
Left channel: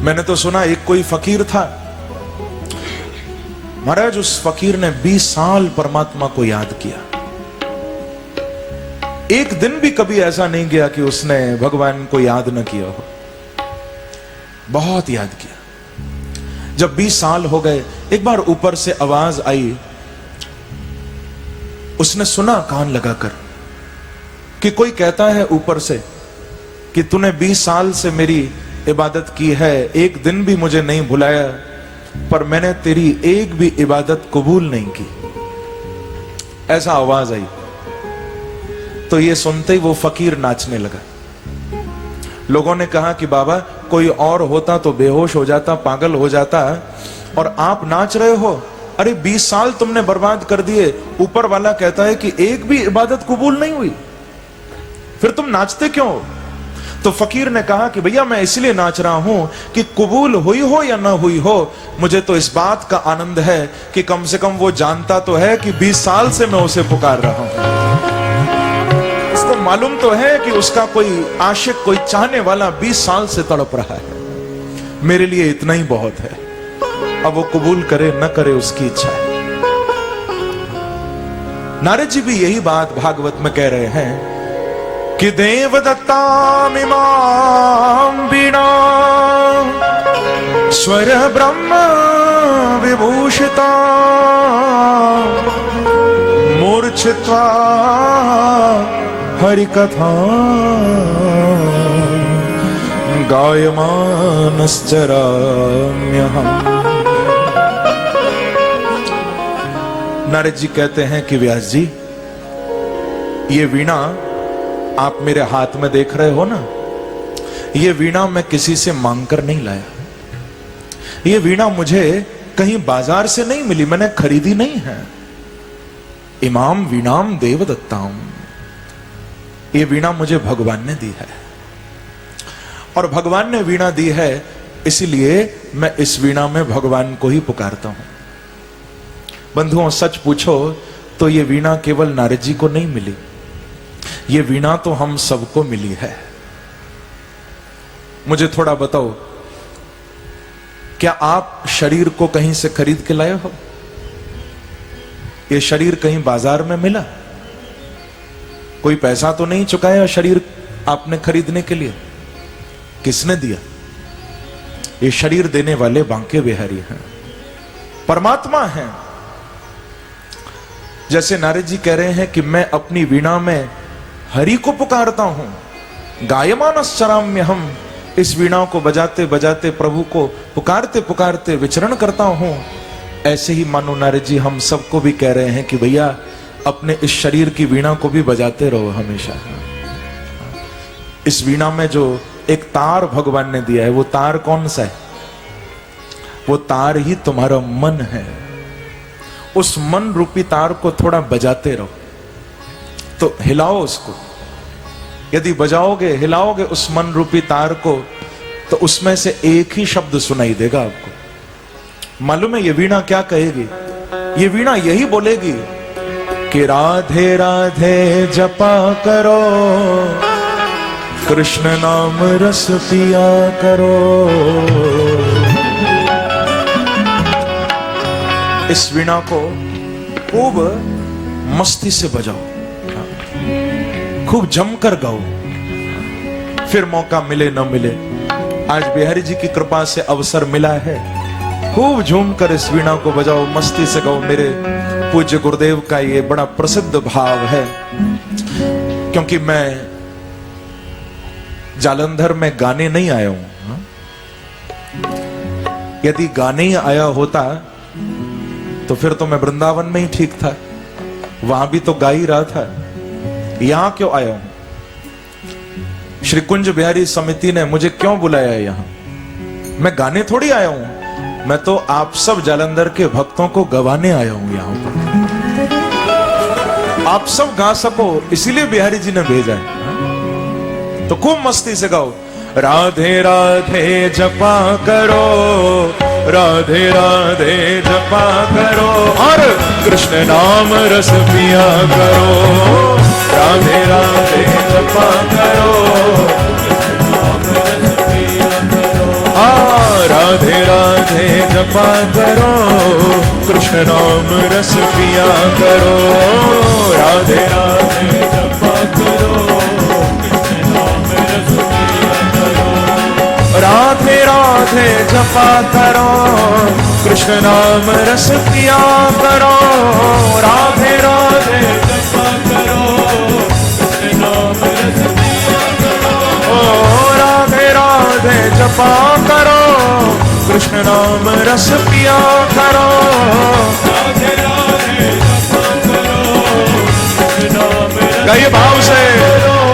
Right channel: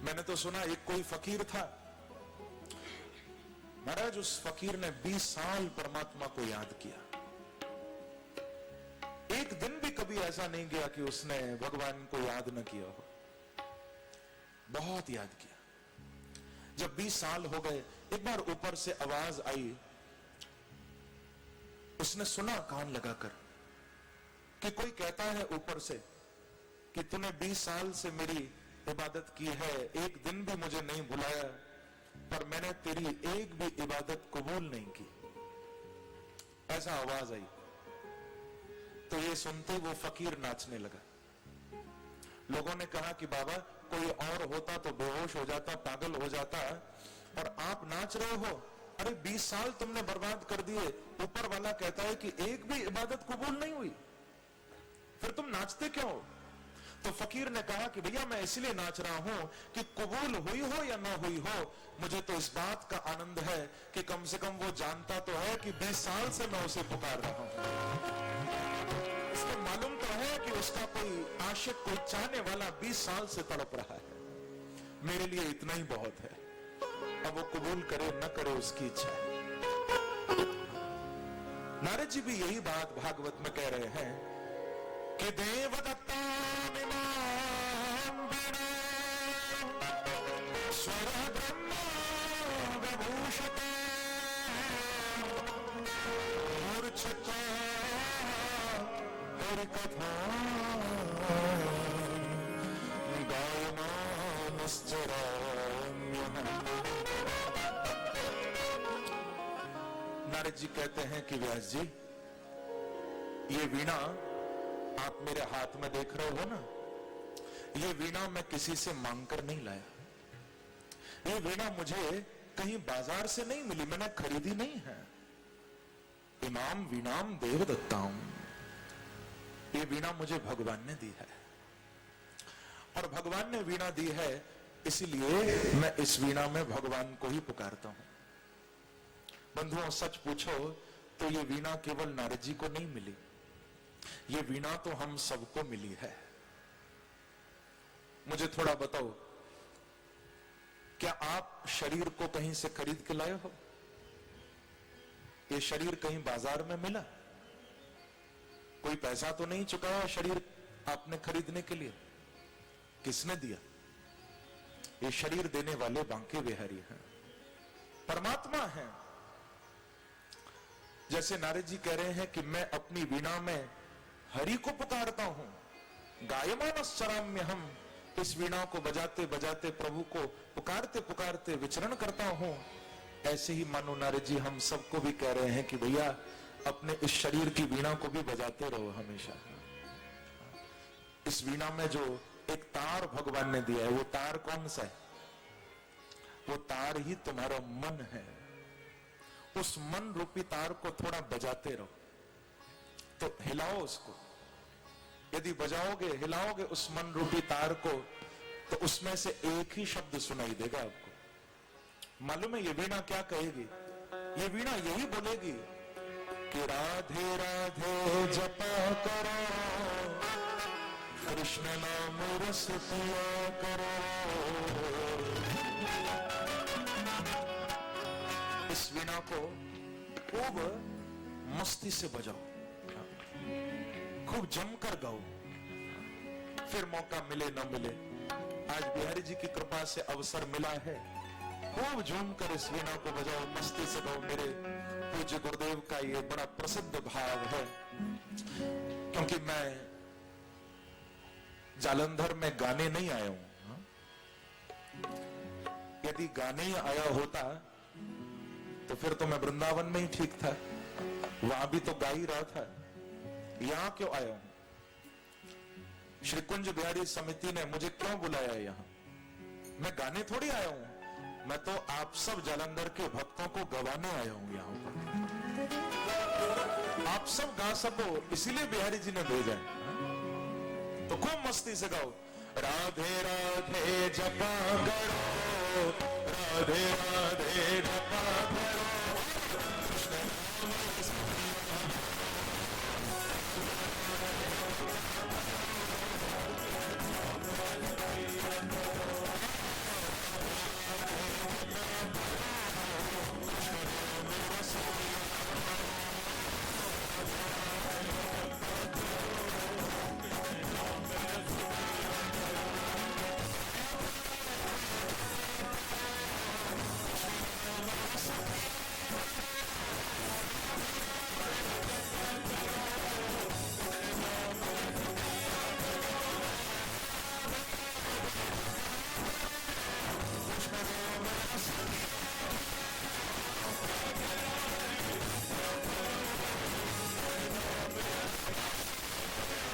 मैंने तो सुना एक कोई फकीर था, महाराज उस फकीर ने 20 साल परमात्मा को याद किया। एक दिन भी कभी ऐसा नहीं गया कि उसने भगवान को याद न किया हो, बहुत याद किया। जब 20 साल हो गए, एक बार ऊपर से आवाज आई, उसने सुना कान लगाकर कि कोई कहता है ऊपर से कि तूने 20 साल से मेरी इबादत की है, एक दिन भी मुझे नहीं भुलाया, पर मैंने तेरी एक भी इबादत कबूल नहीं की। ऐसा आवाज आई। तो ये सुनते ही वो फकीर नाचने लगा। लोगों ने कहा कि बाबा कोई और होता तो बेहोश हो जाता, पागल हो जाता, और आप नाच रहे हो। अरे 20 साल तुमने बर्बाद कर दिए, ऊपर वाला कहता है कि एक भी इबादत कबूल नहीं हुई, फिर तुम नाचते क्यों? तो फकीर ने कहा कि भैया मैं इसलिए नाच रहा हूं कि कबूल हुई हो या ना हुई हो, मुझे तो इस बात का आनंद है कि कम से कम वो जानता तो है कि 20 साल से मैं उसे पुकार रहा हूं। उसको मालूम तो है कि उसका कोई आशिक, कोई चाहने वाला 20 साल से तड़प रहा है। मेरे लिए इतना ही बहुत है। अब वो कबूल करे न करे उसकी इच्छा है। नारद जी भी यही बात भागवत में कह रहे हैं कि देवदत्तामिमां वीणा स्वर ब्रह्म विभूषिता मूर्छित्वा हरिकथा गायमानश्चराम्यहम्। नारद जी कहते हैं कि व्यास जी, ये वीणा आप मेरे हाथ में देख रहे हो ना, ये वीणा मैं किसी से मांगकर नहीं लाया। ये वीणा मुझे कहीं बाजार से नहीं मिली, मैंने खरीदी नहीं है। इमाम वीणाम देवदत्ताम, ये वीणा मुझे भगवान ने दी है, और भगवान ने वीणा दी है, इसलिए मैं इस वीणा में भगवान को ही पुकारता हूं। बंधुओं, सच पूछो तो ये वीणा केवल नारद जी को नहीं मिली, ये वीणा तो हम सबको मिली है। मुझे थोड़ा बताओ, क्या आप शरीर को कहीं से खरीद के लाए हो? ये शरीर कहीं बाजार में मिला? कोई पैसा तो नहीं चुकाया शरीर आपने खरीदने के लिए? किसने दिया? ये शरीर देने वाले बांके बिहारी हैं, परमात्मा हैं। जैसे नारद जी कह रहे हैं कि मैं अपनी वीणा में हरि को पुकारता हूं, गायमानश्चराम्य, हम इस वीणा को बजाते बजाते प्रभु को पुकारते पुकारते विचरण करता हूं। ऐसे ही मानो नारद जी हम सबको भी कह रहे हैं कि भैया अपने इस शरीर की वीणा को भी बजाते रहो हमेशा। इस वीणा में जो एक तार भगवान ने दिया है, वो तार कौन सा है? वो तार ही तुम्हारा मन है। उस मन रूपी तार को थोड़ा बजाते रहो, तो हिलाओ उसको। यदि बजाओगे, हिलाओगे उस मन रूपी तार को, तो उसमें से एक ही शब्द सुनाई देगा आपको। मालूम है ये वीणा क्या कहेगी? ये वीणा यही बोलेगी कि राधे राधे जपा करो, कृष्ण नाम रस पिया करो। इस वीणा को खूब मस्ती से बजाओ, खूब जमकर गाओ, फिर मौका मिले न मिले। आज बिहारी जी की कृपा से अवसर मिला है, खूब झूमकर इस वीणा को बजाओ, मस्ती से गाओ। मेरे पूज्य गुरुदेव का ये बड़ा प्रसिद्ध भाव है, क्योंकि मैं जालंधर में गाने नहीं आया हूं। यदि गाने ही आया होता तो फिर तो मैं वृंदावन में ही ठीक था, वहां भी तो गा ही रहा था। यहां क्यों आया हूं? श्री कुंज बिहारी समिति ने मुझे क्यों बुलाया है यहां? मैं गाने थोड़ी आया हूं, मैं तो आप सब जालंधर के भक्तों को गवाने आया हूं यहां पर। आप सब गा सको इसीलिए बिहारी जी ने भेजा है। तो खूब मस्ती से गाओ, राधे राधे जपा करो, राधे राधे जपा करो, और कृष्ण नाम रस पिया करो। राधे राधे जपा करो, राधे राधे जपा करो, कृष्ण नाम रस पिया करो। राधे राधे जपा करो, राधे राधे जपा करो, कृष्ण नाम रस पिया करो। राधे राधे जपा करो, कृष्ण नाम रस पिया करो। राधे राधे जपा करो, कृष्ण नाम रस पिया करो। राधे राधे जपा करो, कृष्ण नाम रस। गाइए भाव से,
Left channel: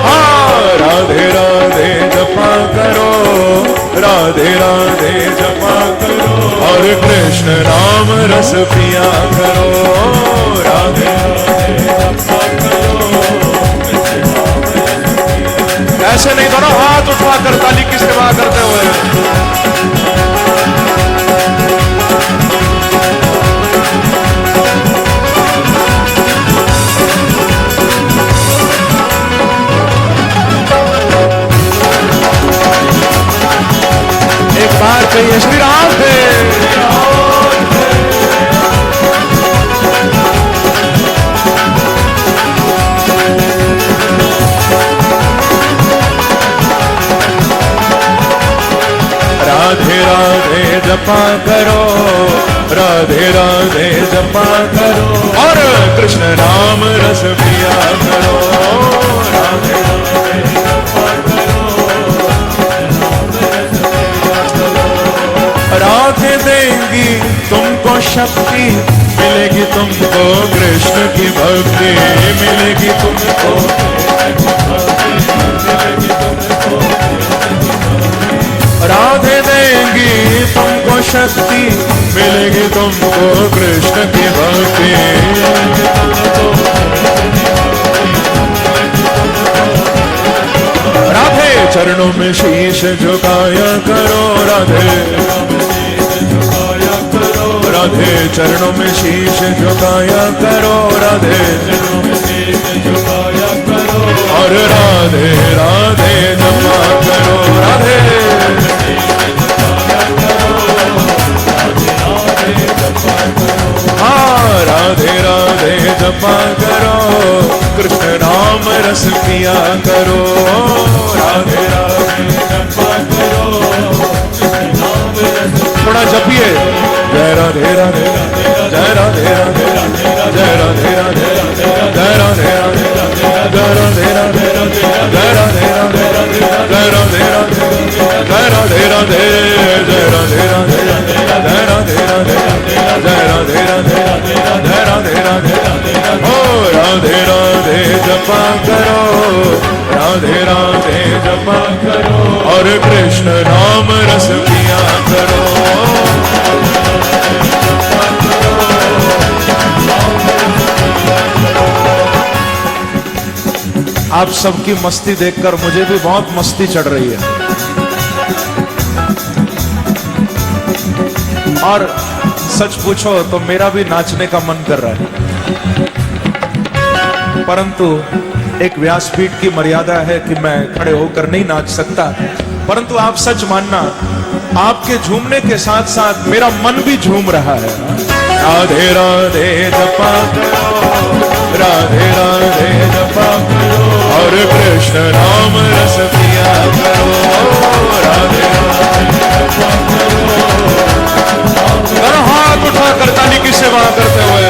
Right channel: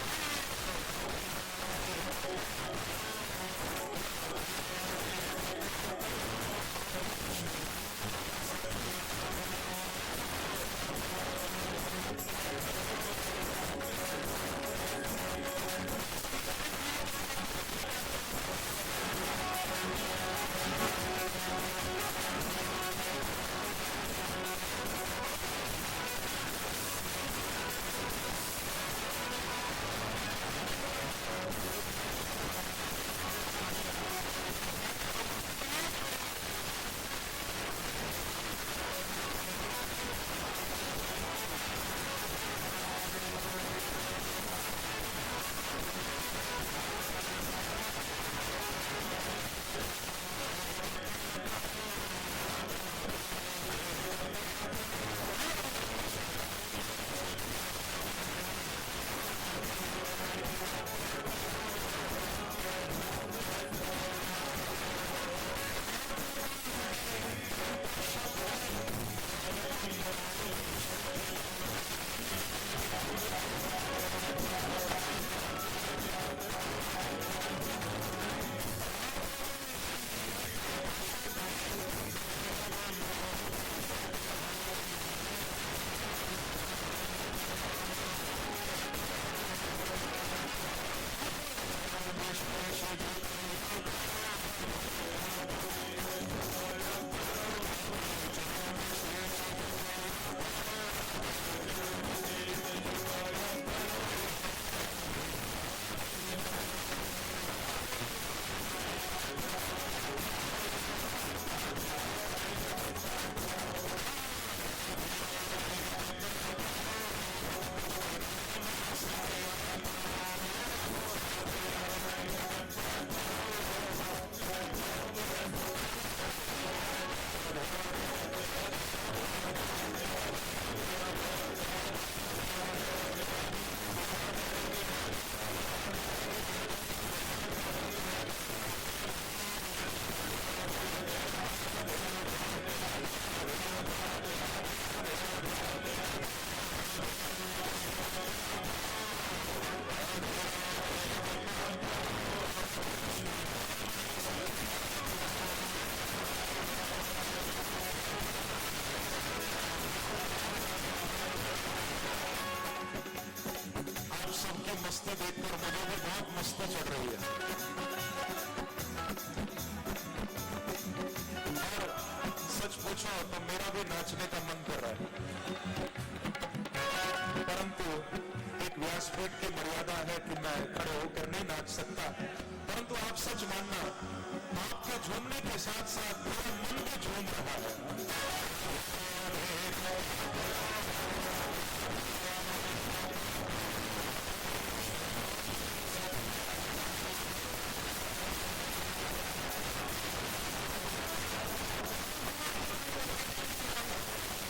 हाँ, राधे राधे जपा करो, राधे राधे जपा करो, और कृष्ण नाम रस पिया करो। राधे राधे जपा करो, ऐसे नहीं दोनों हाथ उठाकर ताली की सेवा करते हुए। एक बार कहिए श्री राधे। राधे राधे जपा करो, राधे राधे जपा करो, और कृष्ण नाम रस पिया करो। राधे राधे जपा करो, राधे देंगी तुमको शक्ति, मिलेगी तुमको कृष्ण की भक्ति, मिलेगी तुमको। राधे देंगी तुमको शक्ति, मिलेगी तुमको कृष्ण की भक्ति। चरणों में शीश झुकाया करो राधे, राधे चरणों में शीश झुकाया करो राधे, और राधे राधे जपा करो राधे, हाँ राधे राधे जपा करो, कृष्ण नाम रस पिया करो, राधे राधे जपा करो, थोड़ा जपिए, जय राधे राधे, जय राधे राधे, जय राधे राधे, जय राधे राधे, जय राधे राधे, जय राधे राधे, जय राधे राधे, जय राधे राधे, जय राधे राधे, जय राधे राधे, जय राधे राधे, जय राधे राधे, ओ राधे राधे जपा करो, राधे राधे जपा करो, और कृष्ण नाम रस पिया करो, आप सबकी मस्ती देखकर मुझे भी बहुत मस्ती चढ़ रही है, और सच पूछो तो मेरा भी नाचने का मन कर रहा है, परंतु एक व्यासपीठ की मर्यादा है कि मैं खड़े होकर नहीं नाच सकता। परंतु आप सच मानना, आपके झूमने के साथ साथ मेरा मन भी झूम रहा है। राधे राधे जपा करो, राधे राधे जपा करो, और कृष्ण नाम रस पिया करो, राधे राधे जपा करो, हाथ उठाकर ताली की सेवा करते हुए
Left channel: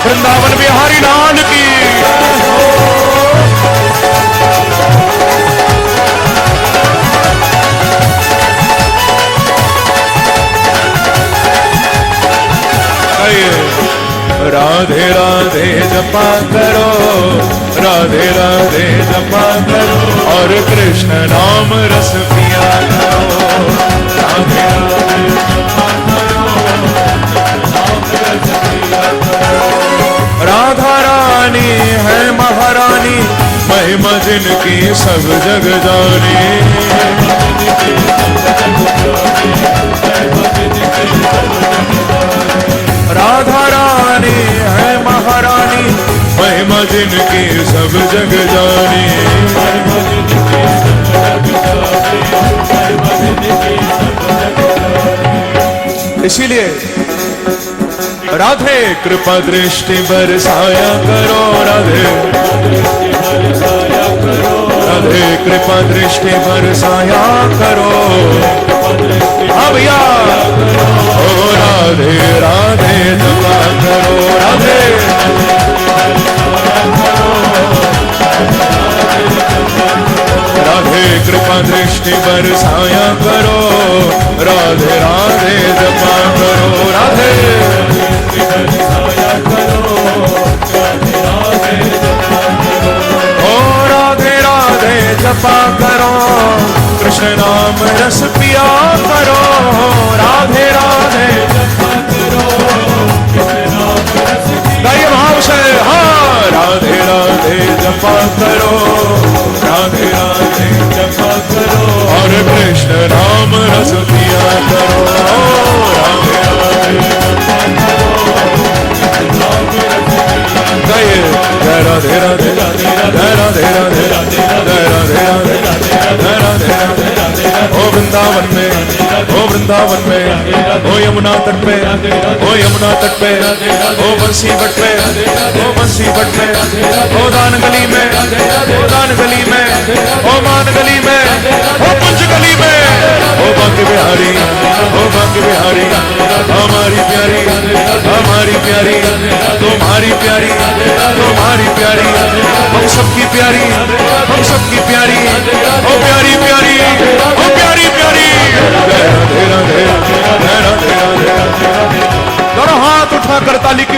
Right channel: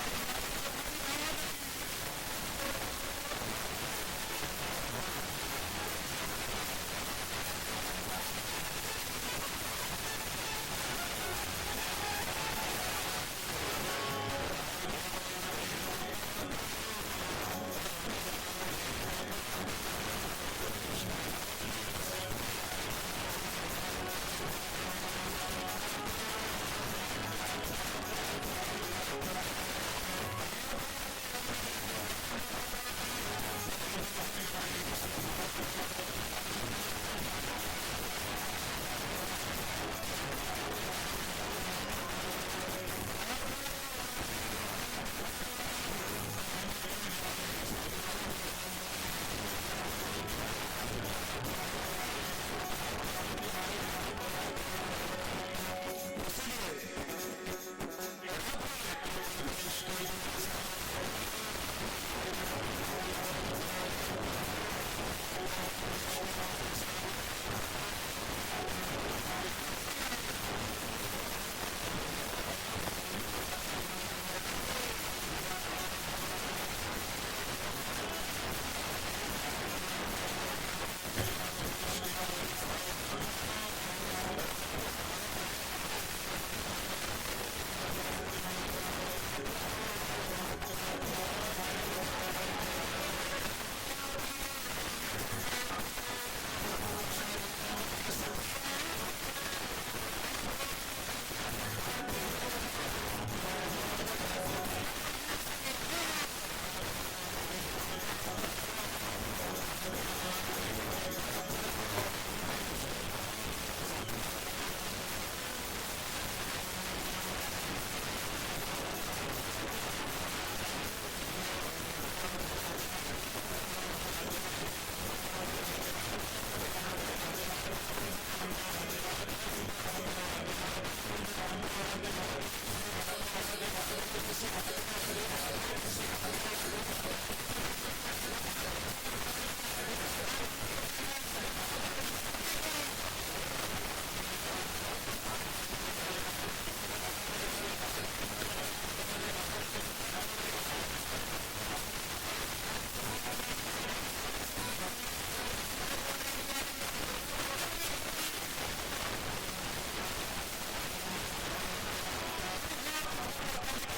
वृंदावन बिहारी लाल की, राधे राधे जपा करो, राधे राधे जपा करो, और कृष्ण नाम रस पिया करो, राधे राधे जपा करो, नाम रस पिया करो, राधा रानी है महारानी, महिमा जिनकी सब जग जानी, राधा रानी है महारानी, महिमा जिनकी सब जग जानी, इसीलिए राधे कृपा दृष्टि बरसाया करो, राधे राधे कृपा दृष्टि बरसाया करो, हाँ भैया, ओ राधे राधे जपा करो, राधे राधे कृपा दृष्टि बरसाया करो, राधे राधे जपा करो, राधे ओ राधे राधे जपा करो, कृष्ण नाम रस पिया करो, राधे राधे जपा करो, गाइए भाव से, हाँ राधे राधे जपा करो, राधे राधे जपा करो, और कृष्ण नाम रस पिया करो, राधे राधे जपा करो, गाइए जय राधे राधे, जय राधे राधे, जय राधे राधे, जय राधे राधे, ओ वृंदावन में, ओ वृंदावन में, ओ यमुना तट पे, ओ यमुना तट पे, ओ बंसी बट पे, ओ बंसी बट पे, ओ दान गली में, ओ दान गली में, ओ मान गली में, ओ कुंज गली में, ओ बांके बिहारी, ओ बांके बिहारी, हमारी प्यारी, हमारी प्यारी, तुम्हारी प्यारी, तुम्हारी प्यारी, हम सबकी प्यारी, हम सबकी प्यारी, ओ प्यारी प्यारी, ओ प्यारी प्यारी, जय राधे राधे, जय राधे राधे, दोनों हाथ उठाकर ताली की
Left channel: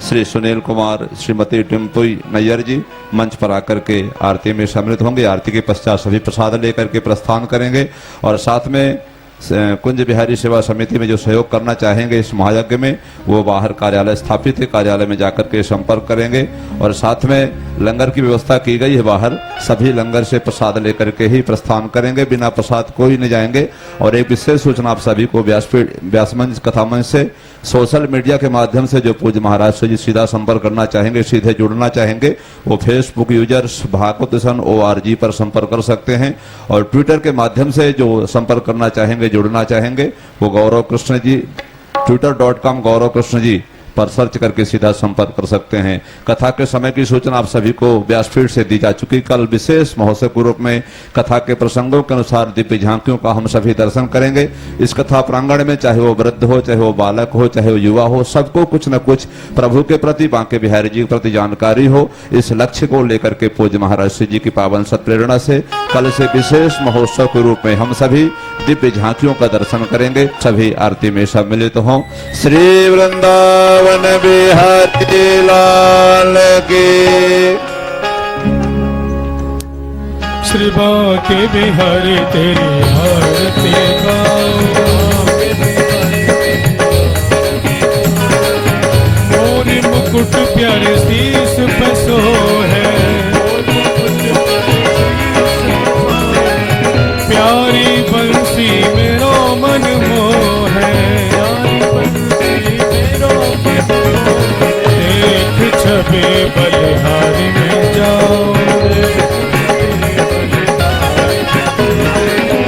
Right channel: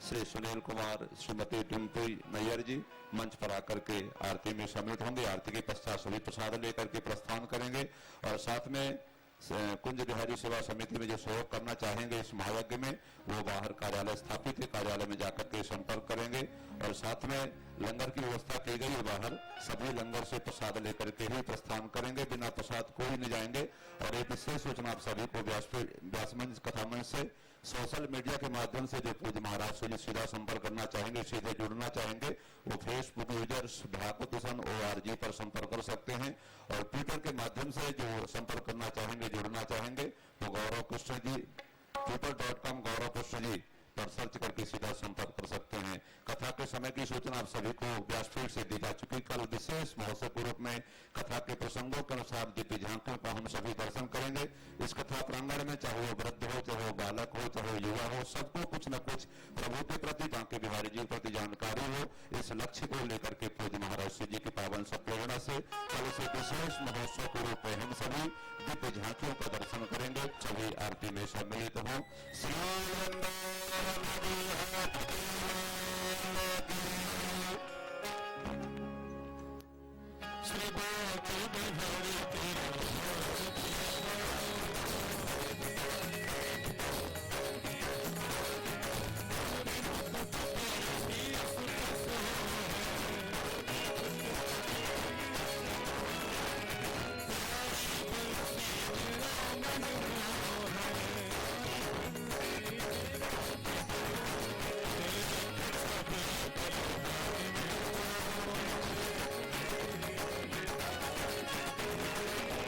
श्री सुनील कुमार, श्रीमती टिम्पुई नैयर जी मंच पर आकर के आरती में सम्मिलित होंगे। आरती के पश्चात सभी प्रसाद लेकर के प्रस्थान करेंगे और साथ में कुंज बिहारी सेवा समिति में जो सहयोग करना चाहेंगे इस महायज्ञ में, वो बाहर कार्यालय स्थापित है, कार्यालय में जाकर के संपर्क करेंगे। और साथ में लंगर की व्यवस्था की गई है, बाहर सभी लंगर से प्रसाद लेकर के ही प्रस्थान करेंगे, बिना प्रसाद कोई नहीं जाएंगे। और एक विशेष सूचना आप सभी को व्यासमंच कथा मंच से सोशल मीडिया के माध्यम से जो पूज्य महाराज से जी सीधा संपर्क करना चाहेंगे, सीधे जुड़ना चाहेंगे, वो फेसबुक यूजर्स भागवत दर्शन ORG पर संपर्क कर सकते हैं। और ट्विटर के माध्यम से जो संपर्क करना चाहेंगे, जुड़ना चाहेंगे, वो गौरव कृष्ण जी twitter.com गौरव कृष्ण जी पर सर्च करके सीधा संपर्क कर सकते हैं। कथा के समय की सूचना आप सभी को व्यासपीठ से दी जा चुकी। कल विशेष महोत्सव के रूप में कथा के प्रसंगों के अनुसार दिव्य झांकियों का हम सभी दर्शन करेंगे। इस कथा प्रांगण में चाहे वो वृद्ध हो, चाहे वो बालक हो, चाहे वो युवा हो, सबको कुछ न कुछ प्रभु के प्रति, बांके बिहारी जी के प्रति जानकारी हो, इस लक्ष्य को लेकर के पूज्य महाराज श्री जी की पावन सत्प्रेरणा से कल से विशेष महोत्सव के रूप में हम सभी दिव्य झांकियों का दर्शन करेंगे। सभी आरती में सम्मिलित हों। श्री वृंदावन बिहारी लाल की। श्री बांके बिहारी तेरी आरती गाओ, मोरी मुकुट प्यारे शीश पे सोहे, प्यारी बंसी मेरो मन मोहे, देख छवि बलिहारी में जाओ,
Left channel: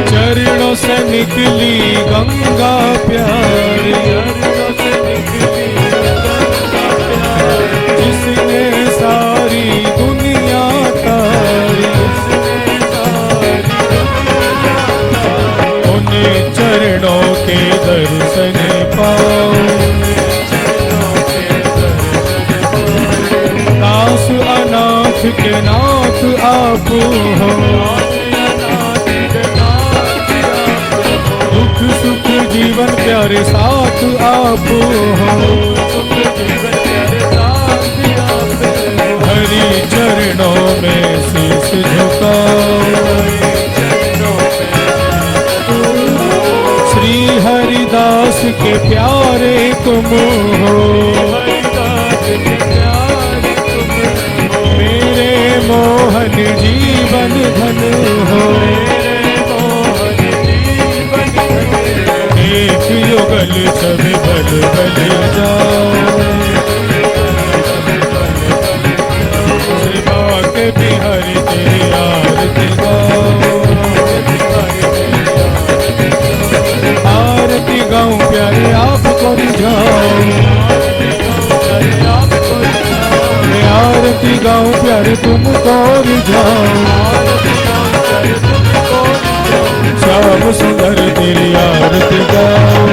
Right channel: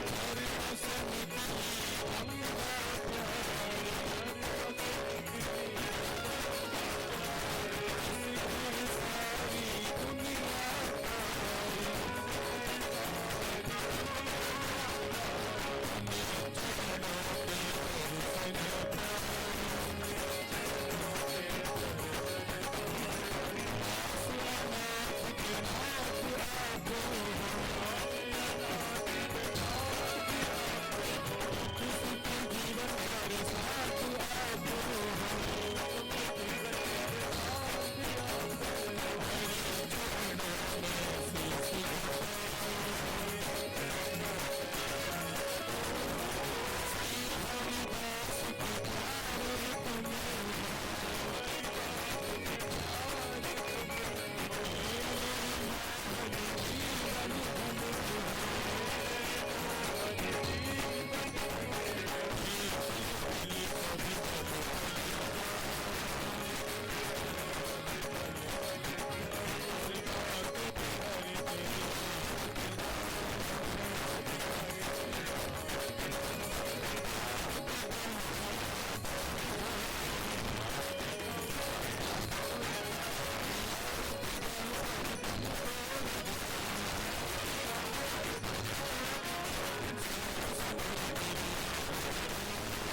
चरणों से निकली गंगा प्यारी, जिसने सारी दुनिया तारी, उन्हें चरणों के दर्शन पाओ, दास अनाथ के नाथ आप हो, दुख सुख जीवन प्यारे साथ आप हो, हरि चरणों में शीश झुकाओ, श्री हरिदास के प्यारे तुम हो, मेरे मोहन जीवन धन हो, एक युगल सभी बल बल जाओ, श्री बांके बिहारी तेरी आरती गाओ, आरती गाऊं प्यारे आपको रिझाओ, आरती गाऊं प्यारे तुमको रिझाओ, श्याम सुंदर तेरी आरती गाओ,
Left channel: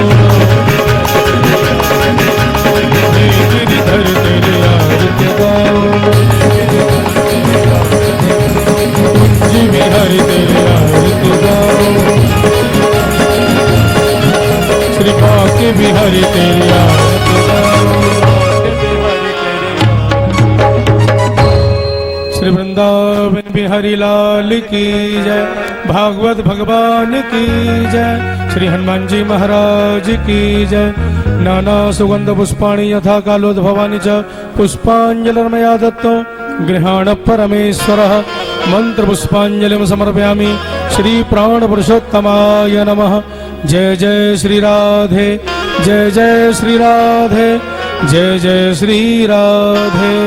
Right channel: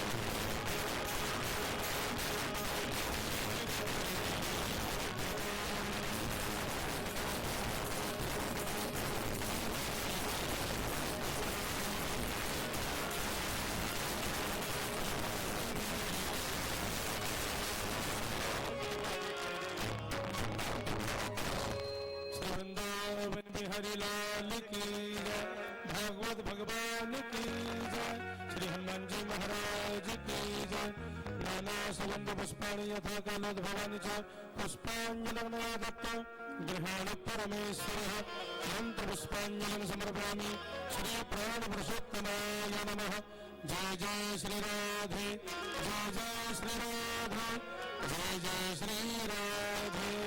गिरिधर तेरी आरती गाओ, कुंज बिहारी तेरी आरती गाओ, श्री बांके बिहारी तेरी आरती गाओ, श्री वृंदावन बिहारी लाल की जय, भागवत भगवान की जय, श्री हनुमान जी महाराज की जय। नाना सुगंध पुष्पाणि यथा कालोद्भवानि च पुष्पांजलिर्मया दत्तो गृहाण परमेश्वरः, मंत्र पुष्पांजलिं समर्पयामि श्री प्राण पुरुषोत्तमाय नमः। जय जय श्री राधे, जय जय श्री राधे, जय जय श्री राधे।